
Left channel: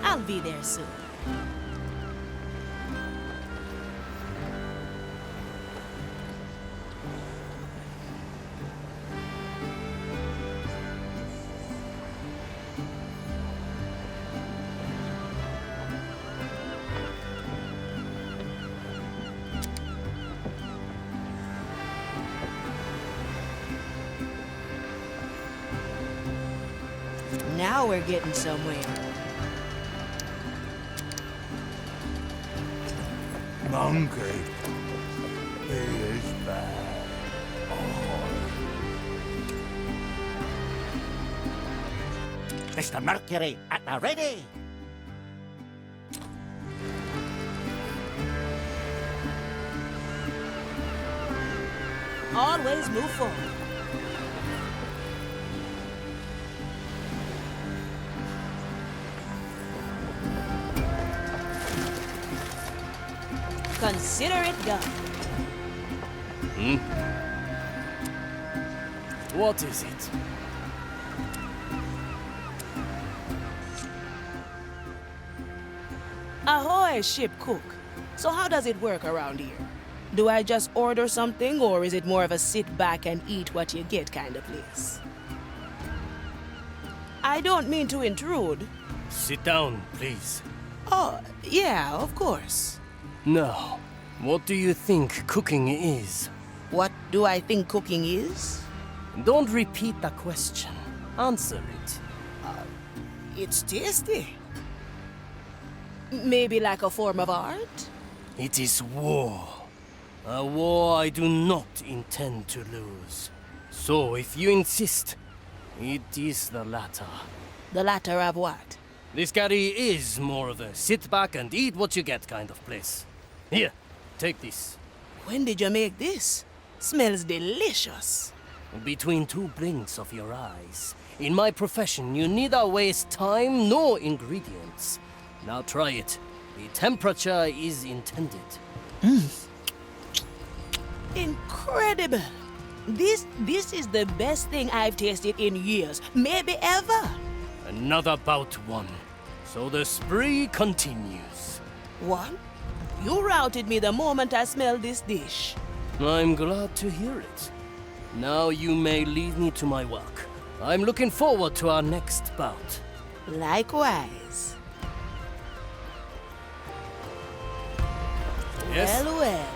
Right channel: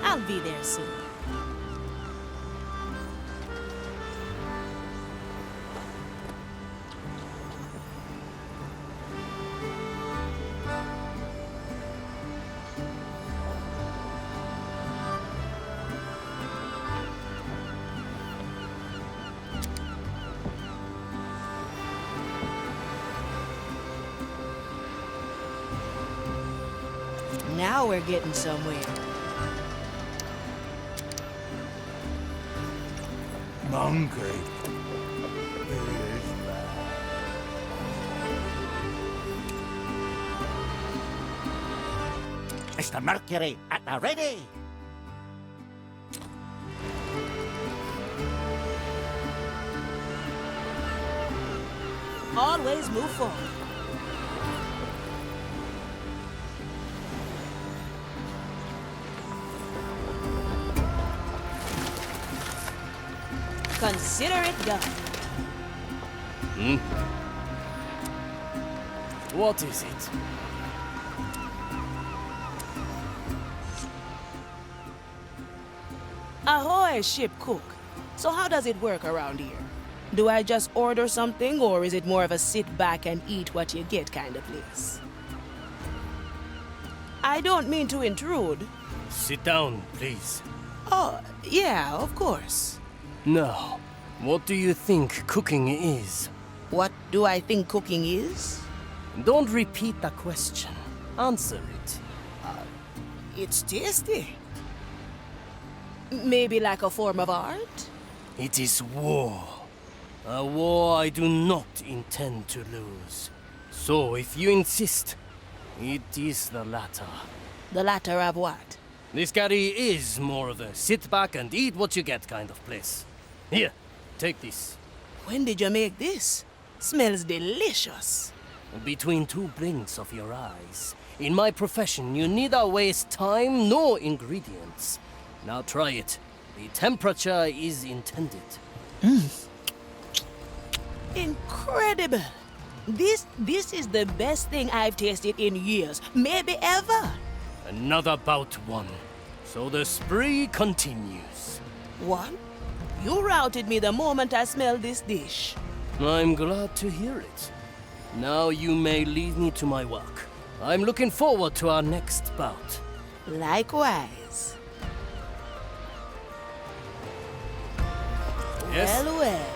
I'll be there soon. Now we're getting somewhere. Monkey. He is bad. Mr. Mercury, at the ready! Always move forward. Consider it done. What is it? Ahoy, ship cook. So how does it work around here? Do I just order something, or is it more of a sit back and eat what you get kind of place? I don't mean to intrude. Sit down, please. Oh, yeah, of course. Now, what do you think cooking is? What do I think cooking is? Don't repeat the question. Answer it. It's tasty. Maybe like a form of art? It is war. A war I do not intend to lose. So, if you insist, it is the latter. The latter of what? This galley is more of a sit back and eat what you get kind of place. Here, take this. When did you make this? Smells delicious. Between two blinks of your eyes. In my profession, you neither waste time nor ingredients. Now try it. The temperature is intended. Incredible! This is the best thing I've tasted in years, maybe ever. Another bout won. So the spree continues. What? You routed me the moment I smelled this dish. I'm glad to hear it. Now you may leave me to my work. I'm looking forward to our next bout. Likewise. Yes? Well, well.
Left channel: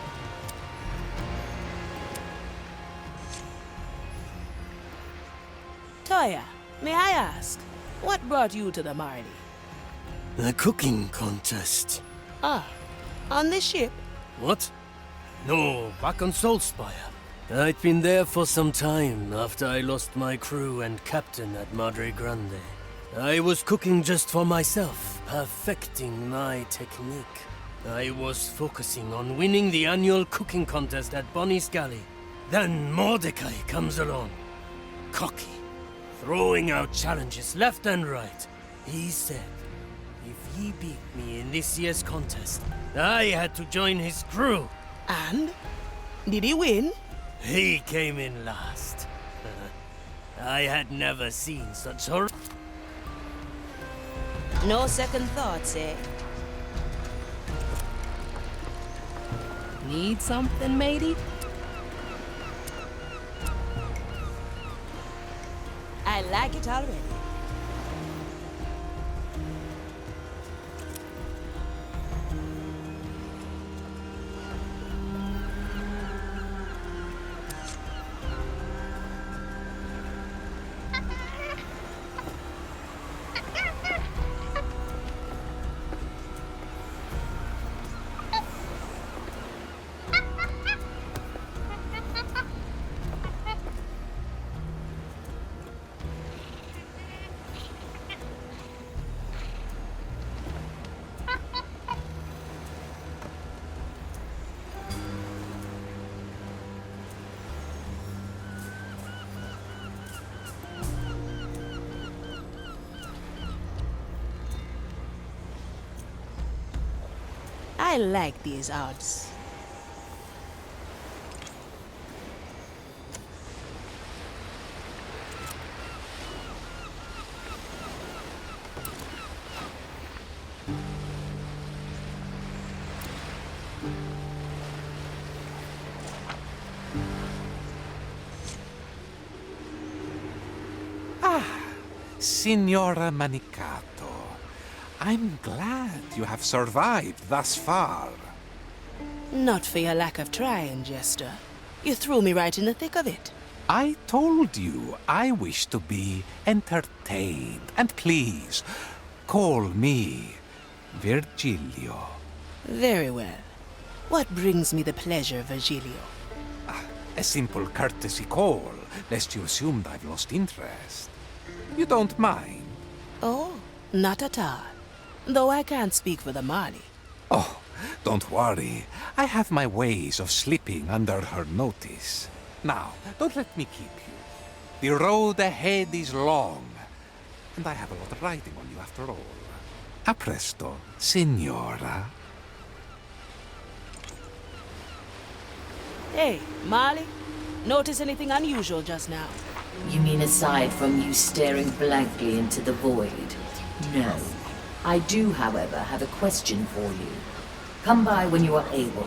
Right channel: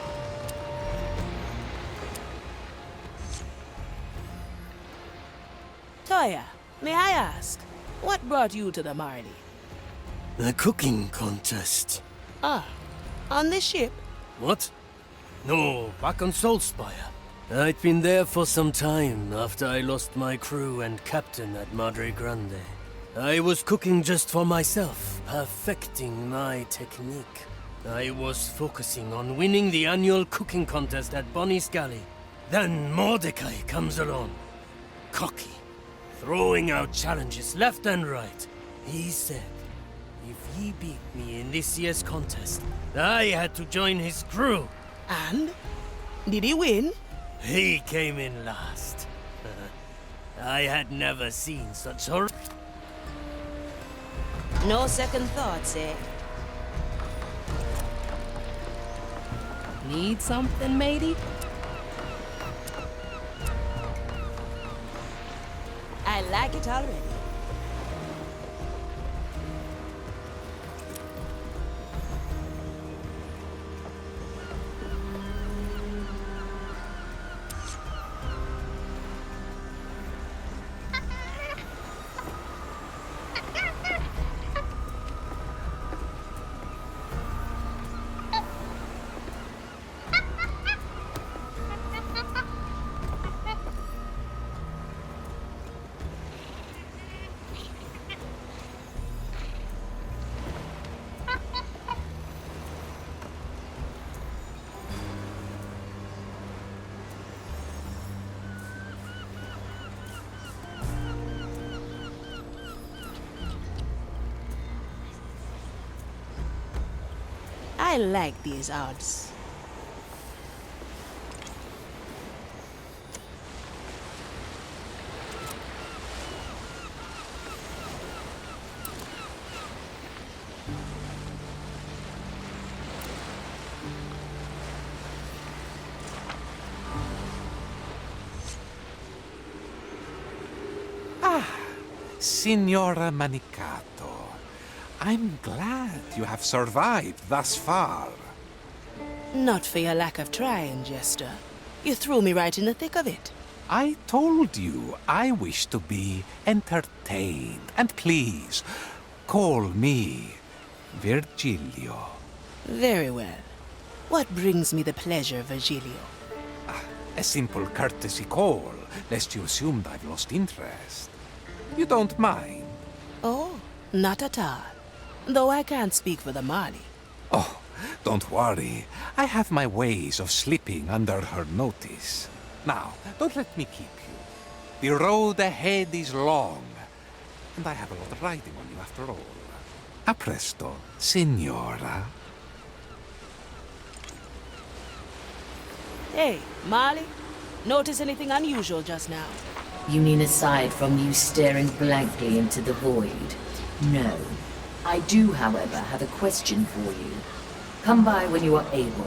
Toya, may I ask, what brought you to the Marley? The cooking contest. Ah, on the ship? What? No, back on Soulspire. I'd been there for some time after I lost my crew and captain at Madre Grande. I was cooking just for myself, perfecting my technique. I was focusing on winning the annual cooking contest at Bonnie's Galley. Then Mordecai comes along. Cocky, throwing out challenges left and right. He said, if he beat me in this year's contest, I had to join his crew. And? Did he win? He came in last. I had never seen such hor- No second thoughts, eh? Need something, matey? I like it already. I like these odds. Signora Manicato, I'm glad you have survived thus far. Not for your lack of trying, Jester. You threw me right in the thick of it. I told you I wish to be entertained. And please, call me Virgilio. Very well. What brings me the pleasure, Virgilio? A simple courtesy call, lest you assumed I've lost interest. You don't mind? Oh, not at all. Though I can't speak for the Marley. Oh, don't worry. I have my ways of slipping under her notice. Now, don't let me keep you. The road ahead is long, and I have a lot riding on you after all. A presto, signora. Hey, Marley. Notice anything unusual just now? You mean aside from you staring blankly into the void? No. I do, however, have a question for you. Come by when you are able.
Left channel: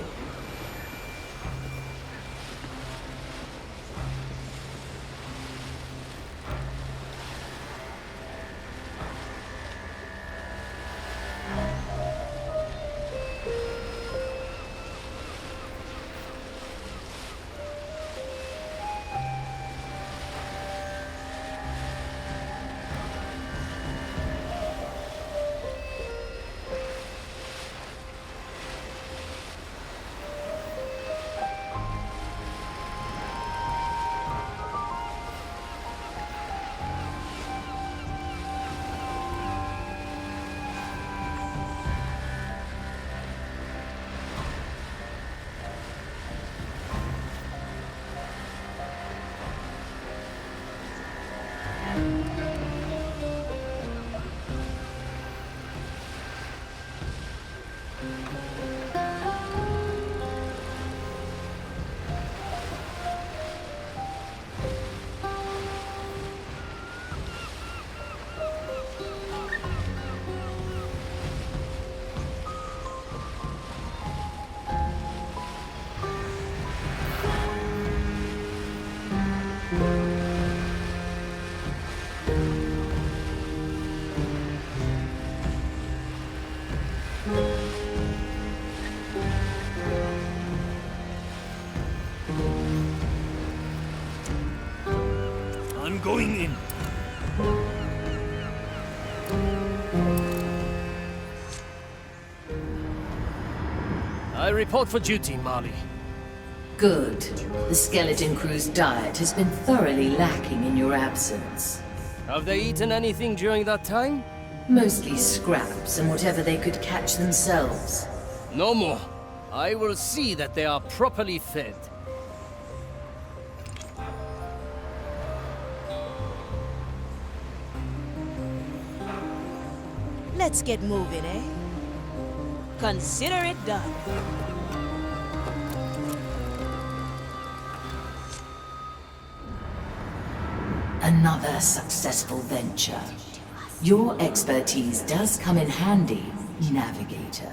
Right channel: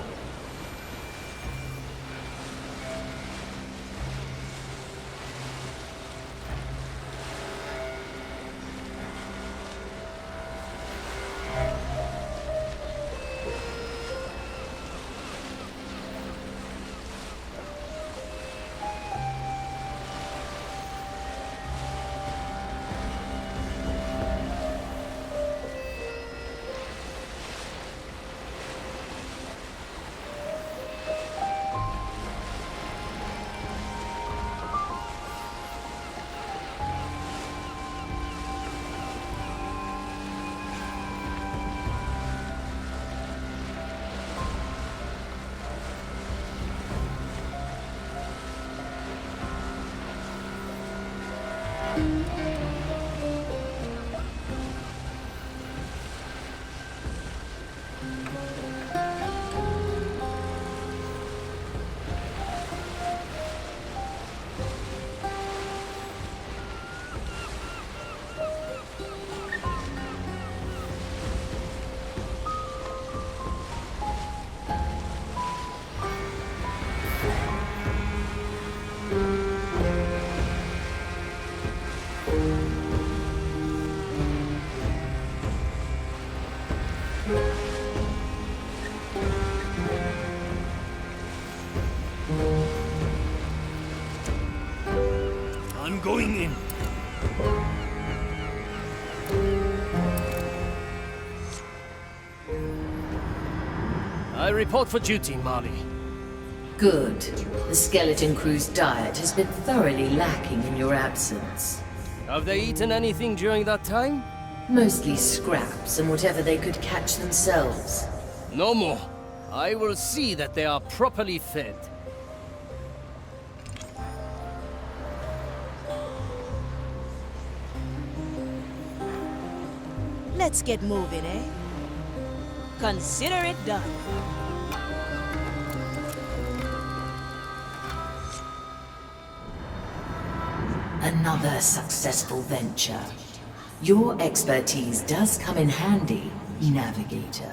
I'm going in. I report for duty, Marley. Good. The skeleton crew's diet has been thoroughly lacking in your absence. Have they eaten anything during that time? Mostly scraps and whatever they could catch themselves. No more. I will see that they are properly fed. Let's get moving, eh? Consider it done. A Another successful venture. Your expertise does come in handy, Navigator.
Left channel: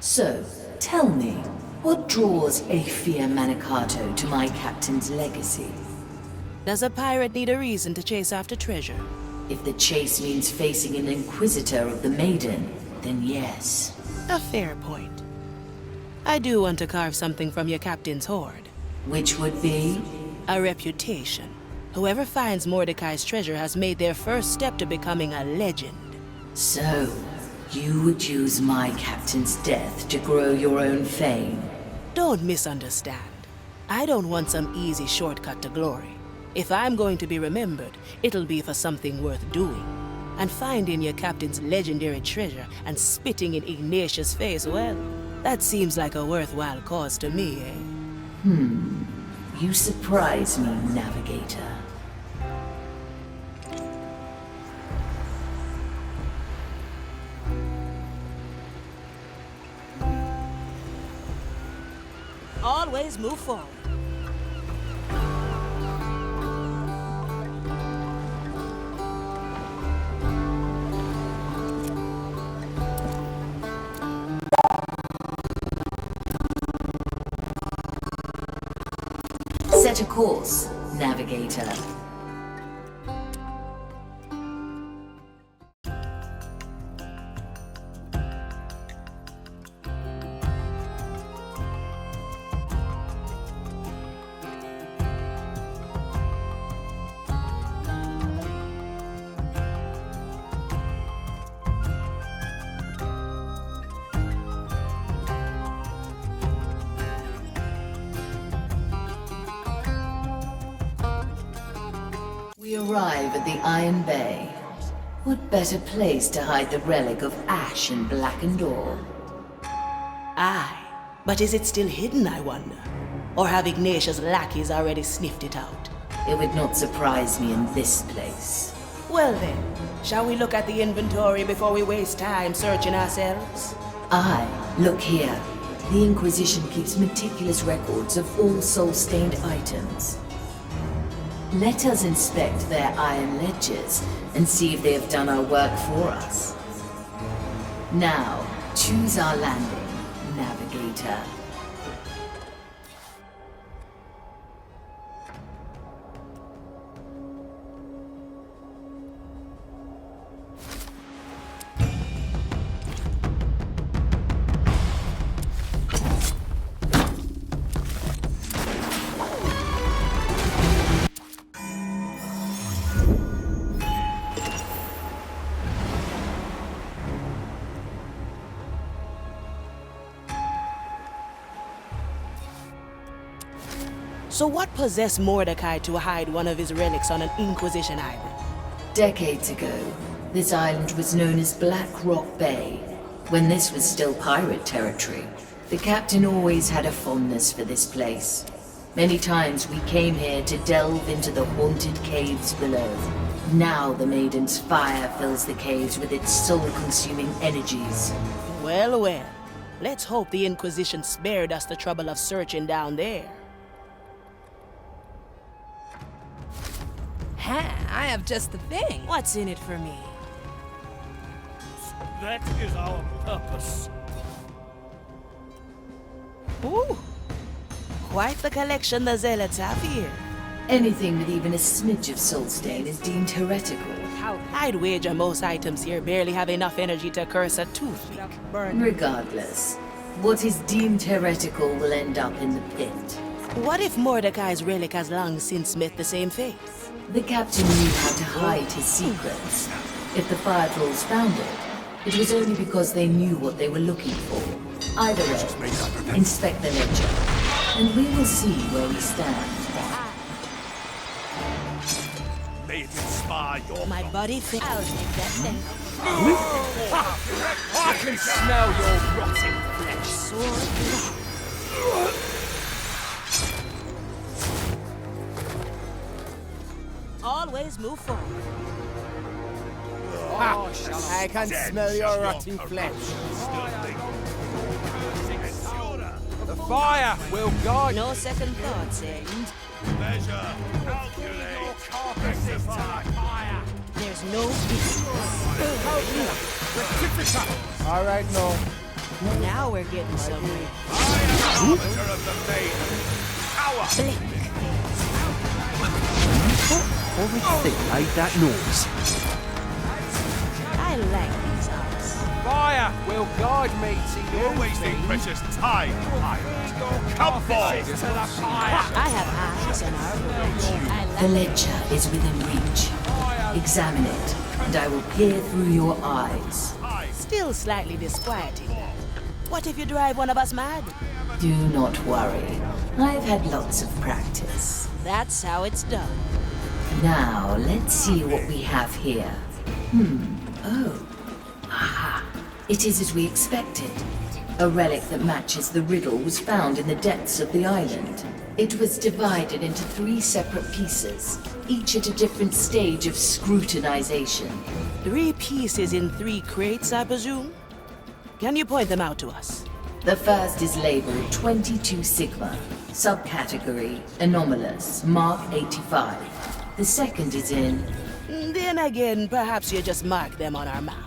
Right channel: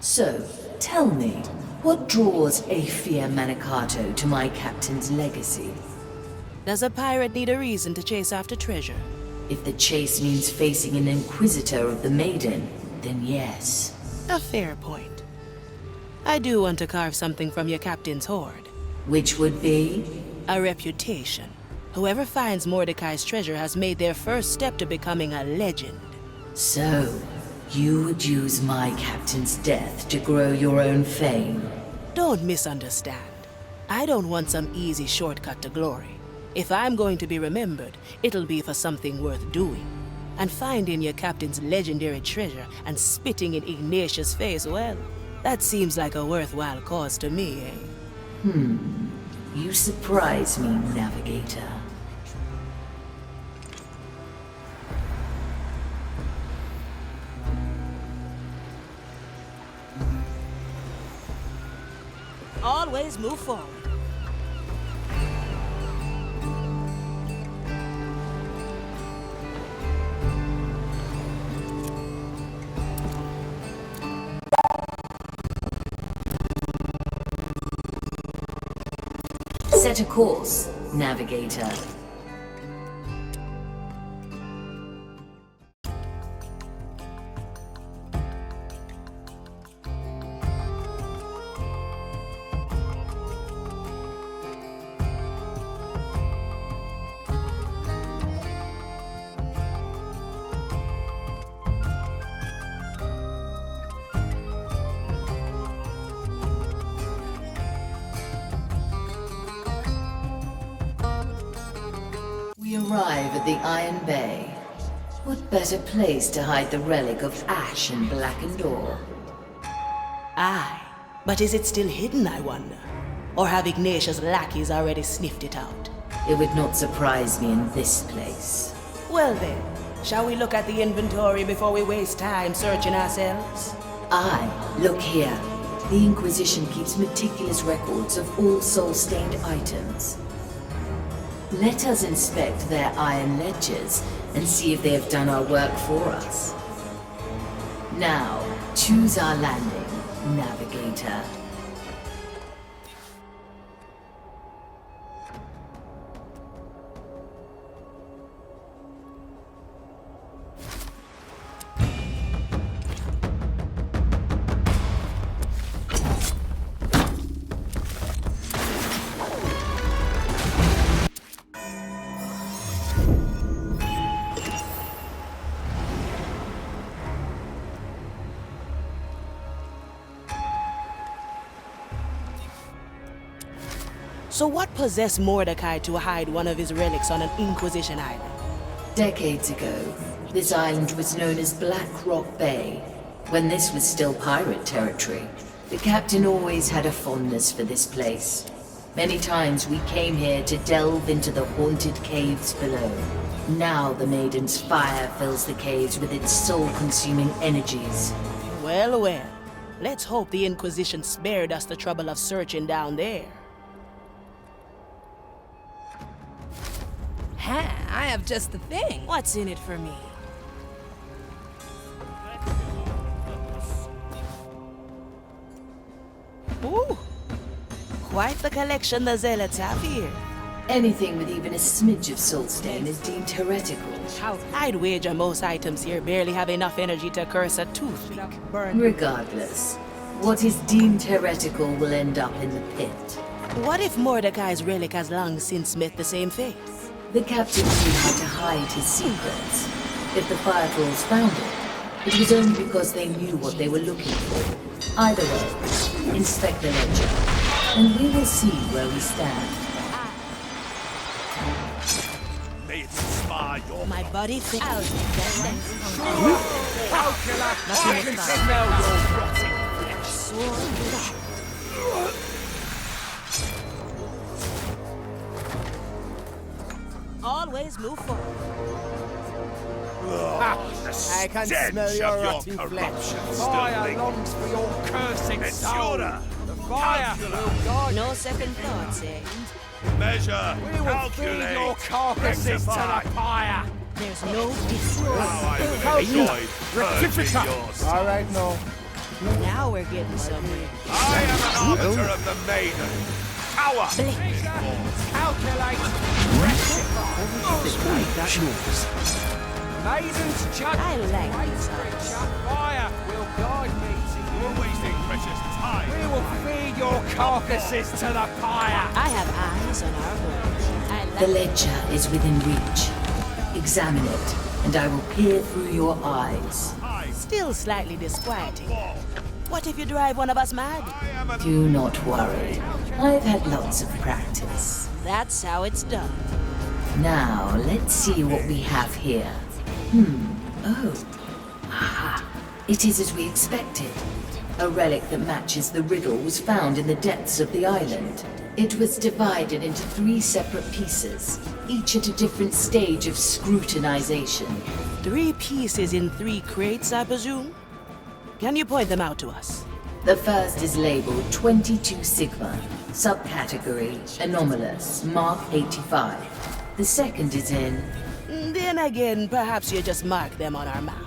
So, tell me, what draws Aethia Manicato to my captain's legacy? Does a pirate need a reason to chase after treasure? If the chase means facing an Inquisitor of the Maiden, then yes. A fair point. I do want to carve something from your captain's hoard. Which would be? A reputation. Whoever finds Mordecai's treasure has made their first step to becoming a legend. So, you would use my captain's death to grow your own fame? Don't misunderstand. I don't want some easy shortcut to glory. If I'm going to be remembered, it'll be for something worth doing. And finding your captain's legendary treasure and spitting in Ignatius' face, well, that seems like a worthwhile cause to me, eh? You surprise me, Navigator. Always move forward. Set a course, Navigator. Arrive at the Iron Bay. What better place to hide the relic of ash and blackened ore? Aye, but is it still hidden, I wonder? Or have Ignatius' lackeys already sniffed it out? It would not surprise me in this place. Well then, shall we look at the inventory before we waste time searching ourselves? Aye, look here. The Inquisition keeps meticulous records of all soul-stained items. Let us inspect their iron ledgers and see if they have done our work for us. Now, choose our landing, Navigator. So what possessed Mordecai to hide one of his relics on an Inquisition island? Decades ago, this island was known as Black Rock Bay. When this was still pirate territory, the captain always had a fondness for this place. Many times we came here to delve into the haunted caves below. Now the Maiden's fire fills the caves with its soul-consuming energies. Well, well. Let's hope the Inquisition spared us the trouble of searching down there. Ha! I have just the thing. What's in it for me? That is our purpose. Ooh! Quite the collection the Zealots have here. Anything with even a smidge of soul stain is deemed heretical. I'd wager most items here barely have enough energy to curse a toothpick. Regardless, what is deemed heretical will end up in the pit. What if Mordecai's relic has long since met the same fate? The captain knew how to hide his secrets. If the fire trolls found it was only because they knew what they were looking for. Either way, inspect the ledger, and we will see where we stand. May it inspire your... My body fit. I can smell your rotting flesh. Sword. Always move forward. I can smell your rotting flesh. Fire longs for your cursing soul. The Fire will guide. No second thoughts, eh? Measure, We will feed your carcasses to the fire. There's no distance. Rectifica! All right, no. Now we're getting somewhere. I am an arbiter of the maiden. Power! Everything made that noise. Maiden's judge. I like these eyes. Fire will guide me to you. You're wasting precious time. We will feed your carcasses to the fire. I have eyes on our gold. I The like ledger is within reach. Examine it, and I will peer through your eyes. Still slightly disquieting. What if you drive one of us mad? Do not worry. I've had lots of practice. That's how it's done. Now, let's see what we have here. Oh. Ah, it is as we expected. A relic that matches the riddle was found in the depths of the island. It was divided into 3 separate pieces, each at a different stage of scrutinization. 3 pieces in 3 crates, I presume? Can you point them out to us? The first is labeled 22 Sigma, subcategory anomalous, mark 85. The second is in... Then again, perhaps you just mark them on our map.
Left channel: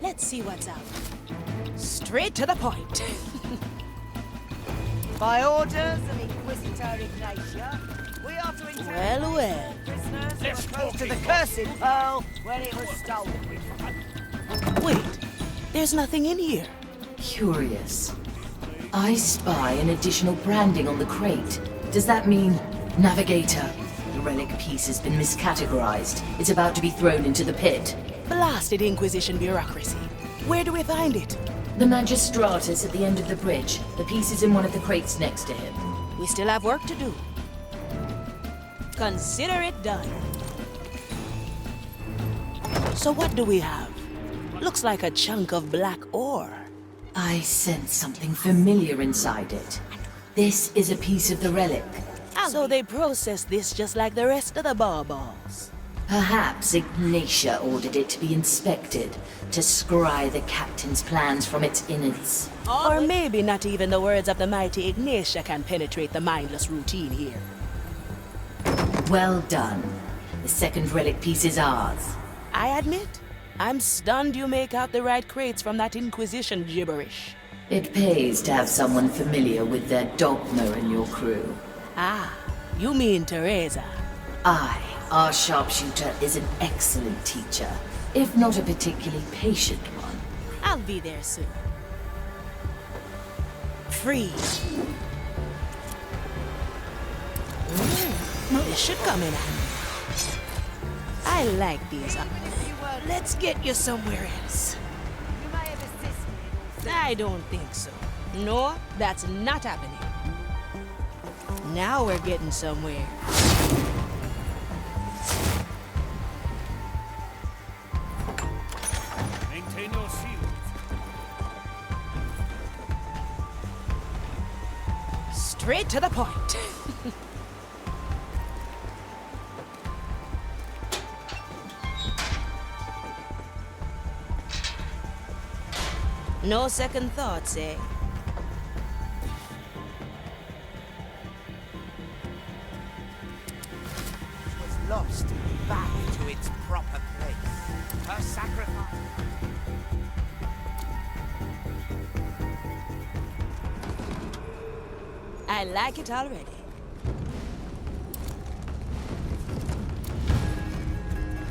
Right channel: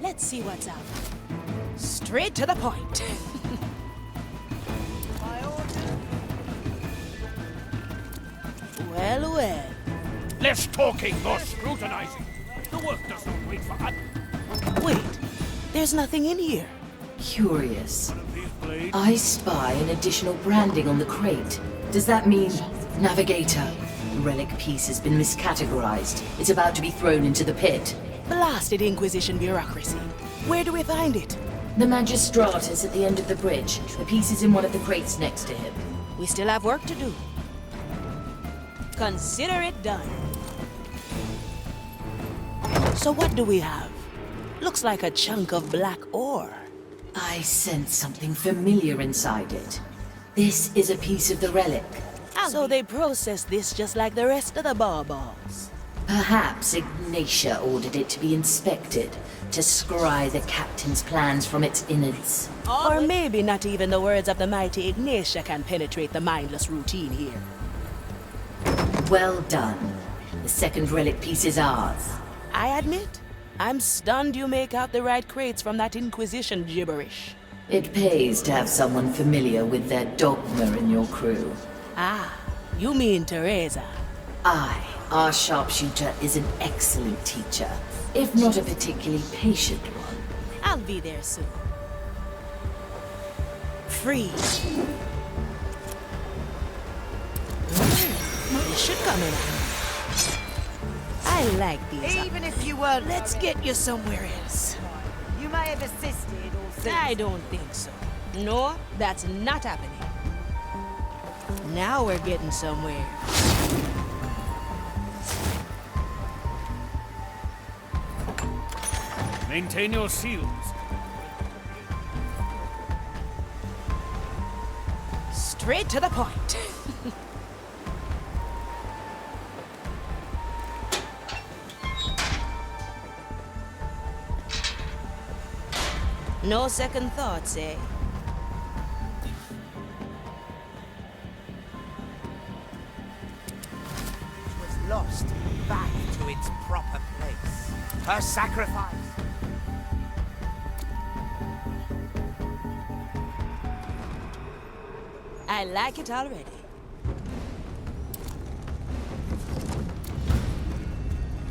Let's see what's out. Straight to the point. By orders of Inquisitor Ignatia, we are to Well, well. Less talking, not curses scrutinizing. where it The was work stolen. wait for Wait, there's nothing in here. Curious. I spy an additional branding on the crate. Does that mean Navigator? The relic piece has been miscategorized. It's about to be thrown into the pit. Blasted Inquisition bureaucracy. Where do we find it? The Magistratus at the end of the bridge. The piece is in one of the crates next to him. We still have work to do. Consider it done. So what do we have? Looks like a chunk of black ore. I sense something familiar inside it. This is a piece of the relic. So they process this just like the rest of the baubles. Perhaps Ignatia ordered it to be inspected, to scry the captain's plans from its innards. Or maybe not even the words of the mighty Ignatia can penetrate the mindless routine here. Well done. The second relic piece is ours. I admit, I'm stunned you make out the right crates from that Inquisition gibberish. It pays to have someone familiar with their dogma in your crew. Ah, you mean Teresa. Our sharpshooter, is an excellent teacher, if not a particularly patient one. I'll be there soon. Freeze. This should come in handy. I like these. Even if you were... Let's get you somewhere else. You may have assisted or... I don't think so. No, that's not happening. Now we're getting somewhere. Maintain your seals. Straight to the point. No second thoughts, eh? Was lost back to its proper place. Her sacrifice. I like it already.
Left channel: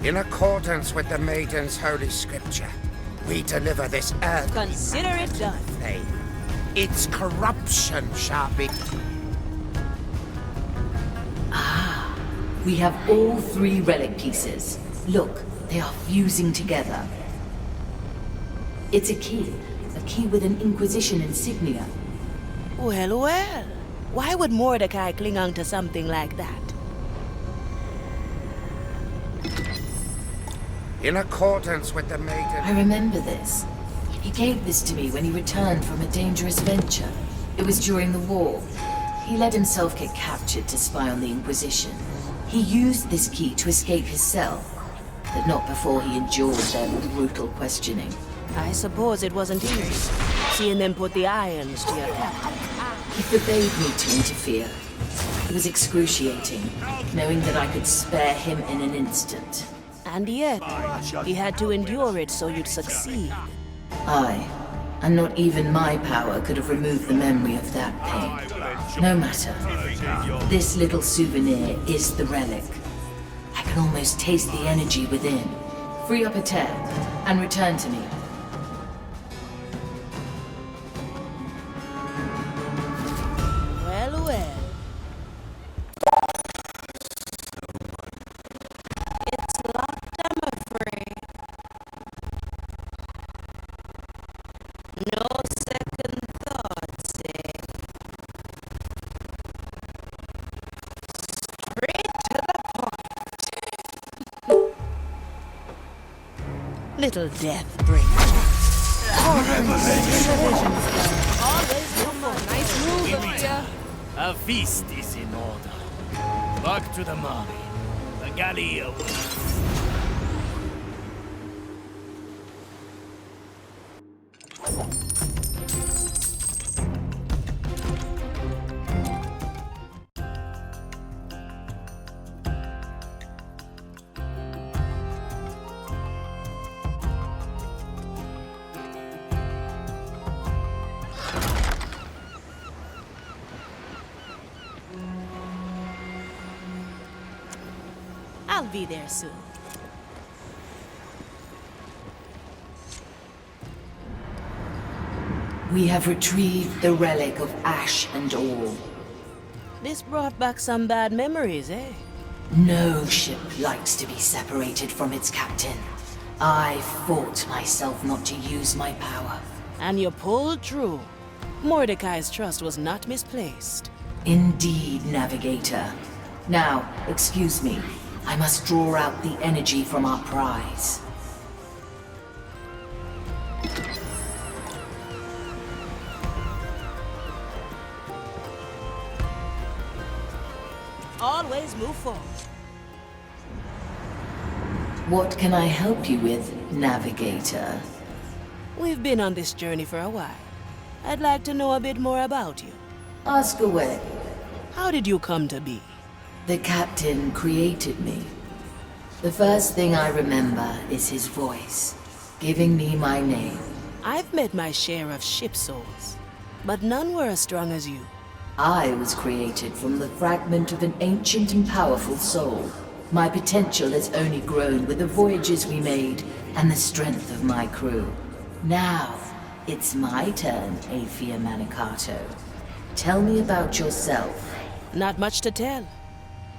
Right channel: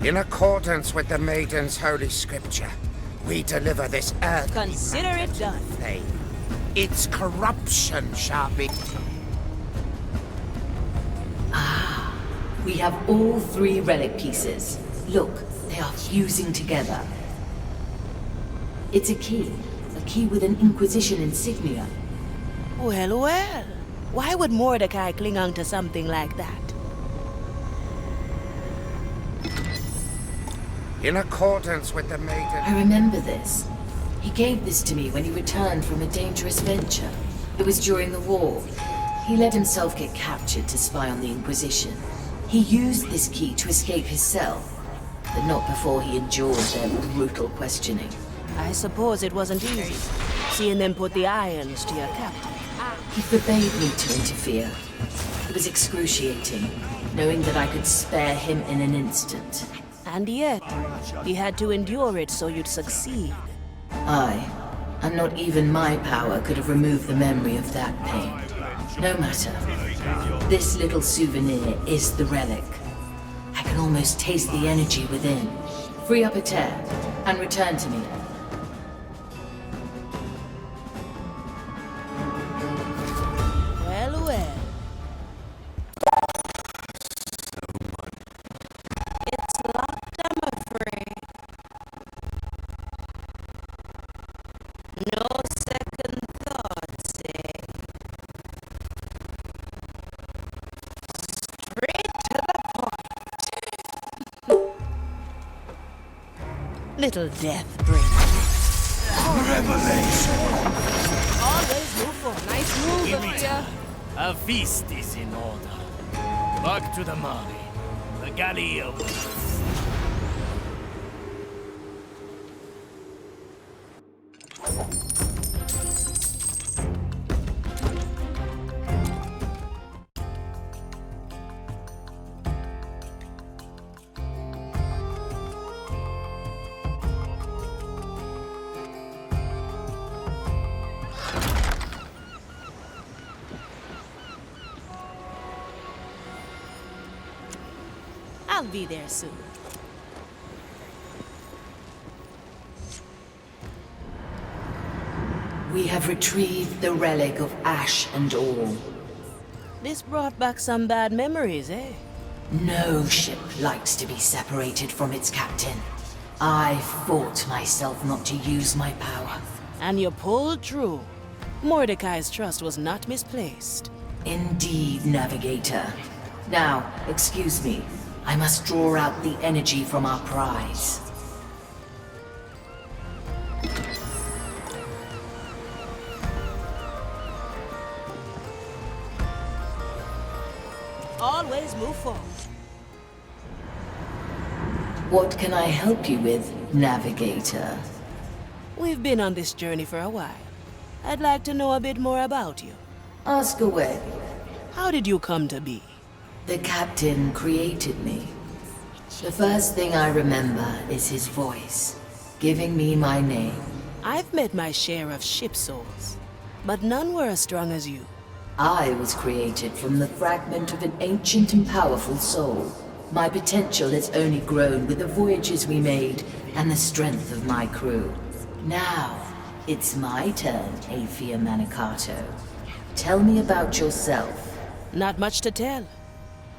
In accordance with the Maiden's holy scripture, we deliver this earth. Consider it done. Flame. Its corruption shall be. We have all 3 relic pieces. Look, they are fusing together. It's a key with an Inquisition insignia. Well, well. Why would Mordecai cling on to something like that? In accordance with the Maiden. I remember this. He gave this to me when he returned from a dangerous venture. It was during the war. He let himself get captured to spy on the Inquisition. He used this key to escape his cell. but not before he endured their brutal questioning. I suppose it wasn't easy, seeing them put the irons to your captain. He forbade me to interfere. It was excruciating, knowing that I could spare him in an instant. And yet, he had to endure it so you'd succeed. Aye, and not even my power could have removed the memory of that pain. No matter. This little souvenir is the relic. I can almost taste the energy within. Free up a tear, and return to me. Well, well. It's locked, I'm afraid. No second thoughts, eh? Straight to the point. Little death bringer. Always move forward. Nice move, Sophia. A feast is in order. Back to the Mari. The galley awaits. I'll be there soon. We have retrieved the relic of ash and ore. This brought back some bad memories, eh? No ship likes to be separated from its captain. I fought myself not to use my power. And you pulled true. Mordecai's trust was not misplaced. Indeed, Navigator. Now, excuse me. I must draw out the energy from our prize. Always move forward. What can I help you with, Navigator? We've been on this journey for a while. I'd like to know a bit more about you. Ask away. How did you come to be? The captain created me. The first thing I remember is his voice, giving me my name. I've met my share of ship souls, but none were as strong as you. I was created from the fragment of an ancient and powerful soul. My potential has only grown with the voyages we made and the strength of my crew. Now, it's my turn, Aphia Manicato. Tell me about yourself. Not much to tell.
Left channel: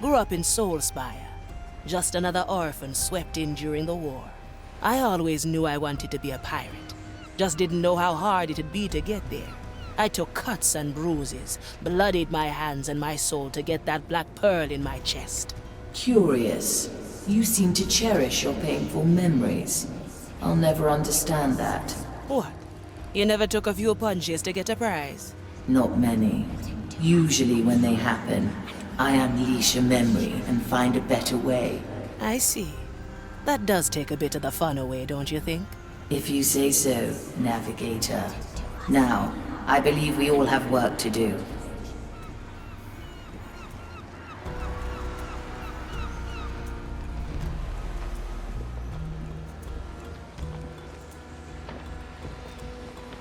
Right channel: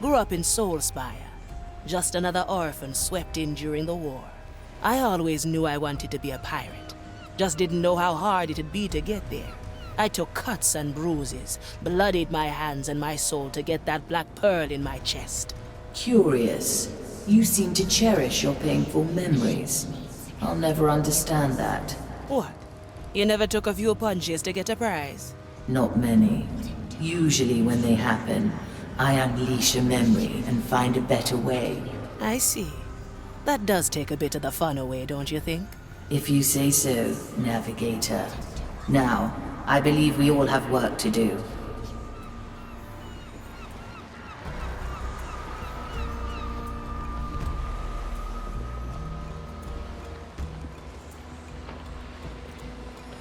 Grew up in Soulspire. Just another orphan swept in during the war. I always knew I wanted to be a pirate. Just didn't know how hard it'd be to get there. I took cuts and bruises, bloodied my hands and my soul to get that black pearl in my chest. Curious. You seem to cherish your painful memories. I'll never understand that. What? You never took a few punches to get a prize? Not many. Usually when they happen, I unleash a memory and find a better way. I see. That does take a bit of the fun away, don't you think? If you say so, Navigator. Now, I believe we all have work to do.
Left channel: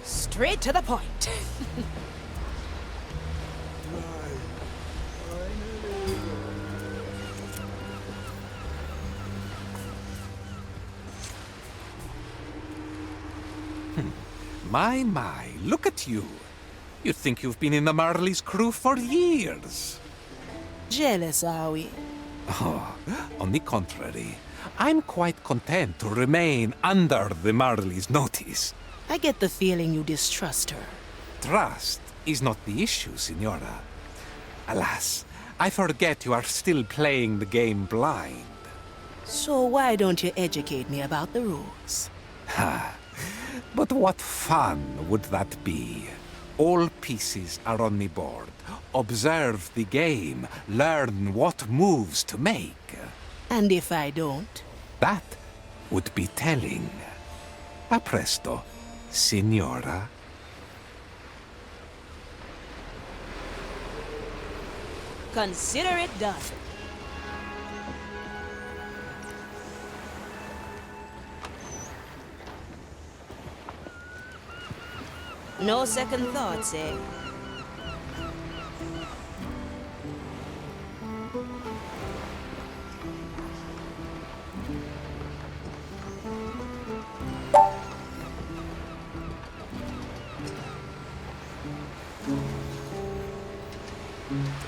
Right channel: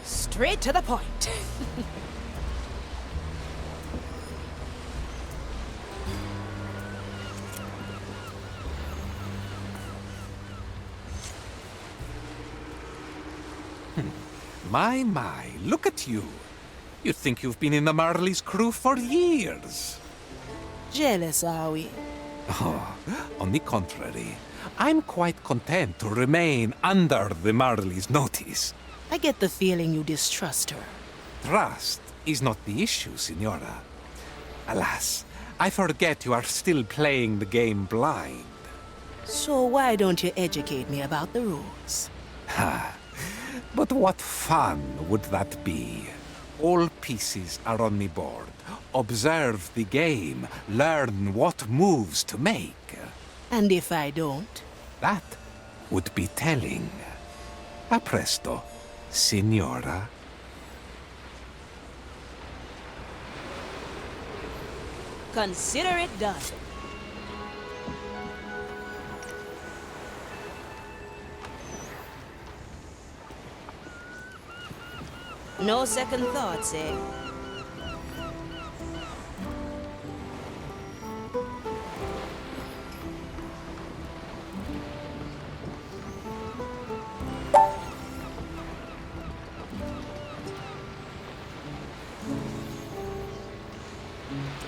Straight to the point. My, look at you. You'd think you've been in the Marley's crew for years. Jealous, are we? Oh, on the contrary, I'm quite content to remain under the Marley's notice. I get the feeling you distrust her. Trust is not the issue, Signora. Alas, I forget you are still playing the game blind. So why don't you educate me about the rules? Ha! But what fun would that be? All pieces are on the board. Observe the game. Learn what moves to make. And if I don't? That would be telling. A presto, signora. Consider it done. No second thoughts, eh?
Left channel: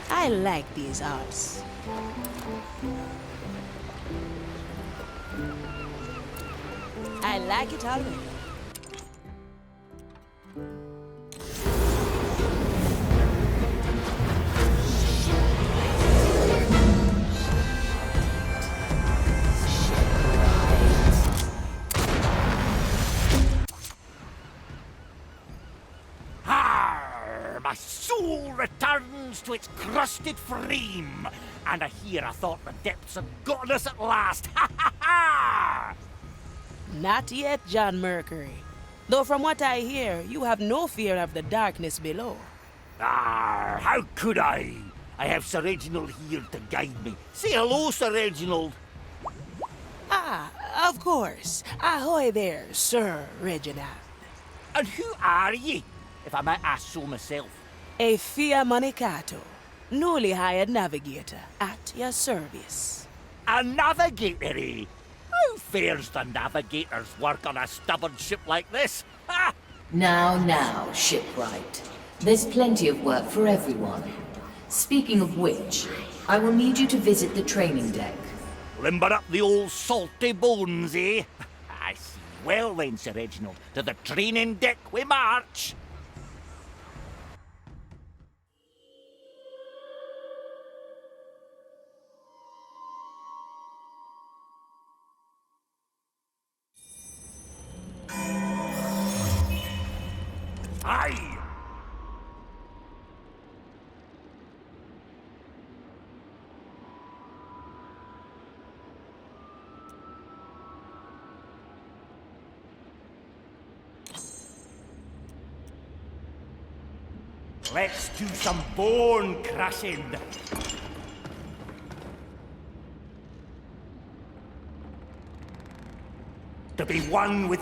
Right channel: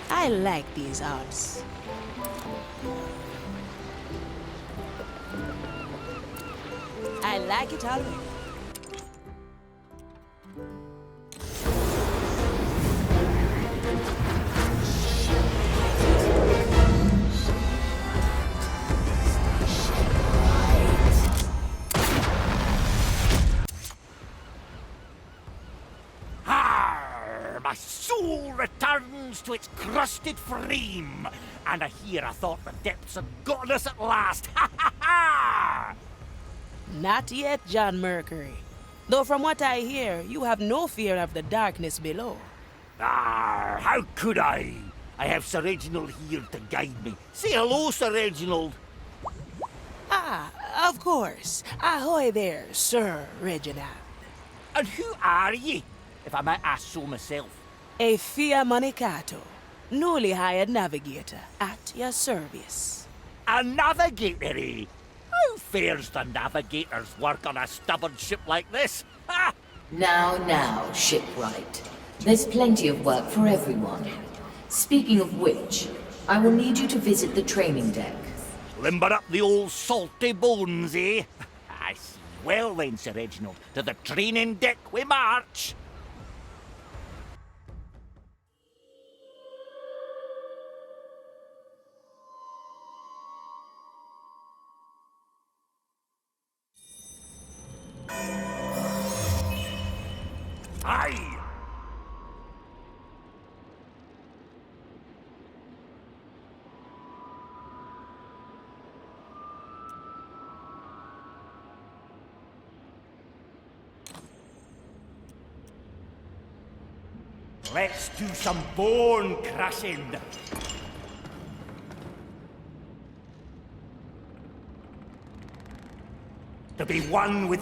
I like these arts. I like it already. My soul returns to its crusted frame, and I hear I thought the depths had gotten us at last. Ha ha ha! Not yet, John Mercury. Though from what I hear, you have no fear of the darkness below. How could I? I have Sir Reginald here to guide me. Say hello, Sir Reginald. Of course. Ahoy there, Sir Reginald. And who are ye, if I might ask so myself? A Fia Manicato, newly hired navigator, at your service. A navigator, eh? How fares the navigator's work on a stubborn ship like this? Ha! Now, shipwright. There's plenty of work for everyone. Speaking of which, I will need you to visit the training deck. Limber up the old salty bones, eh? I see. Well then, Sir Reginald, to the training deck we march. Aye! Let's do some bone crushing. To be one with the